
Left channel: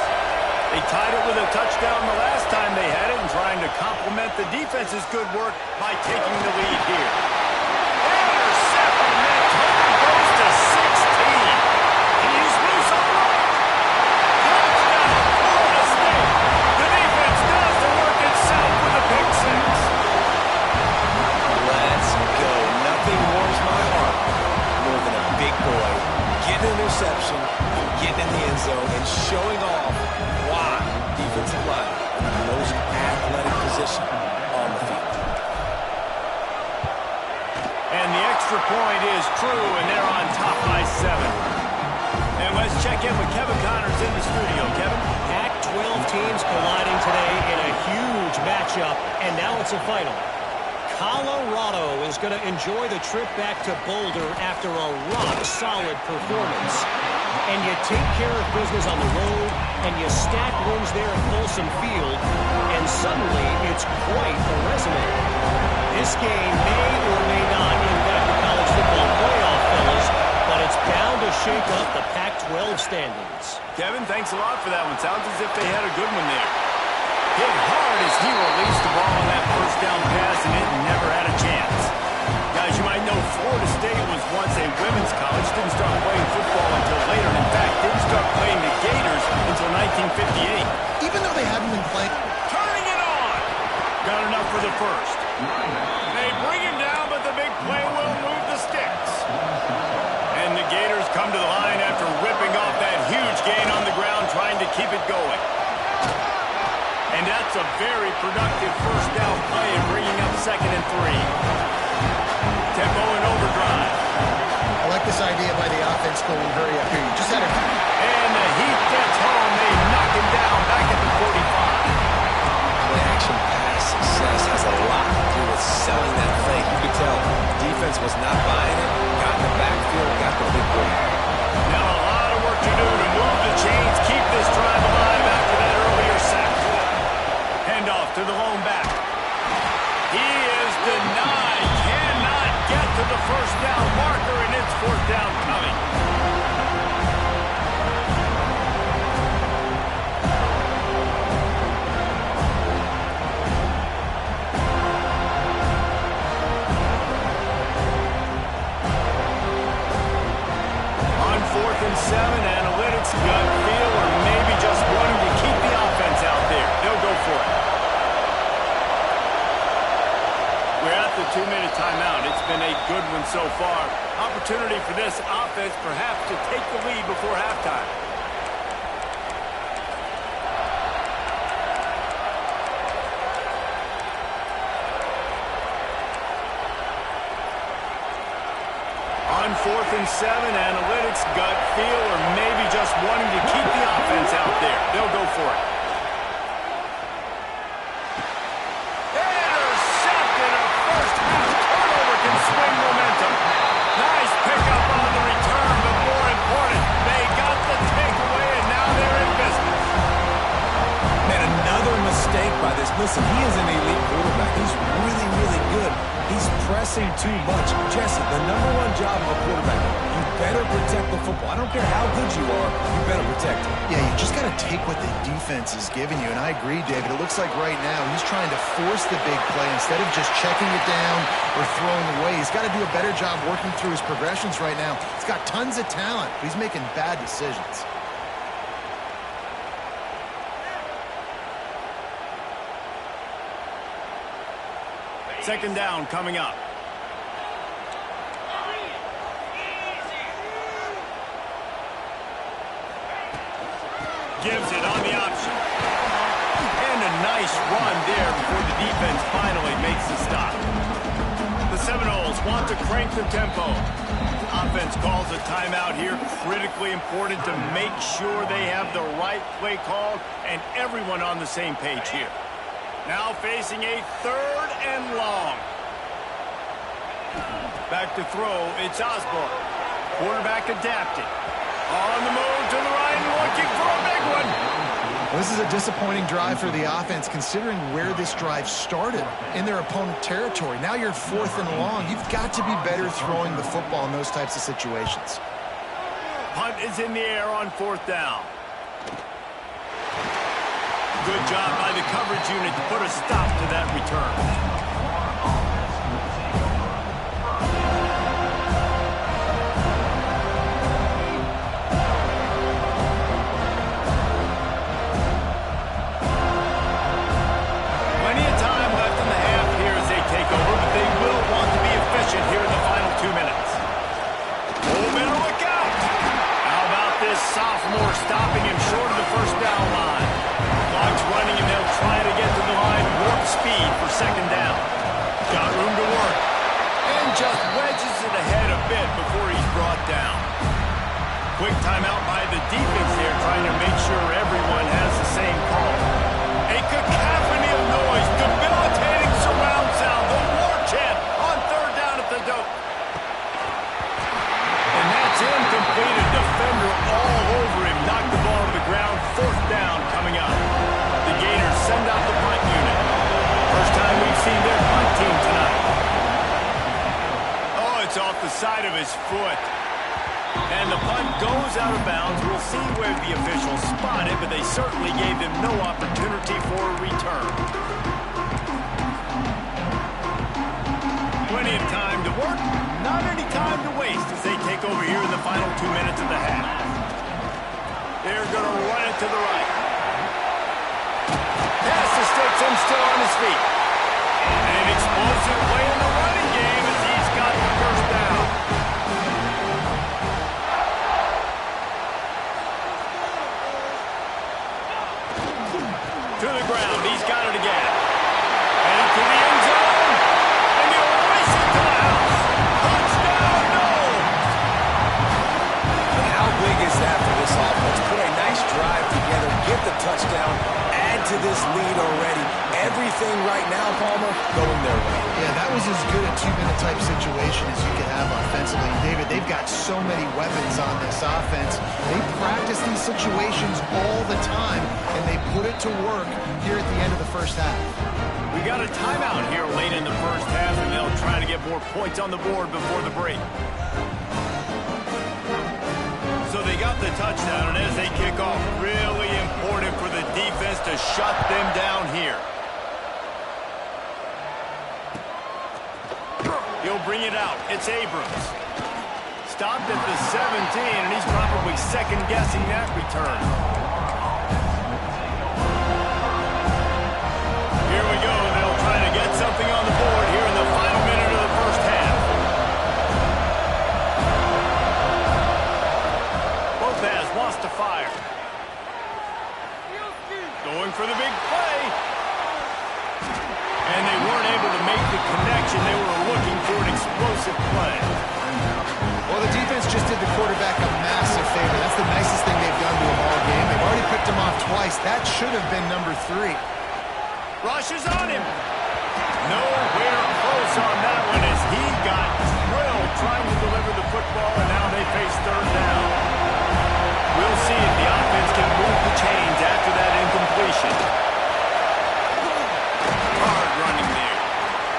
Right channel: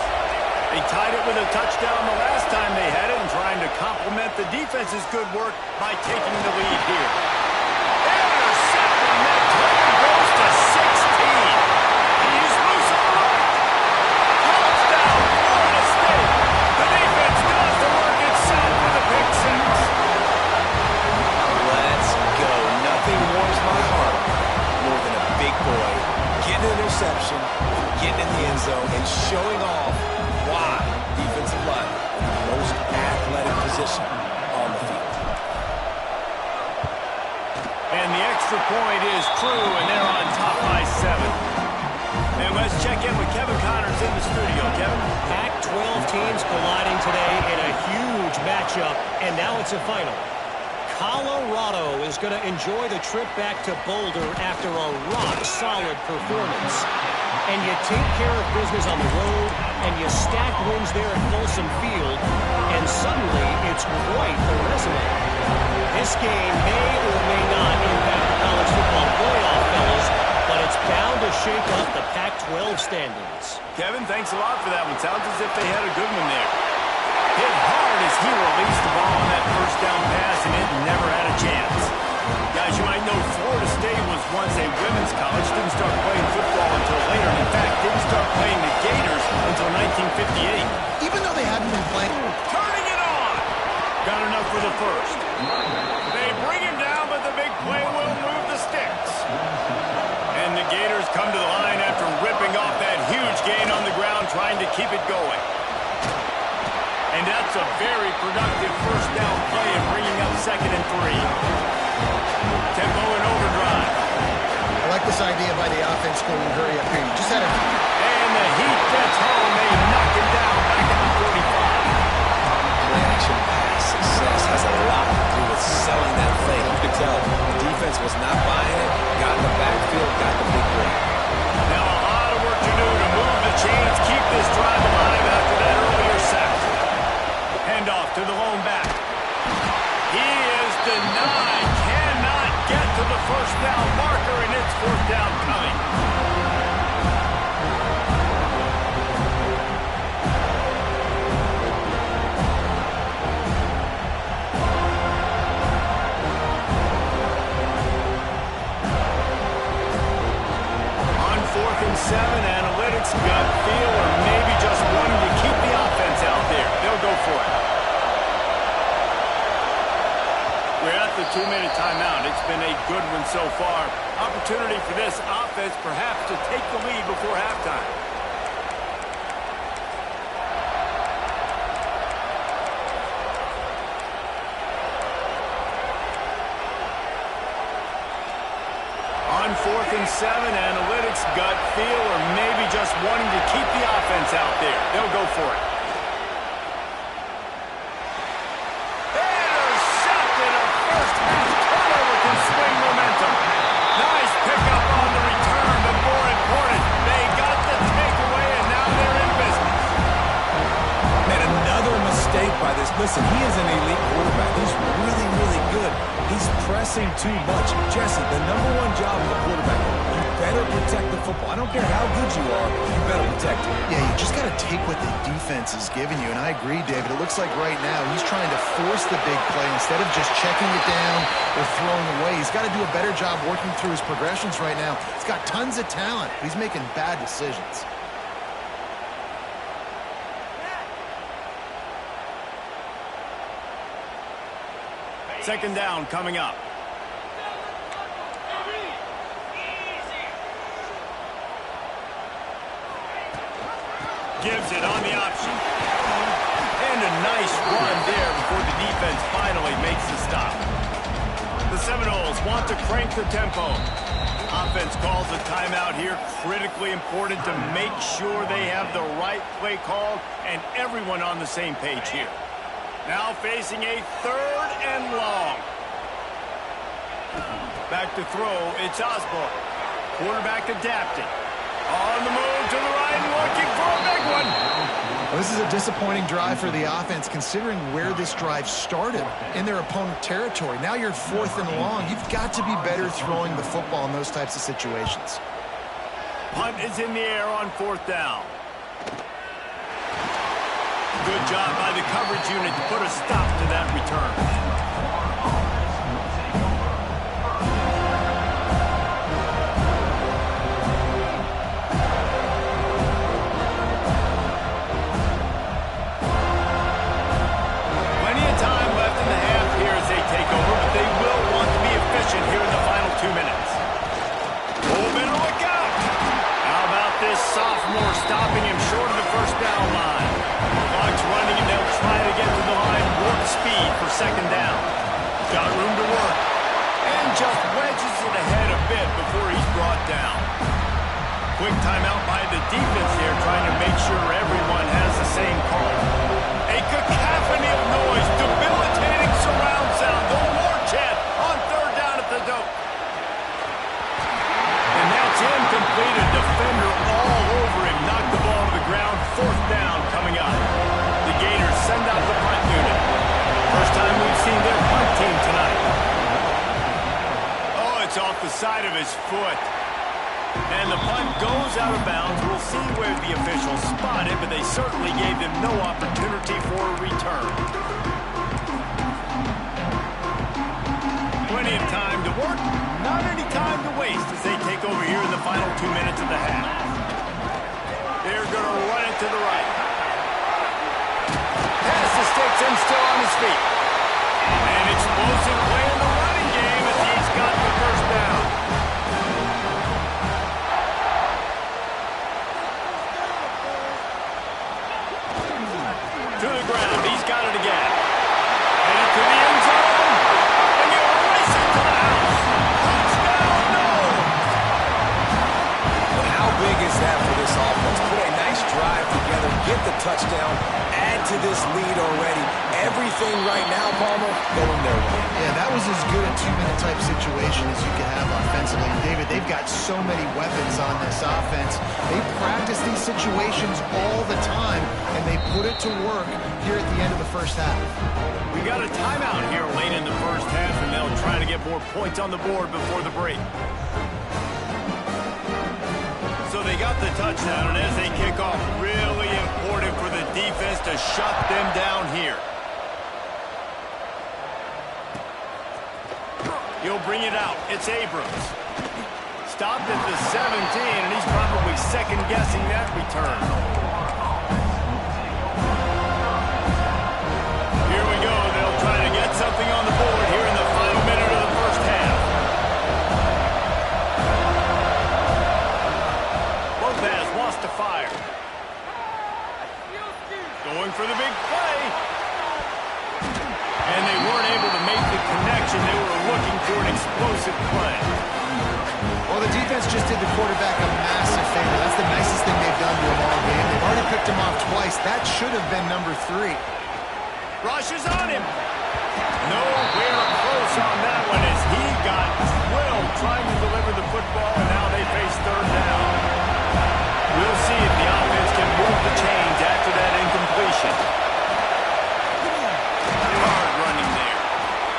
They tied it with a touchdown the last time they had it and trying to complement the defense's good work by taking the lead here. Intercepted, and that total goes to 16. He's loose on the right. Touchdown, Florida State. The defense does the work itself with a pick six. Let's go. Nothing warms my heart more than a big boy getting an interception, getting in the end zone, and showing off why defensive line is the most athletic position on the field. And the extra point is true, and they're on top by 7. And let's check in with Kevin Connors in the studio. Kevin? Pac-12 teams colliding today in a huge matchup, and now it's a final. Colorado is going to enjoy the trip back to Boulder after a rock-solid performance. And you take care of business on the road, and you stack wins there at Folsom Field, and suddenly it's quite a resume. This game may or may not impact the college football playoff, fellas, but it's bound to shake up the Pac-12 standings. Kevin, thanks a lot for that one. Sounds as if they had a good one there. Hit hard as he released the ball on that first down pass, and it never had a chance. Guys, you might know Florida State was once a women's college, didn't start playing football until later, and in fact, didn't start playing the Gators until 1958. Even though they haven't been playing. Turning it on! Got enough for the first. They bring him down, but the big play will move the sticks. And the Gators come to the line after ripping off that huge gain on the ground, trying to keep it going. And that's a very productive first down play and bringing up 2nd and 3. Tempo and overdrive. I like this idea by the offense going hurry up here. You just had to. And the heat gets home. They knock him down back at the 45. Play-action pass success has a lot to do with selling that fake. You could tell the defense was not buying it, got in the backfield, got the big break. Now a lot of work to do to move the chains, keep this drive alive after that earlier sack. Handoff to the lone back. He is denied. Cannot get to the first down marker, and it's 4th down coming. On 4th and 7, analytics, gut feel, or maybe just wanting to keep the offense out there. They'll go for it. We're at the 2-minute timeout. It's been a good one so far. Opportunity for this offense perhaps to take the lead before halftime. On 4th and 7, analytics, gut feel, or maybe just wanting to keep the offense out there. They'll go for it. Intercepted. A first half turnover can swing momentum. Nice pickup on the return, but more important, they got the takeaway, and now they're in business. Man, another mistake by this. Listen, he is an elite quarterback. He's really, really good. He's pressing too much. Jesse, the #1 job of a quarterback, you better protect the football. I don't care how good you are, you better protect it. Yeah, you just got to take what the defense is giving you. And I agree, David. It looks like right now he's trying to force the big play instead of just checking it down or throwing away. He's got to do a better job working through his progressions right now. He's got tons of talent, but he's making bad decisions. Second down coming up. Gives it on the option. And a nice run there before the defense finally makes the stop. The Seminoles want to crank the tempo. Offense calls a timeout here. Critically important to make sure they have the right play called and everyone on the same page here. Now facing a 3rd and long. Back to throw, it's Osborne. Quarterback adapting. On the move to the right and looking for a big one. Well, this is a disappointing drive for the offense, considering where this drive started in their opponent territory. Now you're 4th and long. You've got to be better throwing the football in those types of situations. Punt is in the air on 4th down. Good job by the coverage unit to put a stop to that return. Take over, but they will want to be efficient here in the final 2 minutes. Oh, better look out! How about this sophomore stopping him short of the first down line? Clock's running, and they'll try to get to the line warp speed for 2nd down. Got room to work, and just wedges it ahead a bit before he's brought down. Quick timeout by the defense here, trying to make sure everyone has the same call. A cacophony of noise, debilitating surround sound, the war chant on 3rd down at the dope. And that's incomplete, a defender all over him, knocked the ball to the ground, 4th down coming up. The Gators send out the punt unit. First time we've seen their punt team tonight. Oh, it's off the side of his foot. And the punt goes out of bounds. We'll see where the officials spot it, but they certainly gave them no opportunity for a return. Plenty of time to work, not any time to waste as they take over here in the final 2 minutes of the half. They're going to run it to the right. Pass the sticks and still on his feet. An explosive play in the running game as he's got the first down. To the ground, he's got it again. Headed to the end zone, and he'll race it to the house. Touchdown, no! But how big is that for this offense? Put a nice drive together, get the touchdown, add to this lead already. Everything right now, Palmer, going their way. Yeah, that was as good a 2-minute type situation as you could have offensively. And David, they've got so many weapons on this offense. They practice these situations all the time, and they put it to work here at the end of the first half. We got a timeout here late in the first half, and they'll try to get more points on the board before the break. So they got the touchdown, and as they kick off, really important for the defense to shut them down here. He'll bring it out. It's Abrams. Stopped at the 17, and he's probably second-guessing that return. Here we go. They'll try to get something on the board here in the final minute of the first half. Lopez wants to fire. Going for the big play. And they weren't able to make the connection. They were looking for an explosive play. Well, the defense just did the quarterback a massive favor. That's the nicest thing they've done to him all game. They've already picked him off twice. That should have been number 3. Rush is on him. Nowhere close on that one as he got drilled trying to deliver the football, and now they face 3rd down. We'll see if the offense can move the chains after that incompletion. Hard running there.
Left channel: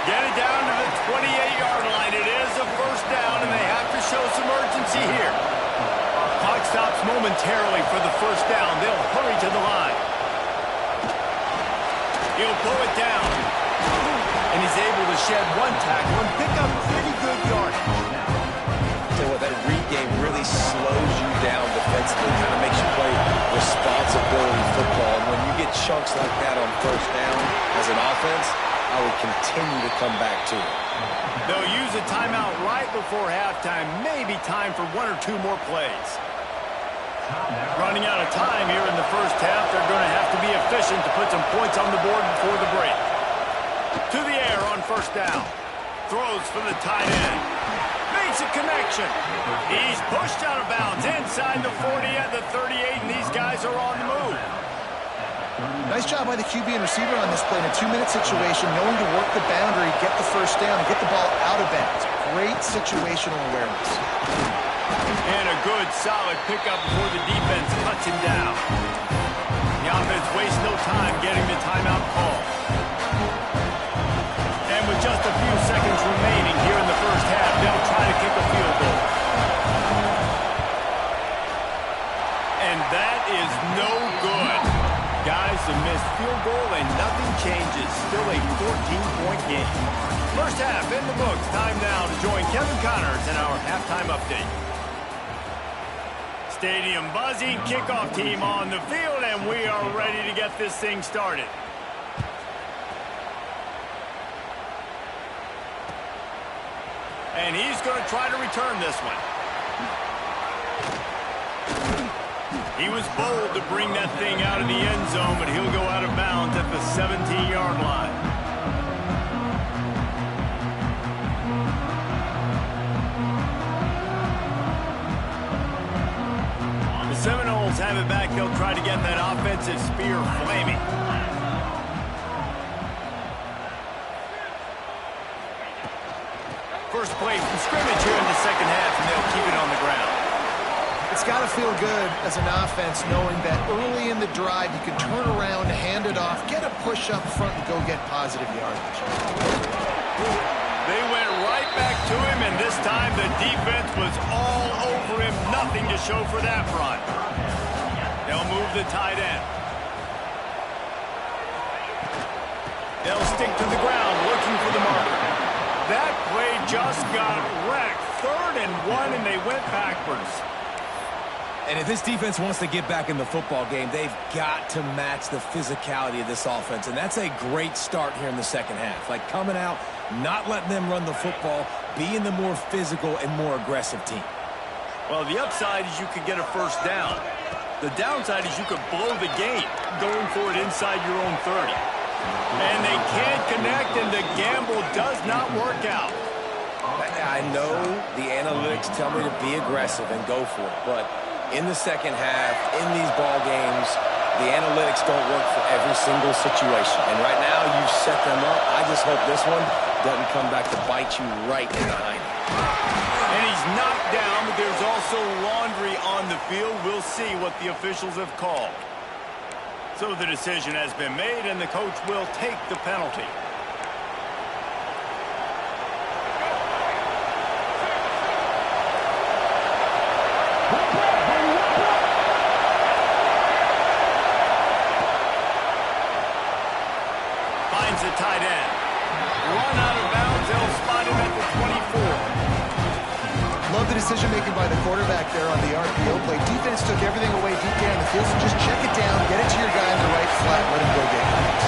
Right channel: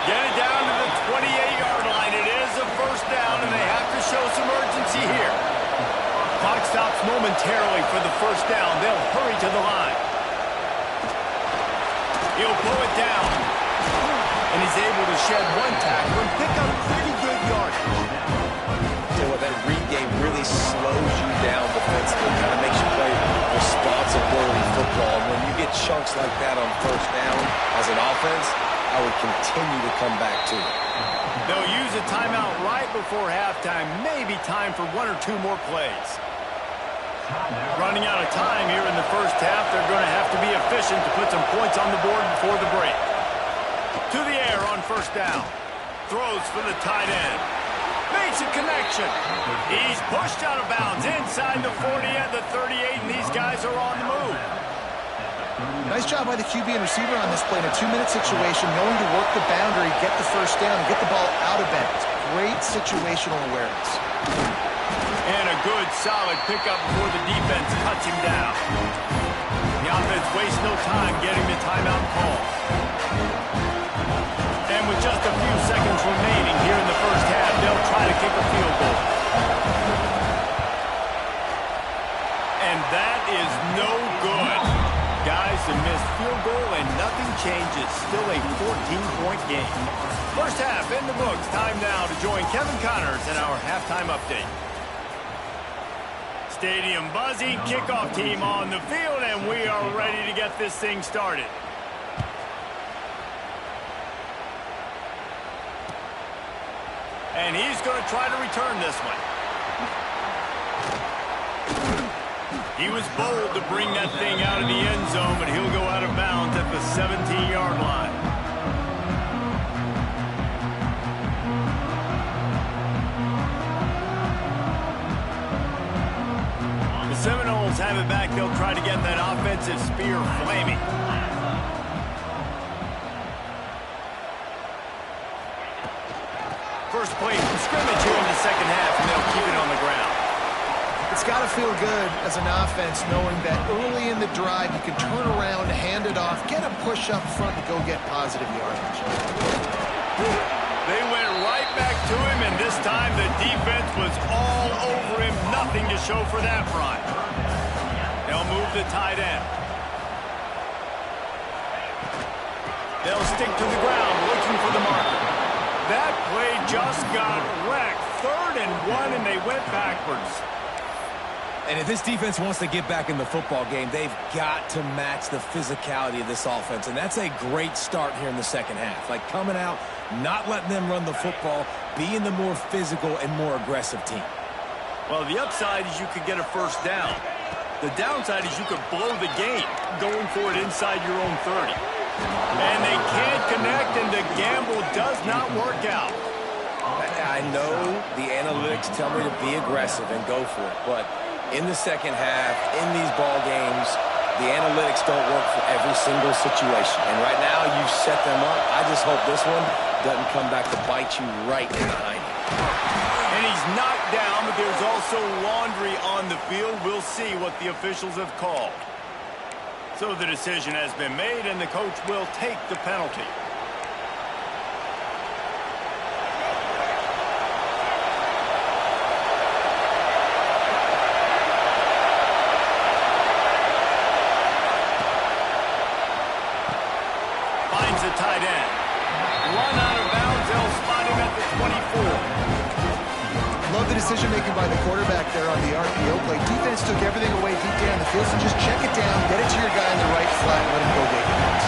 Get it down to the 28-yard line. It is a first down, and they have to show some urgency here. Clock stops momentarily for the first down. They'll hurry to the line. He'll blow it down. And he's able to shed one tackle and pick up pretty good yardage. Tell you what, that read game really slows you down defensively, kind of makes you play responsibility football. And when you get chunks like that on first down as an offense, I would continue to come back to it. They'll use a timeout right before halftime. Maybe time for 1 or 2 more plays. Running out of time here in the first half. They're going to have to be efficient to put some points on the board before the break. To the air on first down. Throws for the tight end. Makes a connection. He's pushed out of bounds inside the 40 at the 38, and these guys are on the move. Nice job by the QB and receiver on this play in a 2-minute situation, knowing to work the boundary, get the first down, and get the ball out of bounds. Great situational awareness. And a good, solid pickup before the defense cuts him down. The offense wastes no time getting the timeout call. And with just a few seconds remaining here in the first half, they'll try to kick a field goal. And that is no good. Guys, a missed field goal and nothing changes. Still a 14-point game. First half in the books. Time now to join Kevin Connors in our halftime update. Stadium buzzing, kickoff team on the field, and we are ready to get this thing started. And he's going to try to return this one. He was bold to bring that thing out of the end zone, but he'll go out of bounds at the 17-yard line. The Seminoles have it back. They'll try to get that offensive spear flaming. First play from scrimmage here in the second half, and they'll keep it on the ground. It's got to feel good as an offense knowing that early in the drive you can turn around, hand it off, get a push up front, and go get positive yardage. They went right back to him, and this time the defense was all over him. Nothing to show for that run. They'll move the tight end. They'll stick to the ground looking for the marker. That play just got wrecked. 3rd and 1, and they went backwards. And if this defense wants to get back in the football game, they've got to match the physicality of this offense. And that's a great start here in the second half. Like coming out, not letting them run the football, being the more physical and more aggressive team. Well, the upside is you could get a first down. The downside is you could blow the game going for it inside your own 30. And they can't connect, and the gamble does not work out. I know the analytics tell me to be aggressive and go for it, but in the second half, in these ball games, the analytics don't work for every single situation. And right now, you've set them up. I just hope this one doesn't come back to bite you right in the hiney. And he's knocked down, but there's also laundry on the field. We'll see what the officials have called. So the decision has been made, and the coach will take the penalty. Finds the tight end. Run out of bounds. They'll spot him at the 24. Love the decision-making by the quarterback there on the RPO play. Defense took everything away deep down the field, so just check it down, get it to your guy in the right flat, and let him go get yards.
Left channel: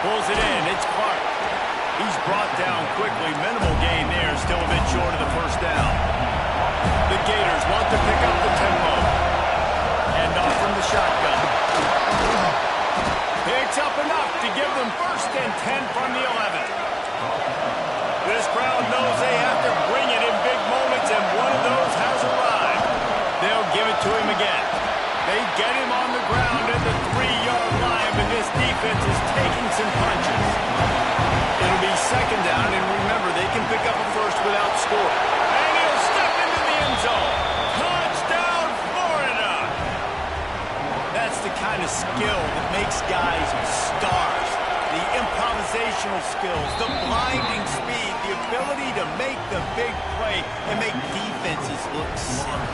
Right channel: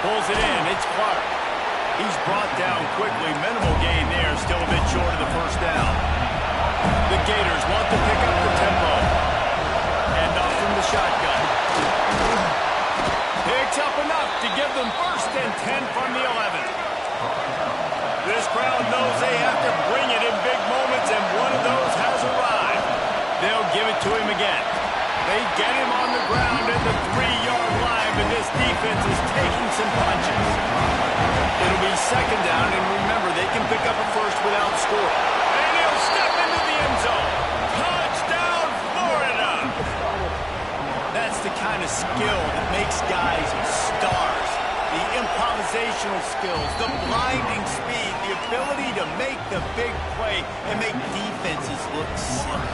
Pulls it in. It's Clark. He's brought down quickly. Minimal gain there. Still a bit short of the first down. The Gators want to pick up the tempo. And off from the shotgun. Picks up enough to give them 1st and 10 from the 11. This crowd knows they have to bring it in big moments, and one of those has arrived. They'll give it to him again. They get him on the ground at the 3-yard line, but this defense is taking some punches. It'll be 2nd down, and remember, they can pick up a first without scoring. And he'll step into the end zone. Touchdown, Florida! That's the kind of skill that makes guys stars. The improvisational skills, the blinding speed, the ability to make the big play and make defenses look silly.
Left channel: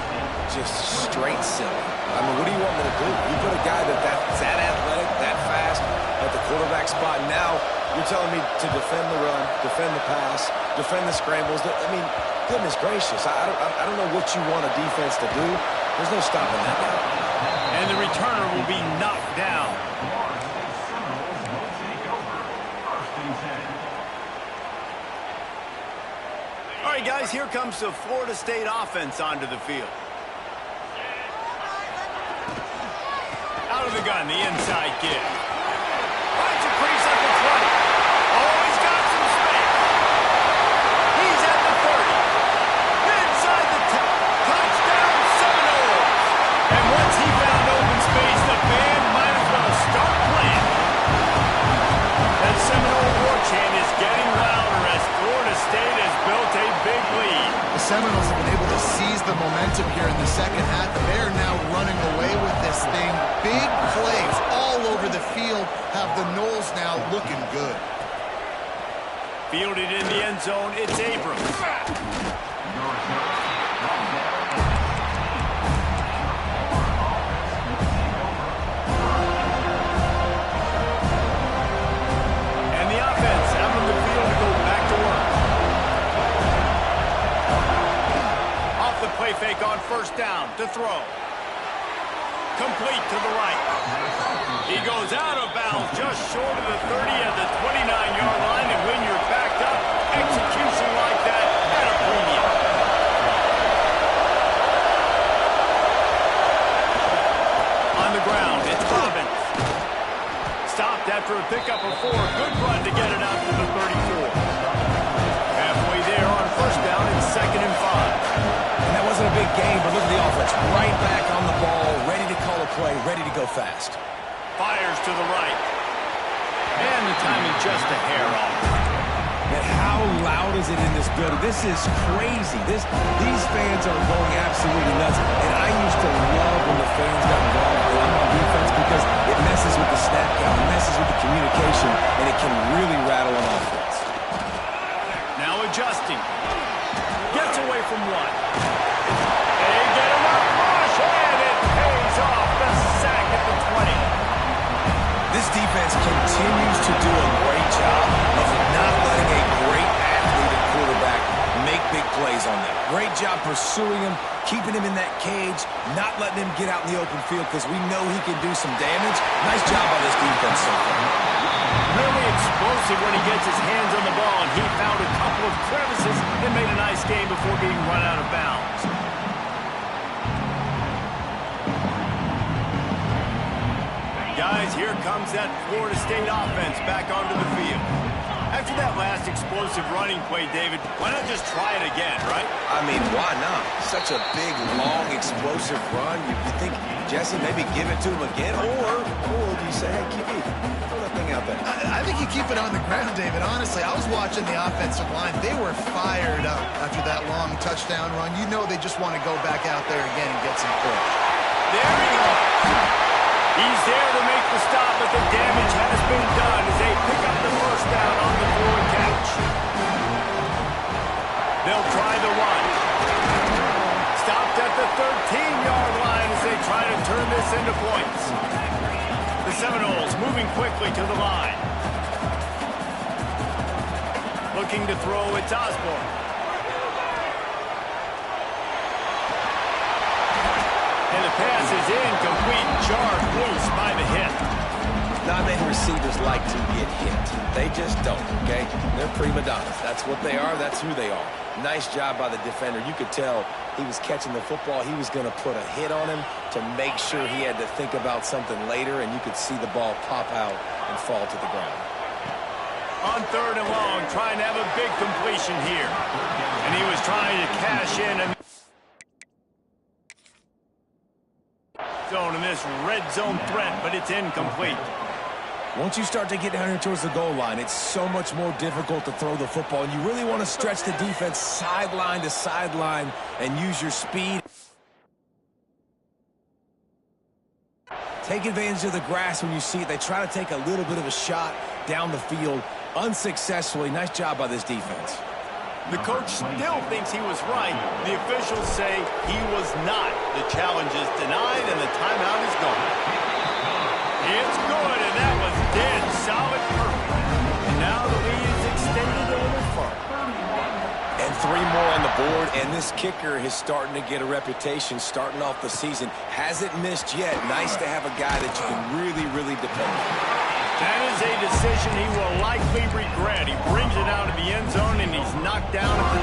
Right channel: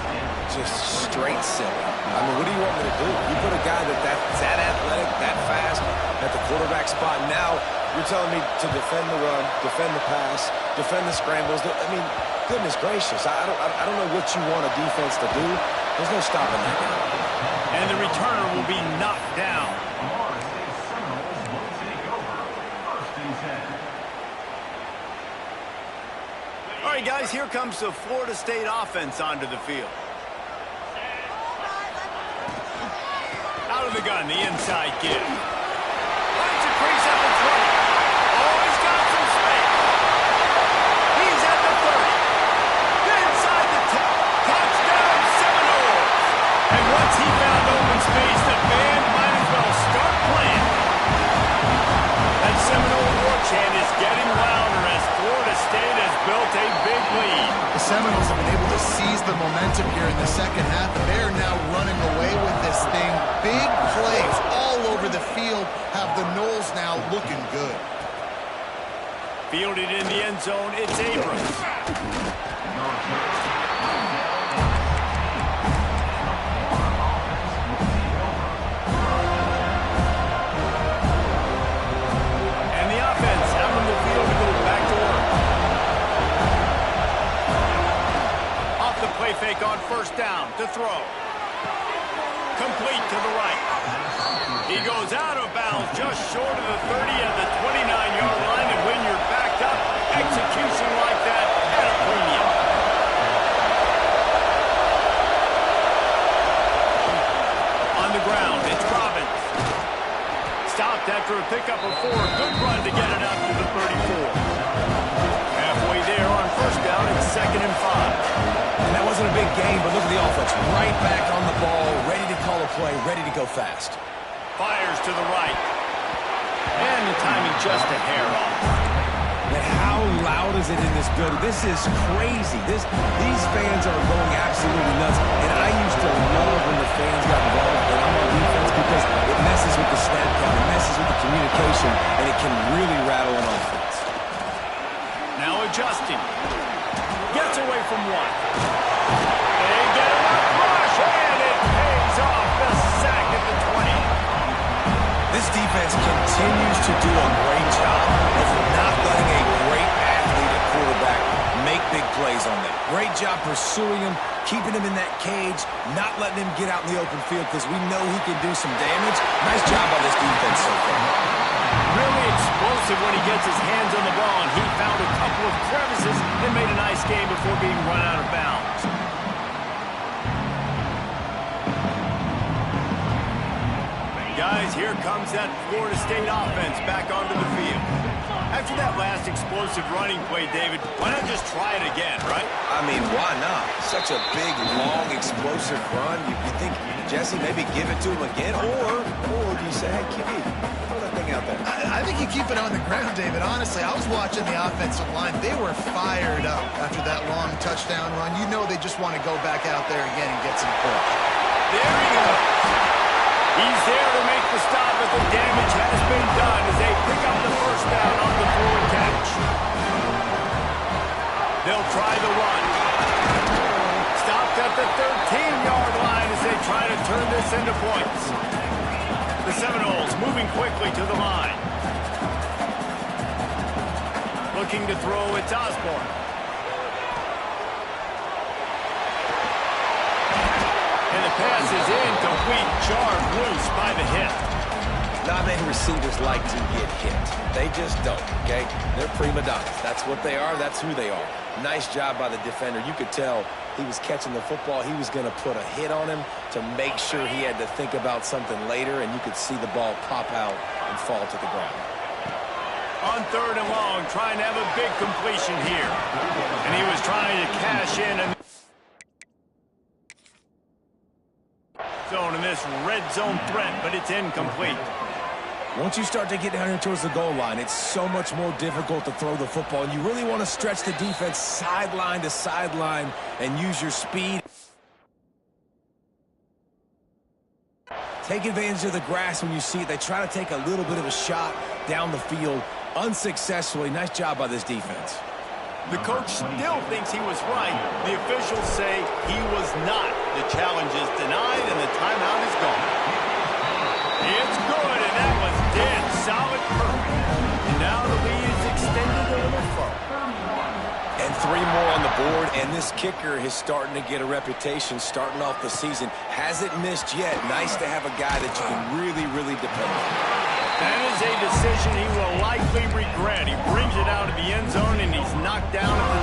Just straight silly. I mean, what do you want me to do? You put a guy that's that athletic, that fast, at the quarterback spot. Now you're telling me to defend the run, defend the pass, defend the scrambles. I mean, goodness gracious. I don't know what you want a defense to do. There's no stopping that guy. And the returner will be knocked down. Florida State Seminoles will take over 1st and 10. All right, guys, here comes the Florida State offense onto the field. Out of the gun, the inside kid. Finds a crease at the 20. Oh, he's got some space. He's at the 30. Inside the 10. Touchdown, Seminoles. And once he found open space, the band might as well start playing. chant is getting louder as Florida State has built a big lead. The Seminoles have been able to seize the momentum here in the second half, and they're now running away with this thing. Big plays all over the field have the Noles now looking good. Fielded in the end zone, it's Abrams. And the offense out on the field to go back to work. Off the play fake on first down to throw. Complete to the right. He goes out of bounds just short of the 30 at the 29-yard line, and when you're backed up, execution like that at a premium. On the ground, it's Robbins. Stopped after a pickup of 4. Good run to get it out to the 34. Halfway there on first down, it's 2nd and 5. And that wasn't a big game, but look at the offense. Right back on the ball, ready to call a play, ready to go fast. Fires to the right. And the timing just a hair off. Man, how loud is it in this building? This is crazy. These fans are going absolutely nuts. And I used to love when the fans got involved when I'm on defense because it messes with the snap count, it messes with the communication, and it can really rattle an offense. Now adjusting. Gets away from one. They get him up, rush, and it pays off. The sack at the 20. This defense continues to do a great job of not letting a great athlete at quarterback make big plays on them. Great job pursuing him, keeping him in that cage, not letting him get out in the open field because we know he can do some damage. Nice job by this defense so far. Really explosive when he gets his hands on the ball, and he found a couple of crevices and made a nice game before being run out of bounds. Guys, here comes that Florida State offense back onto the field. After that last explosive running play, David, why not just try it again, right? I mean, why not? Such a big, long, explosive run. You think, Jesse, maybe give it to him again? Or do you say, hey, QB, throw that thing out there? I think you keep it on the ground, David. Honestly, I was watching the offensive line. They were fired up after that long touchdown run. You know they just want to go back out there again and get some push. There he goes. He's there to make the stop, but the damage has been done as they pick up the first down on the throw and catch. They'll try the run. Stopped at the 13-yard line as they try to turn this into points. The Seminoles moving quickly to the line. Looking to throw, it's Osborne. And the pass is incomplete, jarred loose by the hit. Not many receivers like to get hit. They just don't, okay? They're prima donnas. That's what they are. That's who they are. Nice job by the defender. You could tell he was catching the football. He was going to put a hit on him to make sure he had to think about something later, and you could see the ball pop out and fall to the ground. On 3rd and long, trying to have a big completion here. And he was trying to cash in and zone in this red zone threat, but it's incomplete. Once you start to get down here towards the goal line, it's so much more difficult to throw the football, and you really want to stretch the defense sideline to sideline and use your speed. Take advantage of the grass when you see it. They try to take a little bit of a shot down the field unsuccessfully. Nice job by this defense. The coach still thinks he was right. The officials say he was not. The challenge is denied, and the timeout is gone. It's good, and that was dead solid perfect. And now the lead is extended a little further. And 3 more on the board, and this kicker is starting to get a reputation starting off the season. Hasn't missed yet. Nice to have a guy that you can really, really depend on. That is a decision he will likely regret. He brings it out of the end zone, and he's knocked down at the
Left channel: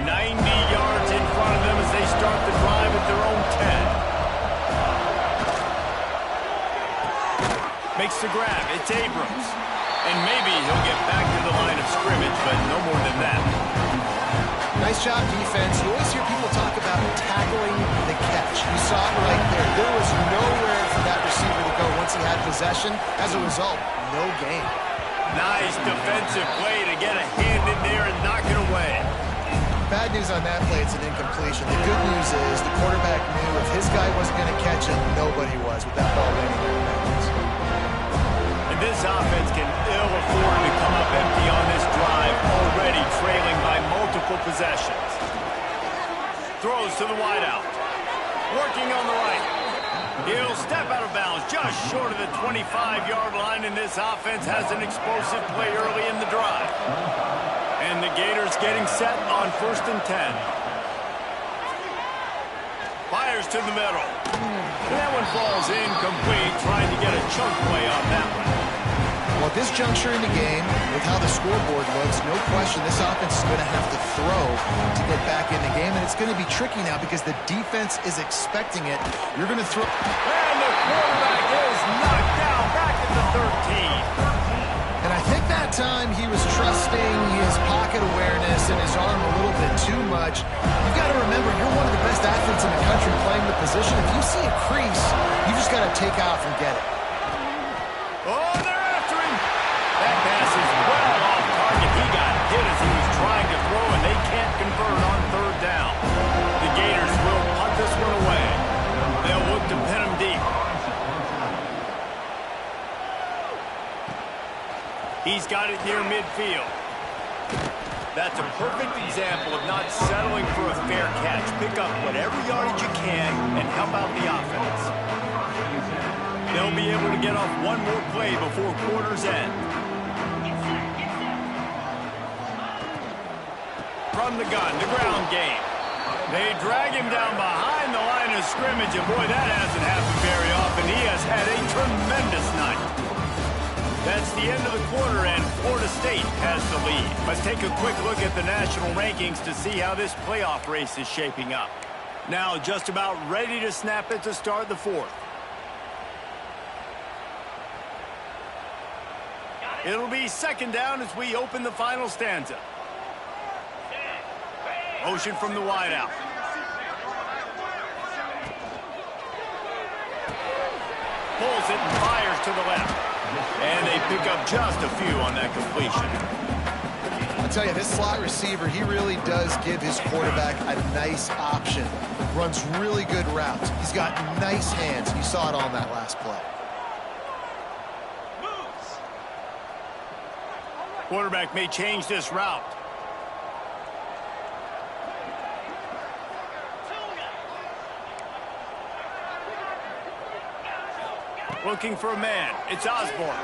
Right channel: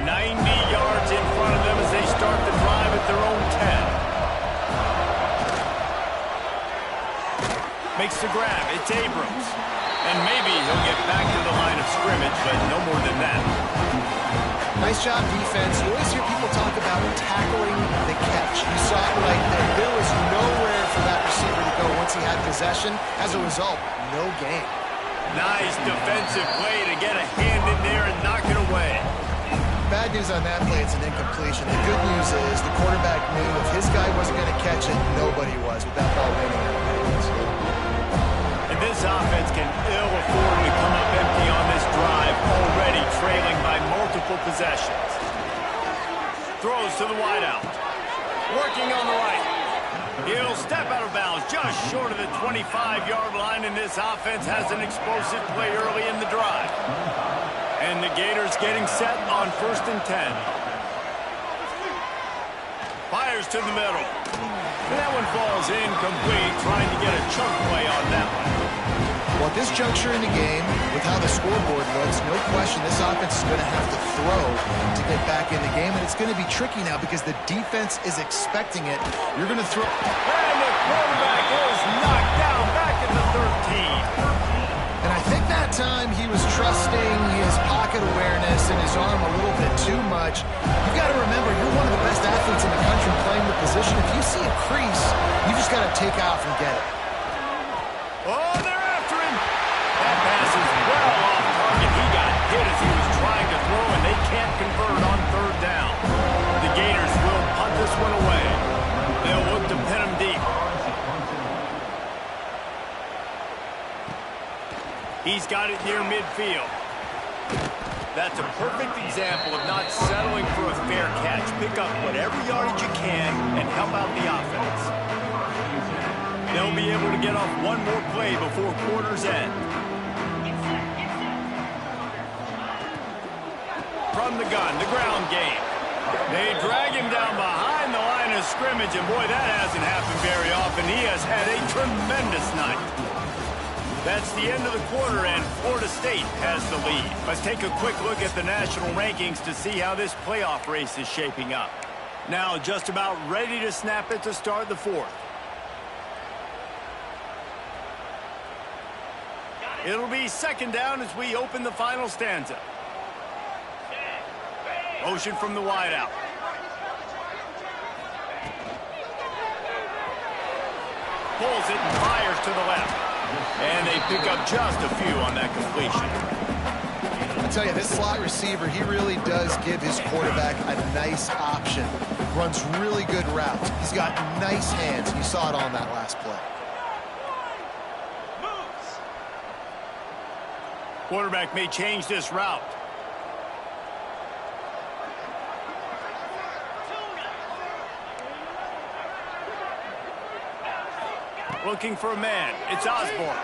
10. 90 yards in front of them as they start the drive at their own 10. Makes the grab. It's Abrams. And maybe he'll get back to the line of scrimmage, but no more than that. Nice job defense. You always hear people talk about tackling the catch. You saw it right there. There was nowhere for that receiver to go once he had possession. As a result, no gain. Nice defensive play to get a hand in there and knock it away. Bad news on that play, it's an incompletion. The good news is the quarterback knew if his guy wasn't going to catch it, nobody was with that ball landing out of bounds. And this offense can ill afford to come up empty on this drive, already trailing by multiple possessions. Throws to the wideout. Working on the right. He'll step out of bounds just short of the 25-yard line, and this offense has an explosive play early in the drive. And the Gators getting set on 1st and 10. Fires to the middle. And that one falls incomplete, trying to get a chunk play on that one. Well, at this juncture in the game, with how the scoreboard looks, no question this offense is going to have to throw to get back in the game, and it's going to be tricky now because the defense is expecting it. You're going to throw... And the quarterback is knocked down back at the 13. And I think that time he was trusting his pocket awareness and his arm a little bit too much. You've got to remember, you're one of the best athletes in the country playing the position. If you see a crease, you just got to take off and get it. Oh, they're after him. That pass is well off target. He got hit as he was trying to throw, and they can't convert on 3rd down. The Gators will punt this one away. They'll look to pin him deep. He's got it near midfield. That's a perfect example of not settling for a fair catch. Pick up whatever yardage you can and help out the offense. They'll be able to get off one more play before quarter's end. From the gun, the ground game. They drag him down behind the line of scrimmage, and boy, that hasn't happened very often. He has had a tremendous night. That's the end of the quarter, and Florida State has the lead. Let's take a quick look at the national rankings to see how this playoff race is shaping up. Now just about ready to snap it to start the 4th. It'll be 2nd down as we open the final stanza. Motion from the wideout. Pulls it and fires to the left. And they pick up just a few on that completion. I tell you, this slot receiver, he really does give his quarterback a nice option. Runs really good routes. He's got nice hands. You saw it on that last play. Quarterback may change this route. Looking for a man. It's Osborne.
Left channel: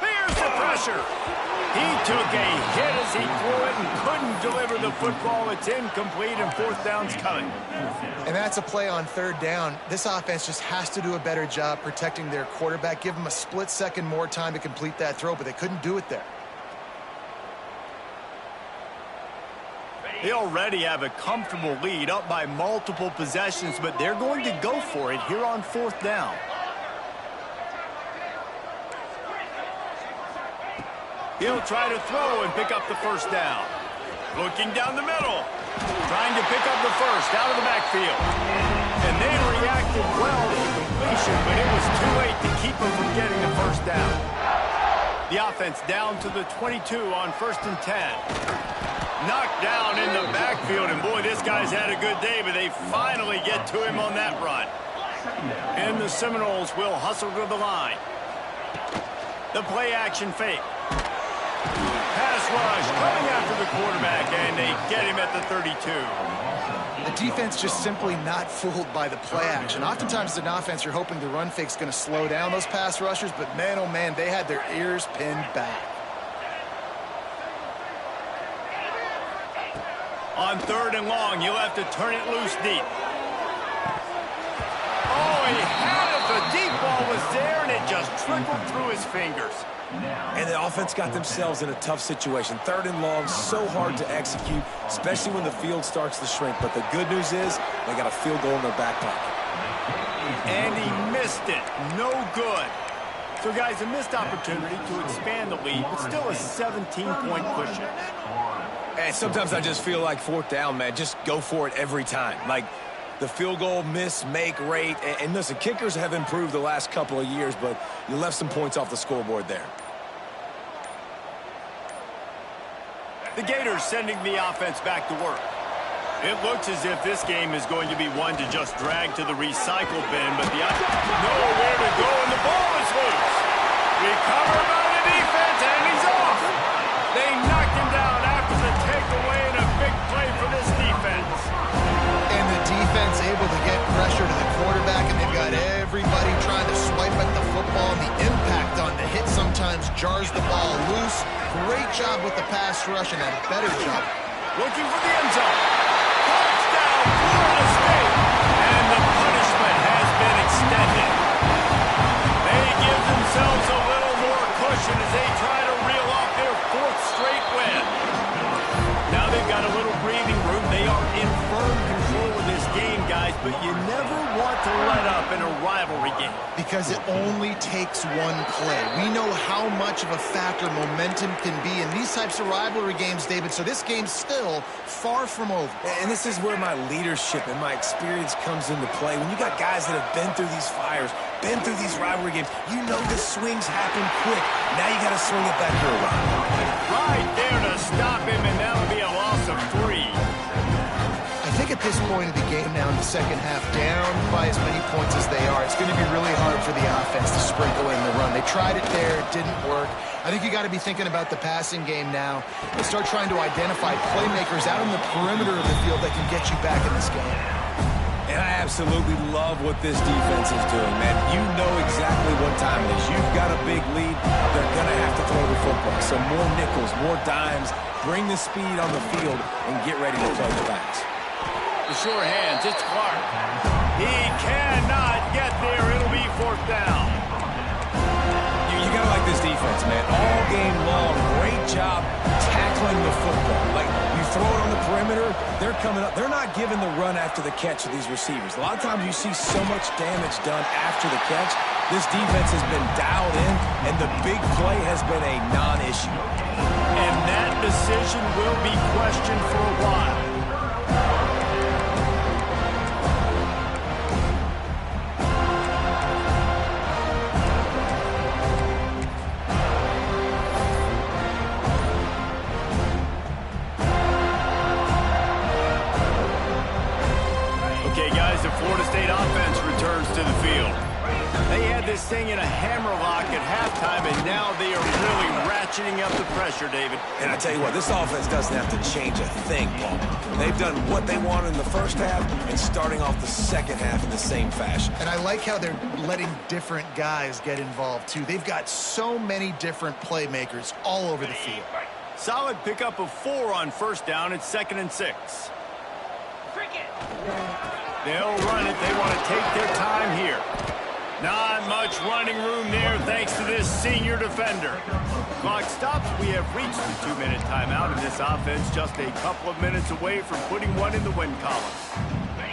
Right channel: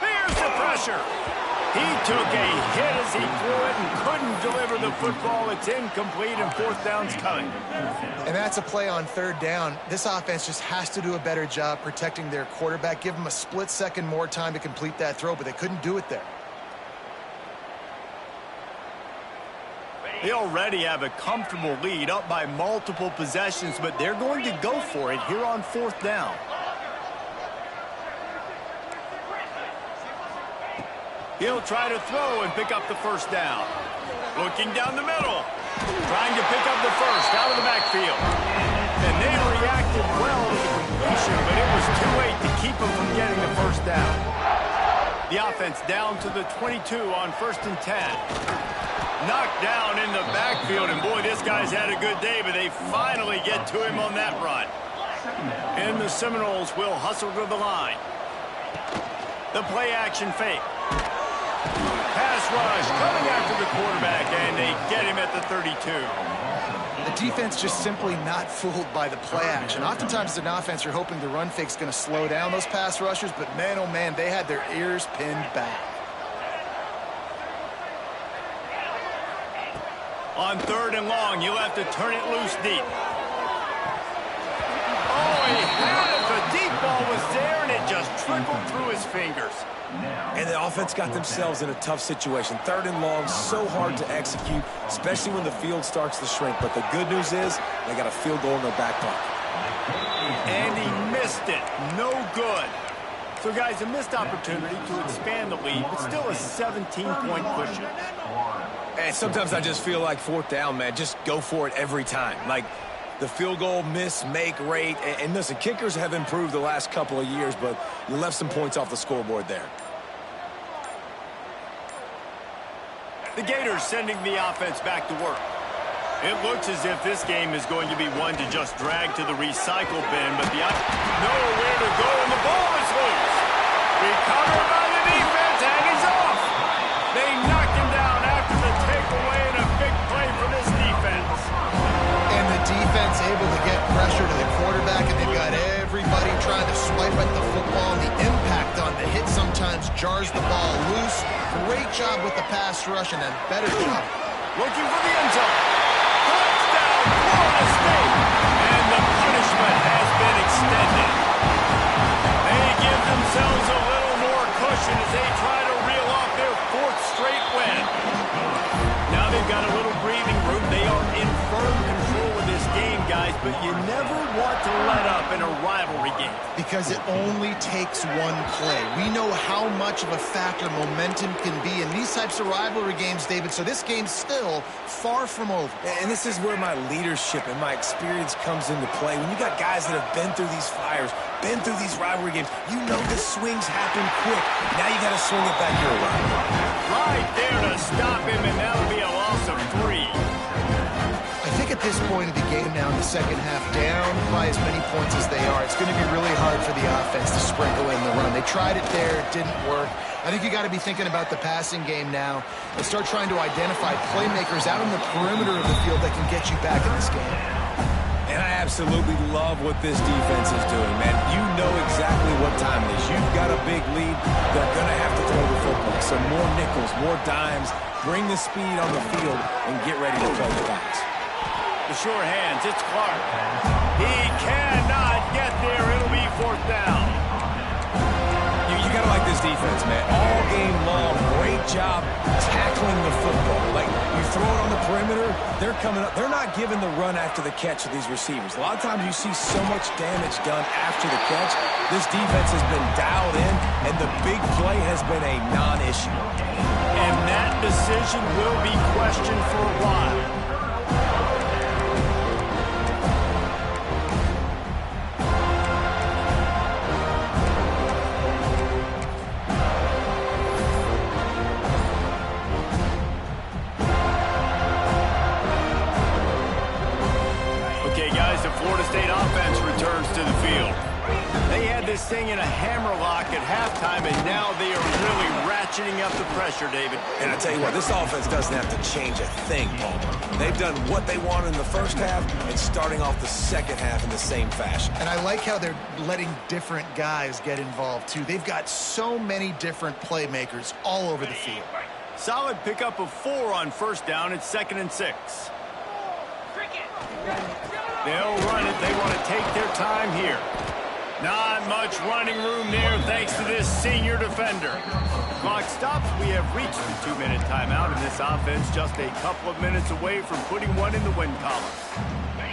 Here's the pressure. He took a hit as he threw it and couldn't deliver the football. It's incomplete, and 4th down's coming. And that's a play on 3rd down. This offense just has to do a better job protecting their quarterback. Give him a split second more time to complete that throw, but they couldn't do it there. They already have a comfortable lead, up by multiple possessions, but they're going to go for it here on 4th down. He'll try to throw and pick up the 1st down. Looking down the middle. Trying to pick up the 1st out of the backfield. And they reacted well to the completion, but it was too late to keep them from getting the 1st down. The offense down to the 22 on 1st and 10. Knocked down in the backfield, and boy, this guy's had a good day, but they finally get to him on that run. And the Seminoles will hustle to the line. The play action fake. Pass rush coming after the quarterback, and they get him at the 32. The defense just simply not fooled by the play action. Oftentimes as an offense, you're hoping the run fake's going to slow down those pass rushers, but man, oh man, they had their ears pinned back. On 3rd and long, you'll have to turn it loose deep. Oh, he had it. The deep ball was there, and it just trickled through his fingers. And the offense got themselves in a tough situation. 3rd and long, so hard to execute, especially when the field starts to shrink. But the good news is they got a field goal in their back pocket. And he missed it. No good. So, guys, a missed opportunity to expand the lead, but still a 17-point cushion. And sometimes I just feel like 4th down, man, just go for it every time. Like, the field goal miss-make rate. And listen, kickers have improved the last couple of years, but you left some points off the scoreboard there. The Gators sending the offense back to work. It looks as if this game is going to be one to just drag to the recycle bin, but nowhere to go, and the ball is loose. Recovered by the defense, and he's off. They knocked him down after the takeaway, and a big play for this defense. And the defense able to get pressure to the quarterback, and they've got everybody trying to swipe at the football, and the impact on the hit sometimes jars the ball loose. Great job with the pass rush, and a better job looking for the end zone. Touchdown, Florida State! And the punishment has been extended. They give themselves a little more cushion as they try to reel off their 4th straight win. Now they've got a little breathing room. They are in firm control of this game, guys, but you never want to let up in a rivalry game. Because it only takes one play. We know how much of a factor momentum can be in these types of rivalry games, David, so this game's still far from over. And this is where my leadership and my experience comes into play. When you got guys that have been through these fires, been through these rivalry games, you know the swings happen quick. Now you got to swing it back your way. Right there to stop him, and that'll be a loss of 3. I think at this point of the game now in the second half, down by as many points as they are, it's going to be really hard for the offense to sprinkle in the run. They tried it there, it didn't work. I think you got to be thinking about the passing game now and start trying to identify playmakers out on the perimeter of the field that can get you back in this game. And I absolutely love what this defense is doing, man. You know exactly what time it is. You've got a big lead. They're going to have to throw the football. So more nickels, more dimes, bring the speed on the field, and get ready to play the backs. The sure hands, it's Clark. He cannot get there. It'll be 4th down. You got to like this defense, man. All game long, great job tackling the football. Like, you throw it on the perimeter, they're coming up. They're not giving the run after the catch to these receivers. A lot of times you see so much damage done after the catch. This defense has been dialed in, and the big play has been a non-issue. And that decision will be questioned for a while. Okay, guys, the Florida State offense returns to the field. They had this thing in a hammerlock at halftime, and now they are really ratcheting up the pressure, David. And I tell you what, this offense doesn't have to change a thing, Paul. They've done what they wanted in the first half and starting off the second half in the same fashion. And I like how they're letting different guys get involved, too. They've got so many different playmakers all over the field. Solid pickup of 4 on 1st down. It's 2nd and 6. They'll run it. They want to take their time here. Not much running room there thanks to this senior defender. Clock stops. We have reached the 2-minute timeout, and this offense just a couple of minutes away from putting one in the win column.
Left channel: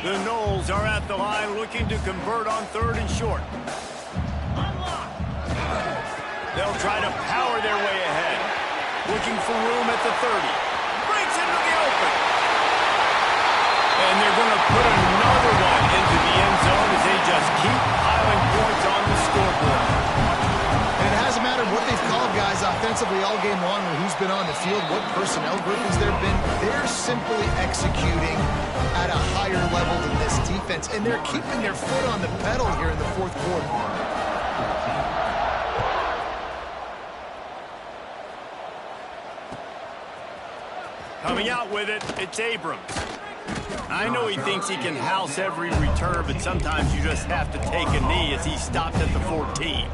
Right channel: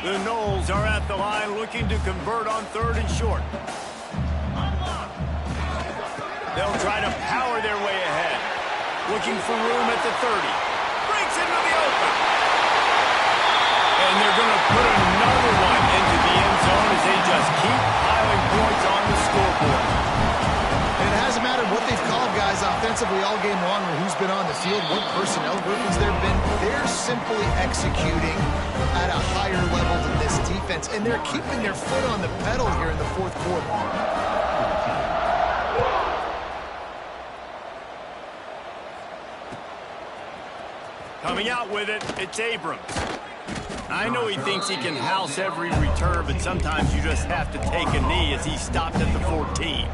The Noles are at the line looking to convert on 3rd and short. They'll try to power their way ahead. Looking for room at the 30. Breaks into the open. And they're going to put another one into the end zone as they just keep piling points on the scoreboard. And it hasn't mattered what they've called guys offensively all game long or who's been on the field, what personnel groupings there have been. They're simply executing at a higher level than this defense, and they're keeping their foot on the pedal here in the 4th quarter. Coming out with it, it's Abrams. I know he thinks he can house every return, but sometimes you just have to take a knee as he stopped at the 14.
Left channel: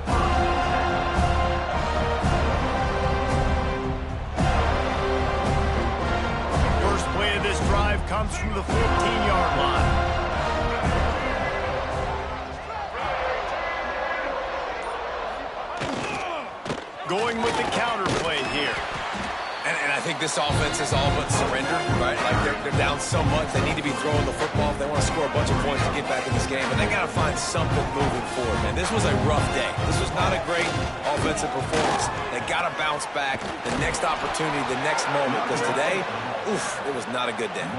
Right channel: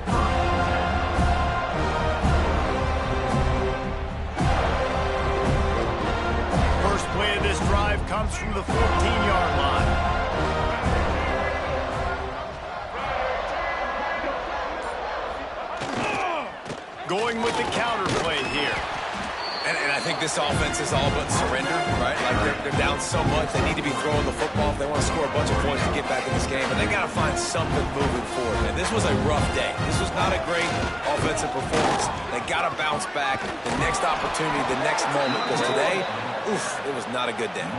First play of this drive comes from the 14-yard line. Going with the counter play here. And I think this offense is all but surrendered, right? Like, they're down so much. They need to be throwing the football if they want to score a bunch of points to get back in this game. But they got to find something moving forward, man. This was a rough day. This was not a great offensive performance. They got to bounce back the next opportunity, the next moment. Because today, oof, it was not a good day.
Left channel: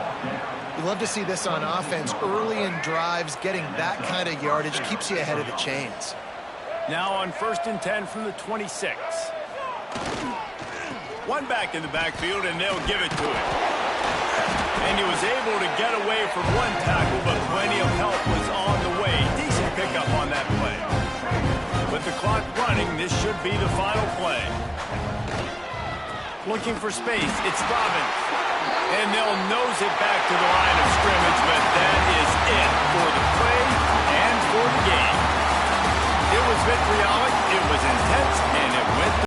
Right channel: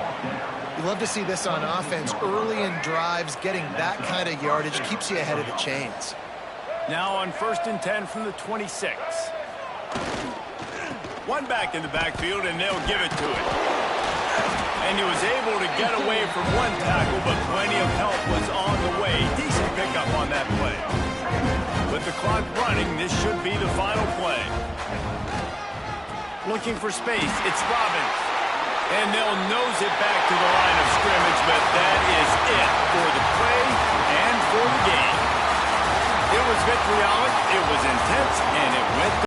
You love to see this on offense. Early in drives, getting that kind of yardage keeps you ahead of the chains. Now on 1st and 10 from the 26. One back in the backfield, and they'll give it to him. And he was able to get away from one tackle, but plenty of help was on the way. Decent pickup on that play. With the clock running, this should be the final play. Looking for space, it's Robbins. And they'll nose it back to the line of scrimmage, but that is it for the play and for the game. It was vitriolic, it was intense, and it went